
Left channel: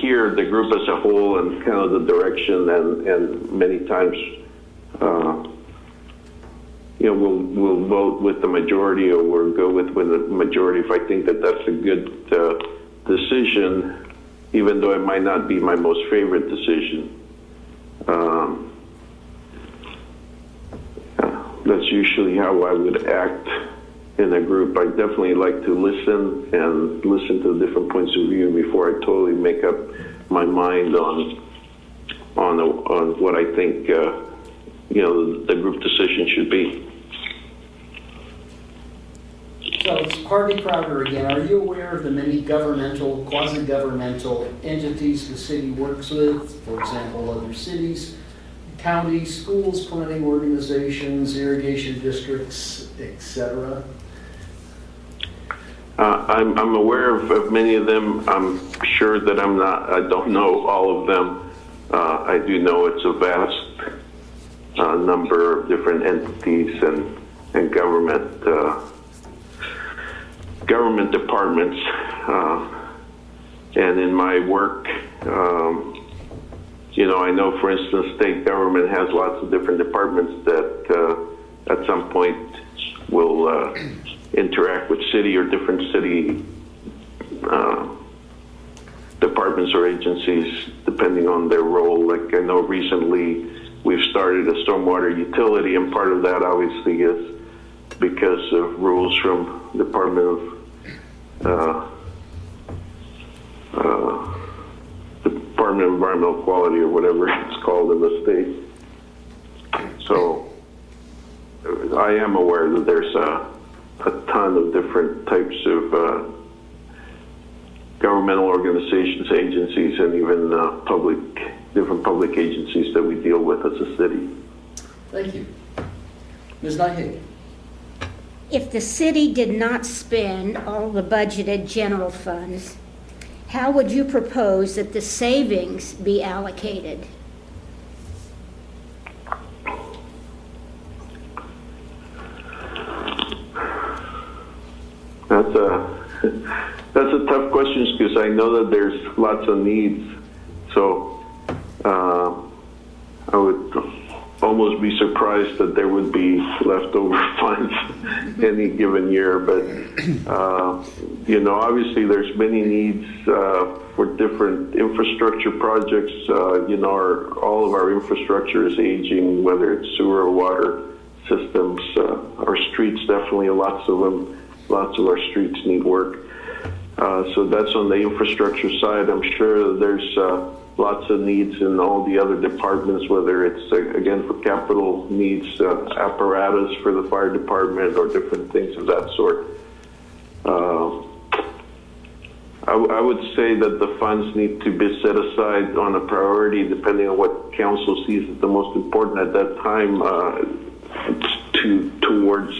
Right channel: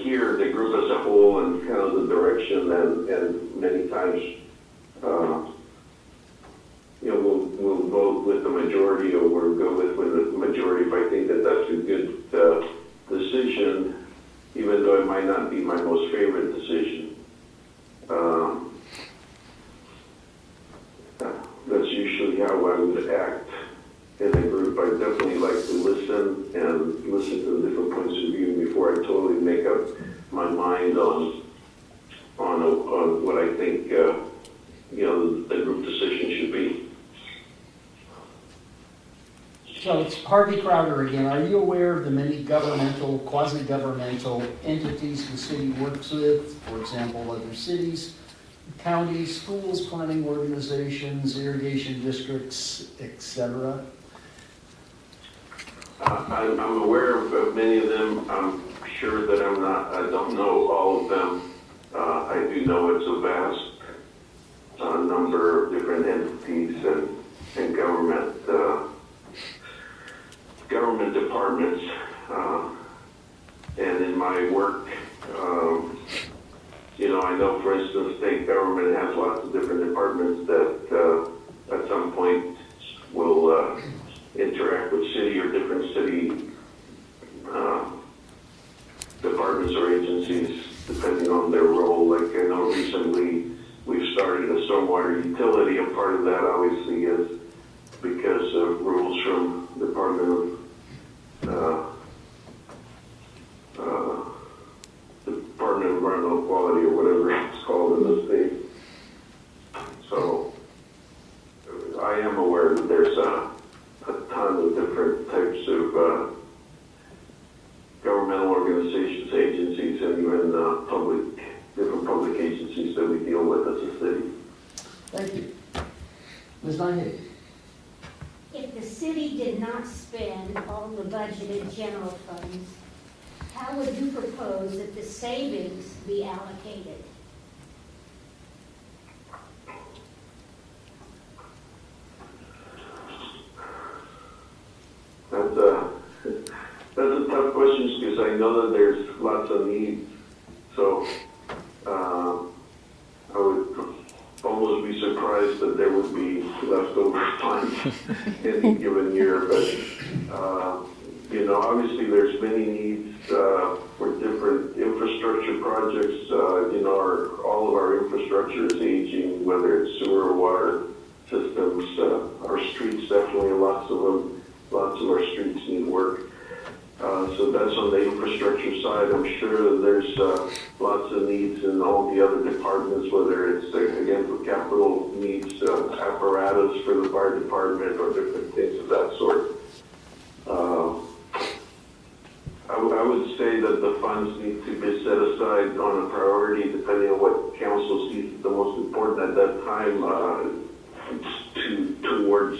hear the group as a whole and kind of the direction, and many times, we'll vote with the majority or we'll go with the majority if I think that that's a good decision, even though it might not be my most favorite decision. That's usually how I would act in a group. I definitely like to listen to the different points of view before I totally make up my mind on what I think the group decision should be. So it's Harvey Crowder again. Are you aware of the many governmental, quasi-governmental entities the city works with? For example, other cities, counties, schools, planning organizations, irrigation districts, etc.? I'm aware of many of them. I'm sure that I don't know all of them. I do know it's a vast number of different entities and government departments. And in my work, I know, for instance, state government has lots of different departments that at some point will interact with city or different city departments or agencies, depending on their role. Like I know recently we've started a stormwater utility, and part of that obviously is because of rules from the Department of Environmental Quality or whatever it's called in the state. So I am aware that there's a ton of different types of governmental organizations, agencies, and even different public agencies that we deal with as a city. Thank you. Ms. Nyhig. If the city did not spend all the budgeted general funds, how would you propose that the savings be allocated? That's a tough question because I know that there's lots of needs. So I would almost be surprised that there would be leftover funds any given year. But obviously there's many needs for different infrastructure projects. All of our infrastructure is aging, whether it's sewer or water systems. Our streets, definitely lots of them. Lots of our streets need work. So that's on the infrastructure side. I'm sure that there's lots of needs in all the other departments, whether it's, again, for capital needs, apparatus for the fire department or different things of that sort. I would say that the funds need to be set aside on a priority depending on what council sees as the most important at that time towards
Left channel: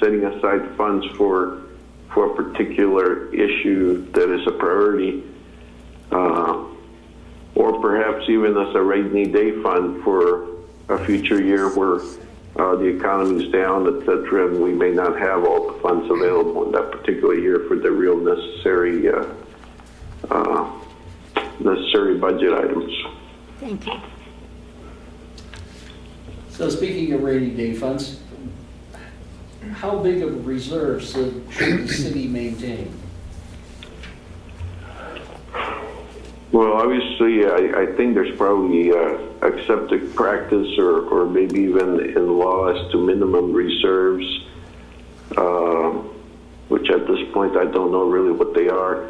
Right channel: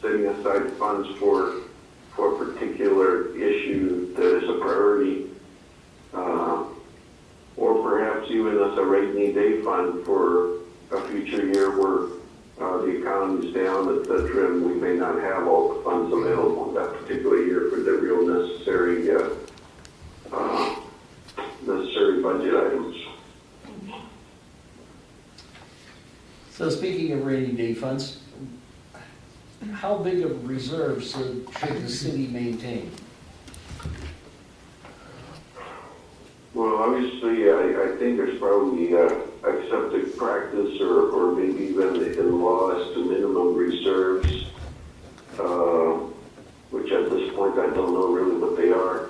setting aside funds for a particular issue that is a priority, or perhaps even as a rainy day fund for a future year where the economy is down, etc., and we may not have all the funds available in that particular year for the real necessary budget items. Thank you. So speaking of rainy day funds, how big of a reserve should the city maintain? Well, obviously, I think there's probably accepted practice or maybe even in law as to minimum reserves, which at this point I don't know really what they are.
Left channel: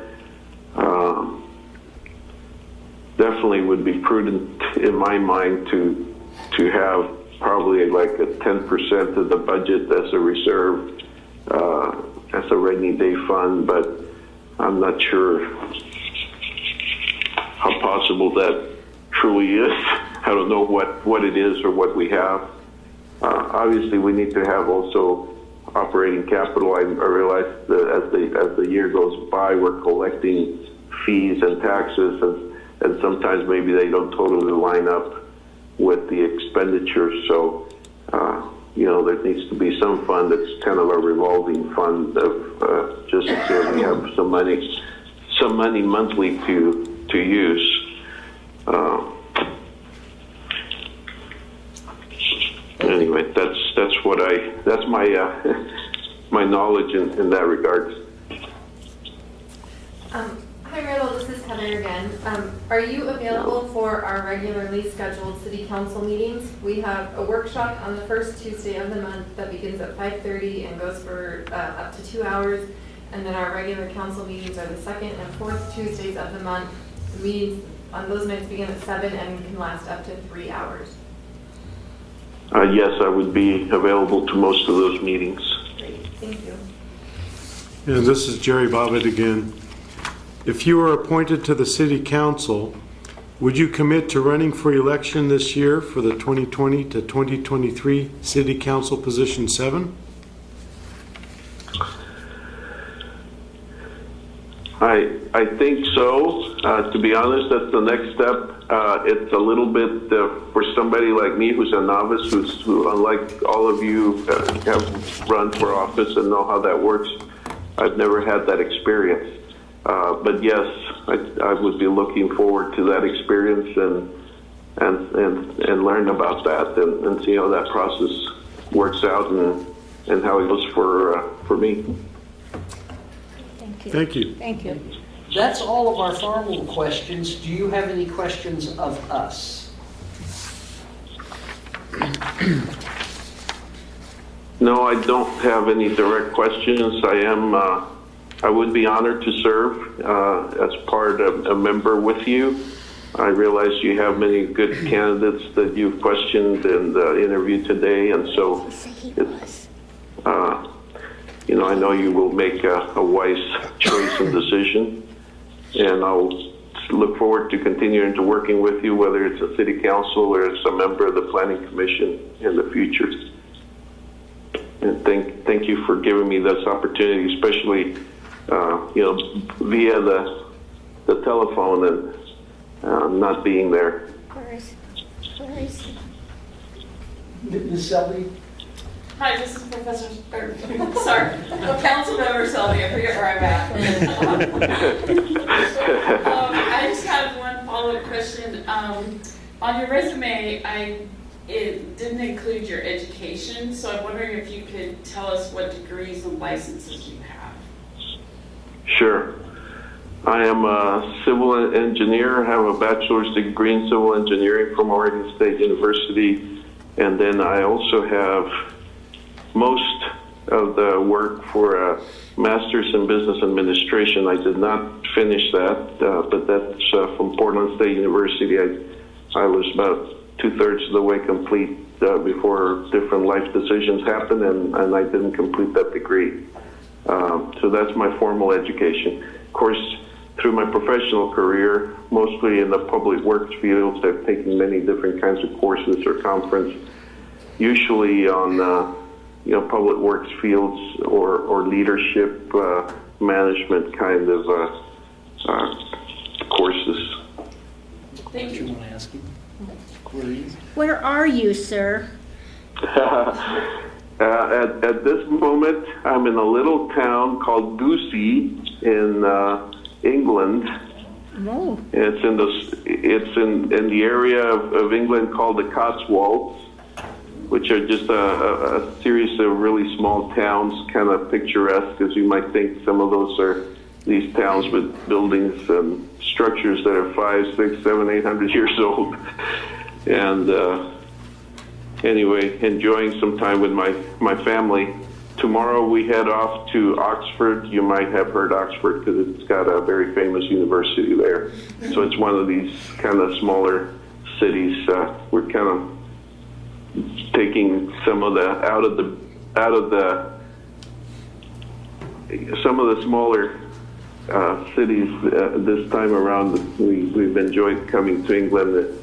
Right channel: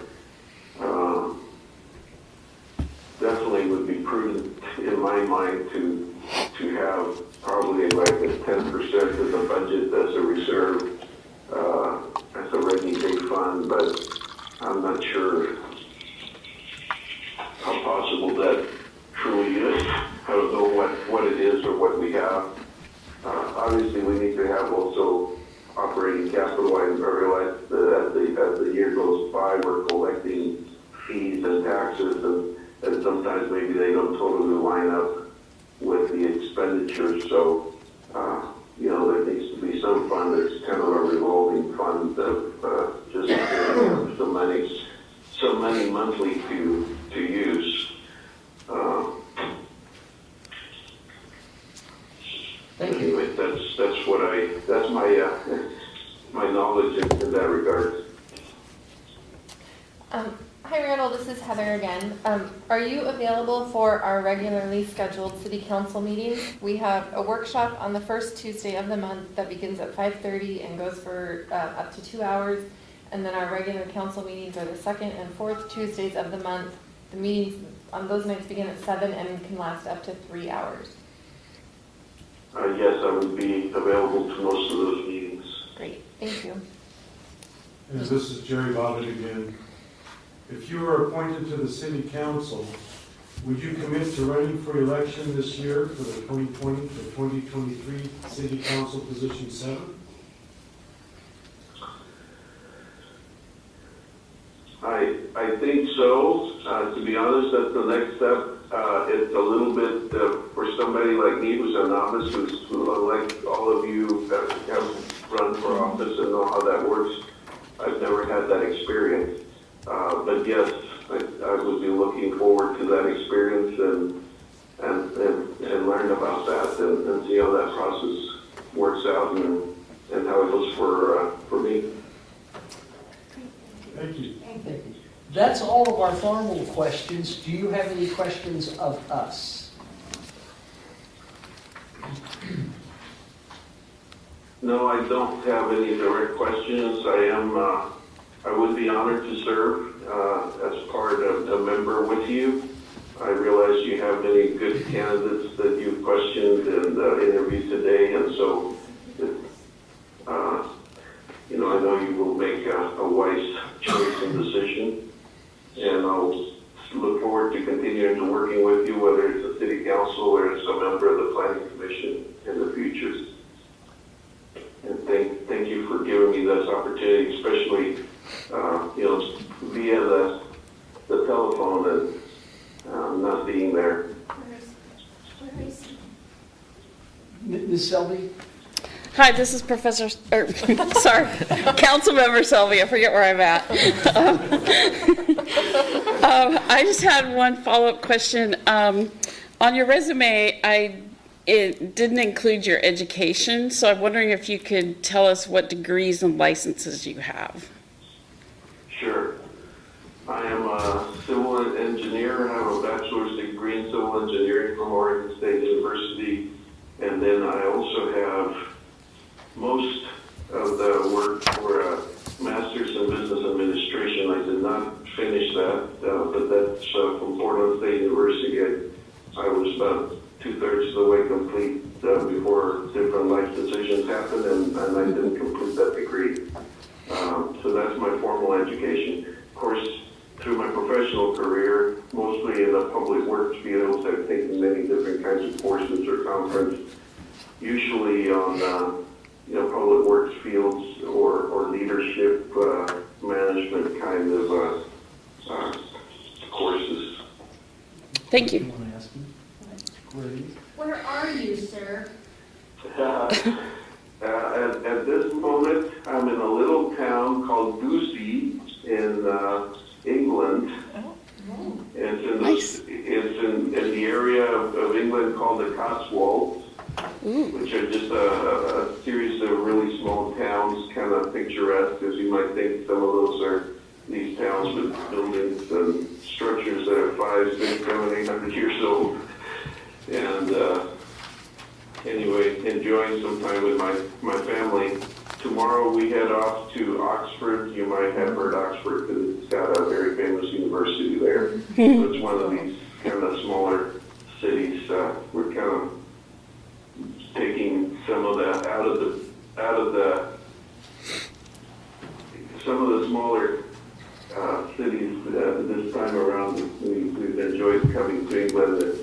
Definitely would be prudent in my mind to have probably like a 10% of the budget as a reserve, as a rainy day fund, but I'm not sure how possible that truly is. I don't know what it is or what we have. Obviously, we need to have also operating capital. I realize that as the year goes by, we're collecting fees and taxes, and sometimes maybe they don't totally line up with the expenditure. So, there needs to be some fund that's kind of a revolving fund of just in case we have some money monthly to use. Anyway, that's my knowledge in that regard. Hi Randall, this is Heather again. Are you available for our regularly scheduled city council meetings? We have a workshop on the first Tuesday of the month that begins at 5:30 and goes for up to 2 hours. And then our regular council meetings are the second and fourth Tuesdays of the month. The meetings on those nights begin at 7 and can last up to 3 hours. Yes, I would be available to most of those meetings. Great, thank you. And this is Jerry Bobbitt again. If you were appointed to the city council, would you commit to running for election this year for the 2020 to 2023 city council position 7? I think so. To be honest, that's the next step. It's a little bit for somebody like me who's a novice, who unlike all of you have run for office and know how that works. I've never had that experience. But yes, I would be looking forward to that experience and learn about that and see how that process works out and how it goes for me. Thank you. Thank you. That's all of our formal questions. Do you have any questions of us? No, I don't have any direct questions. I would be honored to serve as part of a member with you. I realize you have many good candidates that you've questioned and interviewed today, and so I know you will make a wise choice and decision, and I'll look forward to continuing to working with you, whether it's a city council or as a member of the planning commission in the future. And thank you for giving me this opportunity, especially via the telephone and not being there. Where is he? Ms. Selby? Hi, this is Councilmember Selby. I forget where I'm at. I just had one follow-up question. On your resume, it didn't include your education, so I'm wondering if you could tell us what degrees and licenses you have. Sure. I am a civil engineer. I have a bachelor's degree in civil engineering from Oregon State University, and then I also have most of the work for a master's in business administration. I did not finish that, but that's from Portland State University. I was about 2/3 of the way complete before different life decisions happened, and I didn't complete that degree. So that's my formal education. Of course, through my professional career, mostly in the public works fields, I've taken many different kinds of courses or conference, usually on public works fields or leadership management kind of courses. Thank You you. want to ask him? Queries? Where are you, sir? At this moment, I'm in a little town called Goosey in England. Oh, It's in the area of England called the Cotswolds, which are just a series of really small towns, kind of picturesque, as you might think. Some of those are these towns with buildings and structures that are 500, 600, 700, 800 years old. And anyway, enjoying some time with my family. Tomorrow we head off to Oxford. You might have heard Oxford because it's got a very famous university there. So it's one of these kind of smaller cities. We're kind of taking some of the some of the smaller cities this time around. We've enjoyed coming to England a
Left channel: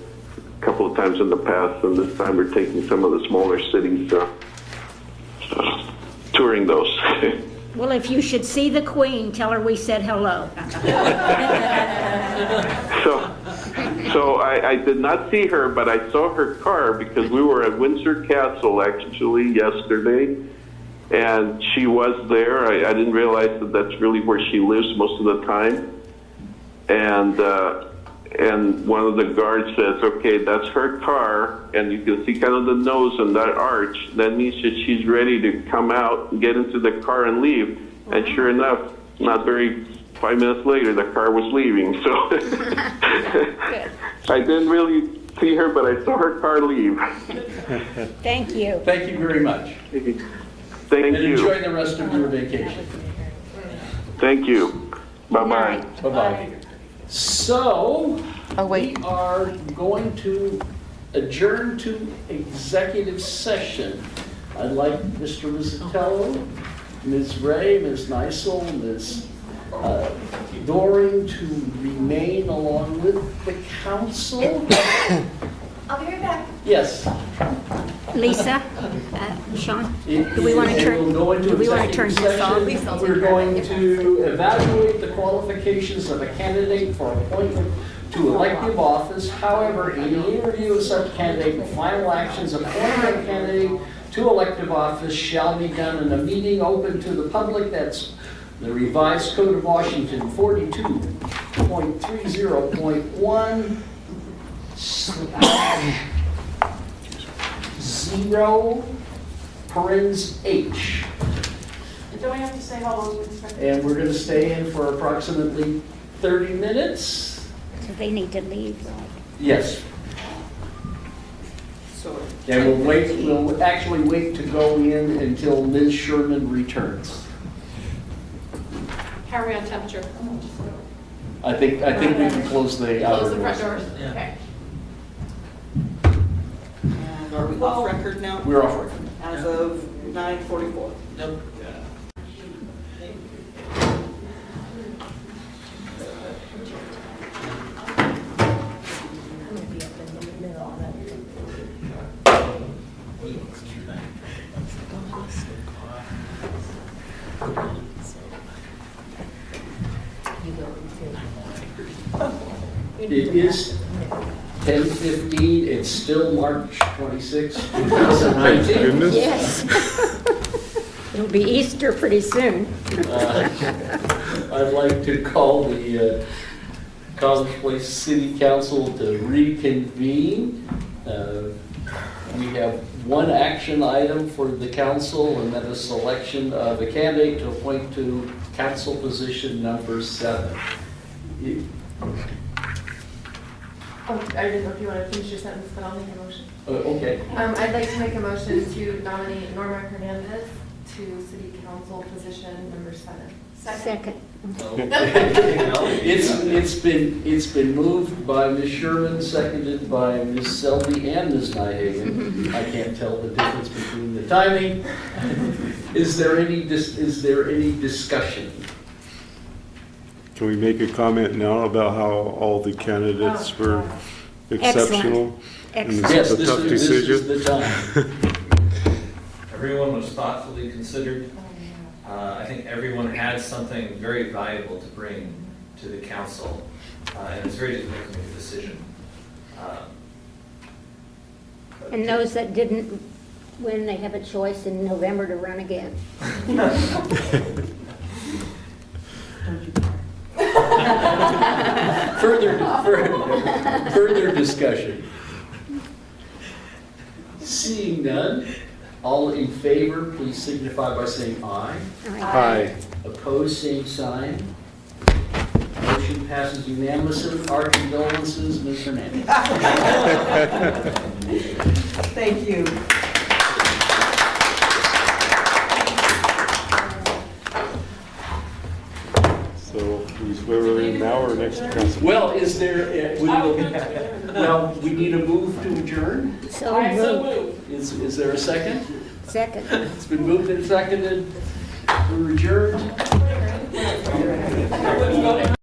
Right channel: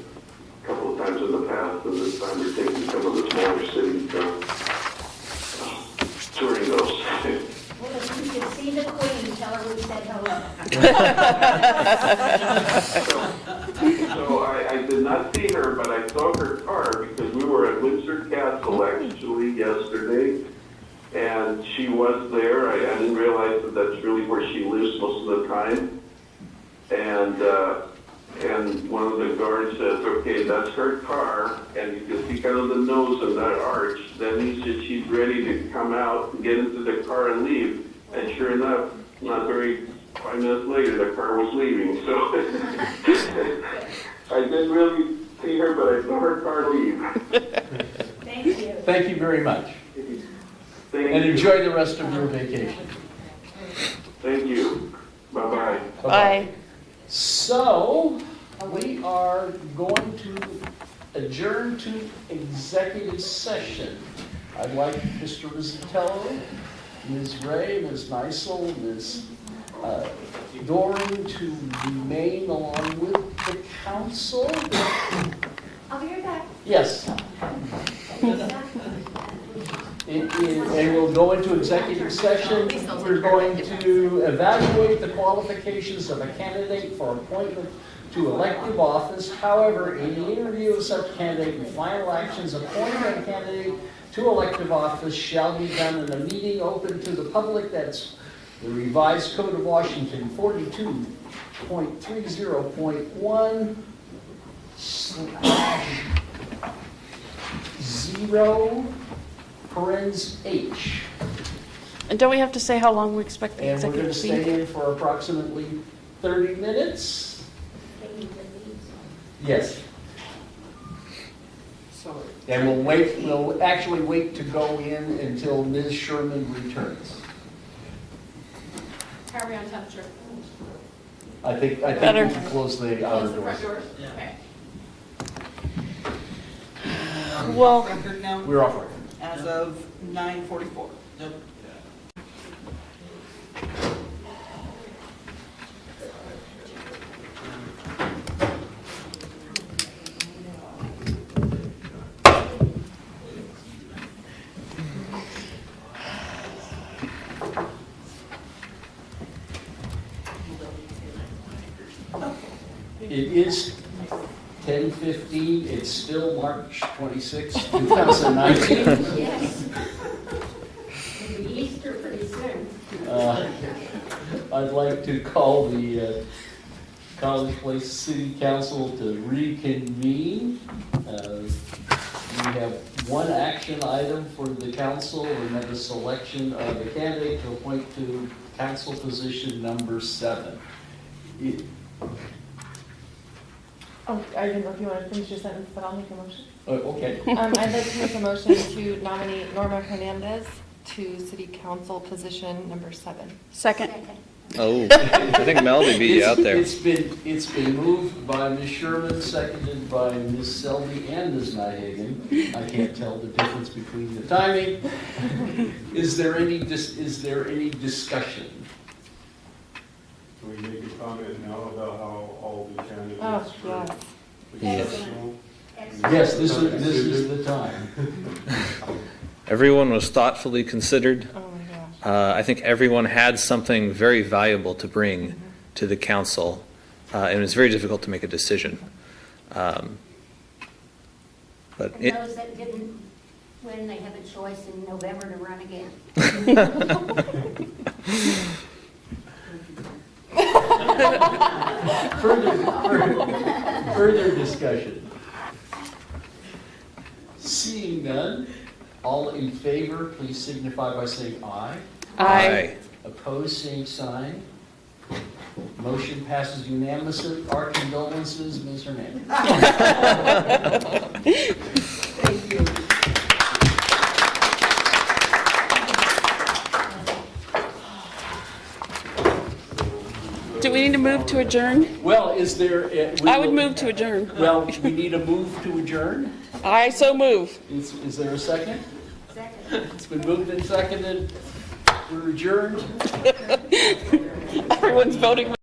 couple of times in the past, and this time we're taking some of the smaller cities, touring those. well, if you should see the Queen, tell her we said hello. So I did not see her, but I saw her car because we were at Windsor Castle actually yesterday, and she was there. I didn't realize that that's really where she lives most of the time. And one of the guards says, okay, that's her car, and you can see kind of the nose and that arch. That means that she's ready to come out, get into the car and leave. And sure enough, 5 minutes later, the car was leaving. So I didn't really see her, but I saw her car leave. Thank you. Thank you very much. Thank And you. enjoy the rest of your vacation. Thank you. Bye-bye. Bye-bye. So, Oh, wait. we are going to adjourn to executive session. I'd like Mr. Rizzatello, Ms. Ray, Ms. Neisel, Ms. Doran to remain along with the council. I'll be right back. Yes. Lisa, Sean, And do we want to turn? we'll go into do we want to turn executive this off? session. We're going to evaluate the qualifications of a candidate for appointment to elective office. However, in any review of such candidate, the final actions appointing a candidate to elective office shall be done in a meeting open to the public. That's the revised Code of Washington 42.30.1. 0 parens H. And don't we have to say how long we expect the And we're going to executive stay in for approximately 30 minutes. So they need to leave. Yes. And we'll actually wait to go in until Ms. Sherman returns. How are we on temperature? I think we can close the outer Close the front doors. doors? Okay. Well, record now We're off record. as of 9:44. It is 10:15. It's still March 26, 2019. Yes. It'll be Easter pretty soon. I'd like to call the College Place City Council to reconvene. We have one action item for the council, and that is selection of a candidate to appoint to council position number 7. Oh, I didn't know if you wanted to finish your sentence, but I'll make a motion. Okay. I'd like to make a motion to nominate Norma Hernandez to city council position number 7. Second. Oh, I think Mel may be out there. It's been moved by Ms. Sherman, seconded by Ms. Selby and Ms. Nyhagen. I can't tell the difference between the timing. Is there any discussion? Can we make a comment now about how all the candidates were exceptional? Excellent. Yes, a this tough is decision? the time. Everyone was thoughtfully considered. Oh, yeah. I think everyone had something very valuable to bring to the council, and it was very difficult to make a decision. But And those that didn't win, they have a choice in November to run again. Further discussion. Seeing none, all in favor, please signify by saying aye. Aye. Opposed, same sign. Motion passes unanimously. Our condolences, Ms. Hernandez. Thank you. Do we need to move to adjourn? Well, is there? I would move to adjourn. Well, we need a move to adjourn. I so move. Is there a second? Second. It's been moved and seconded. We're adjourned. Everyone's voting.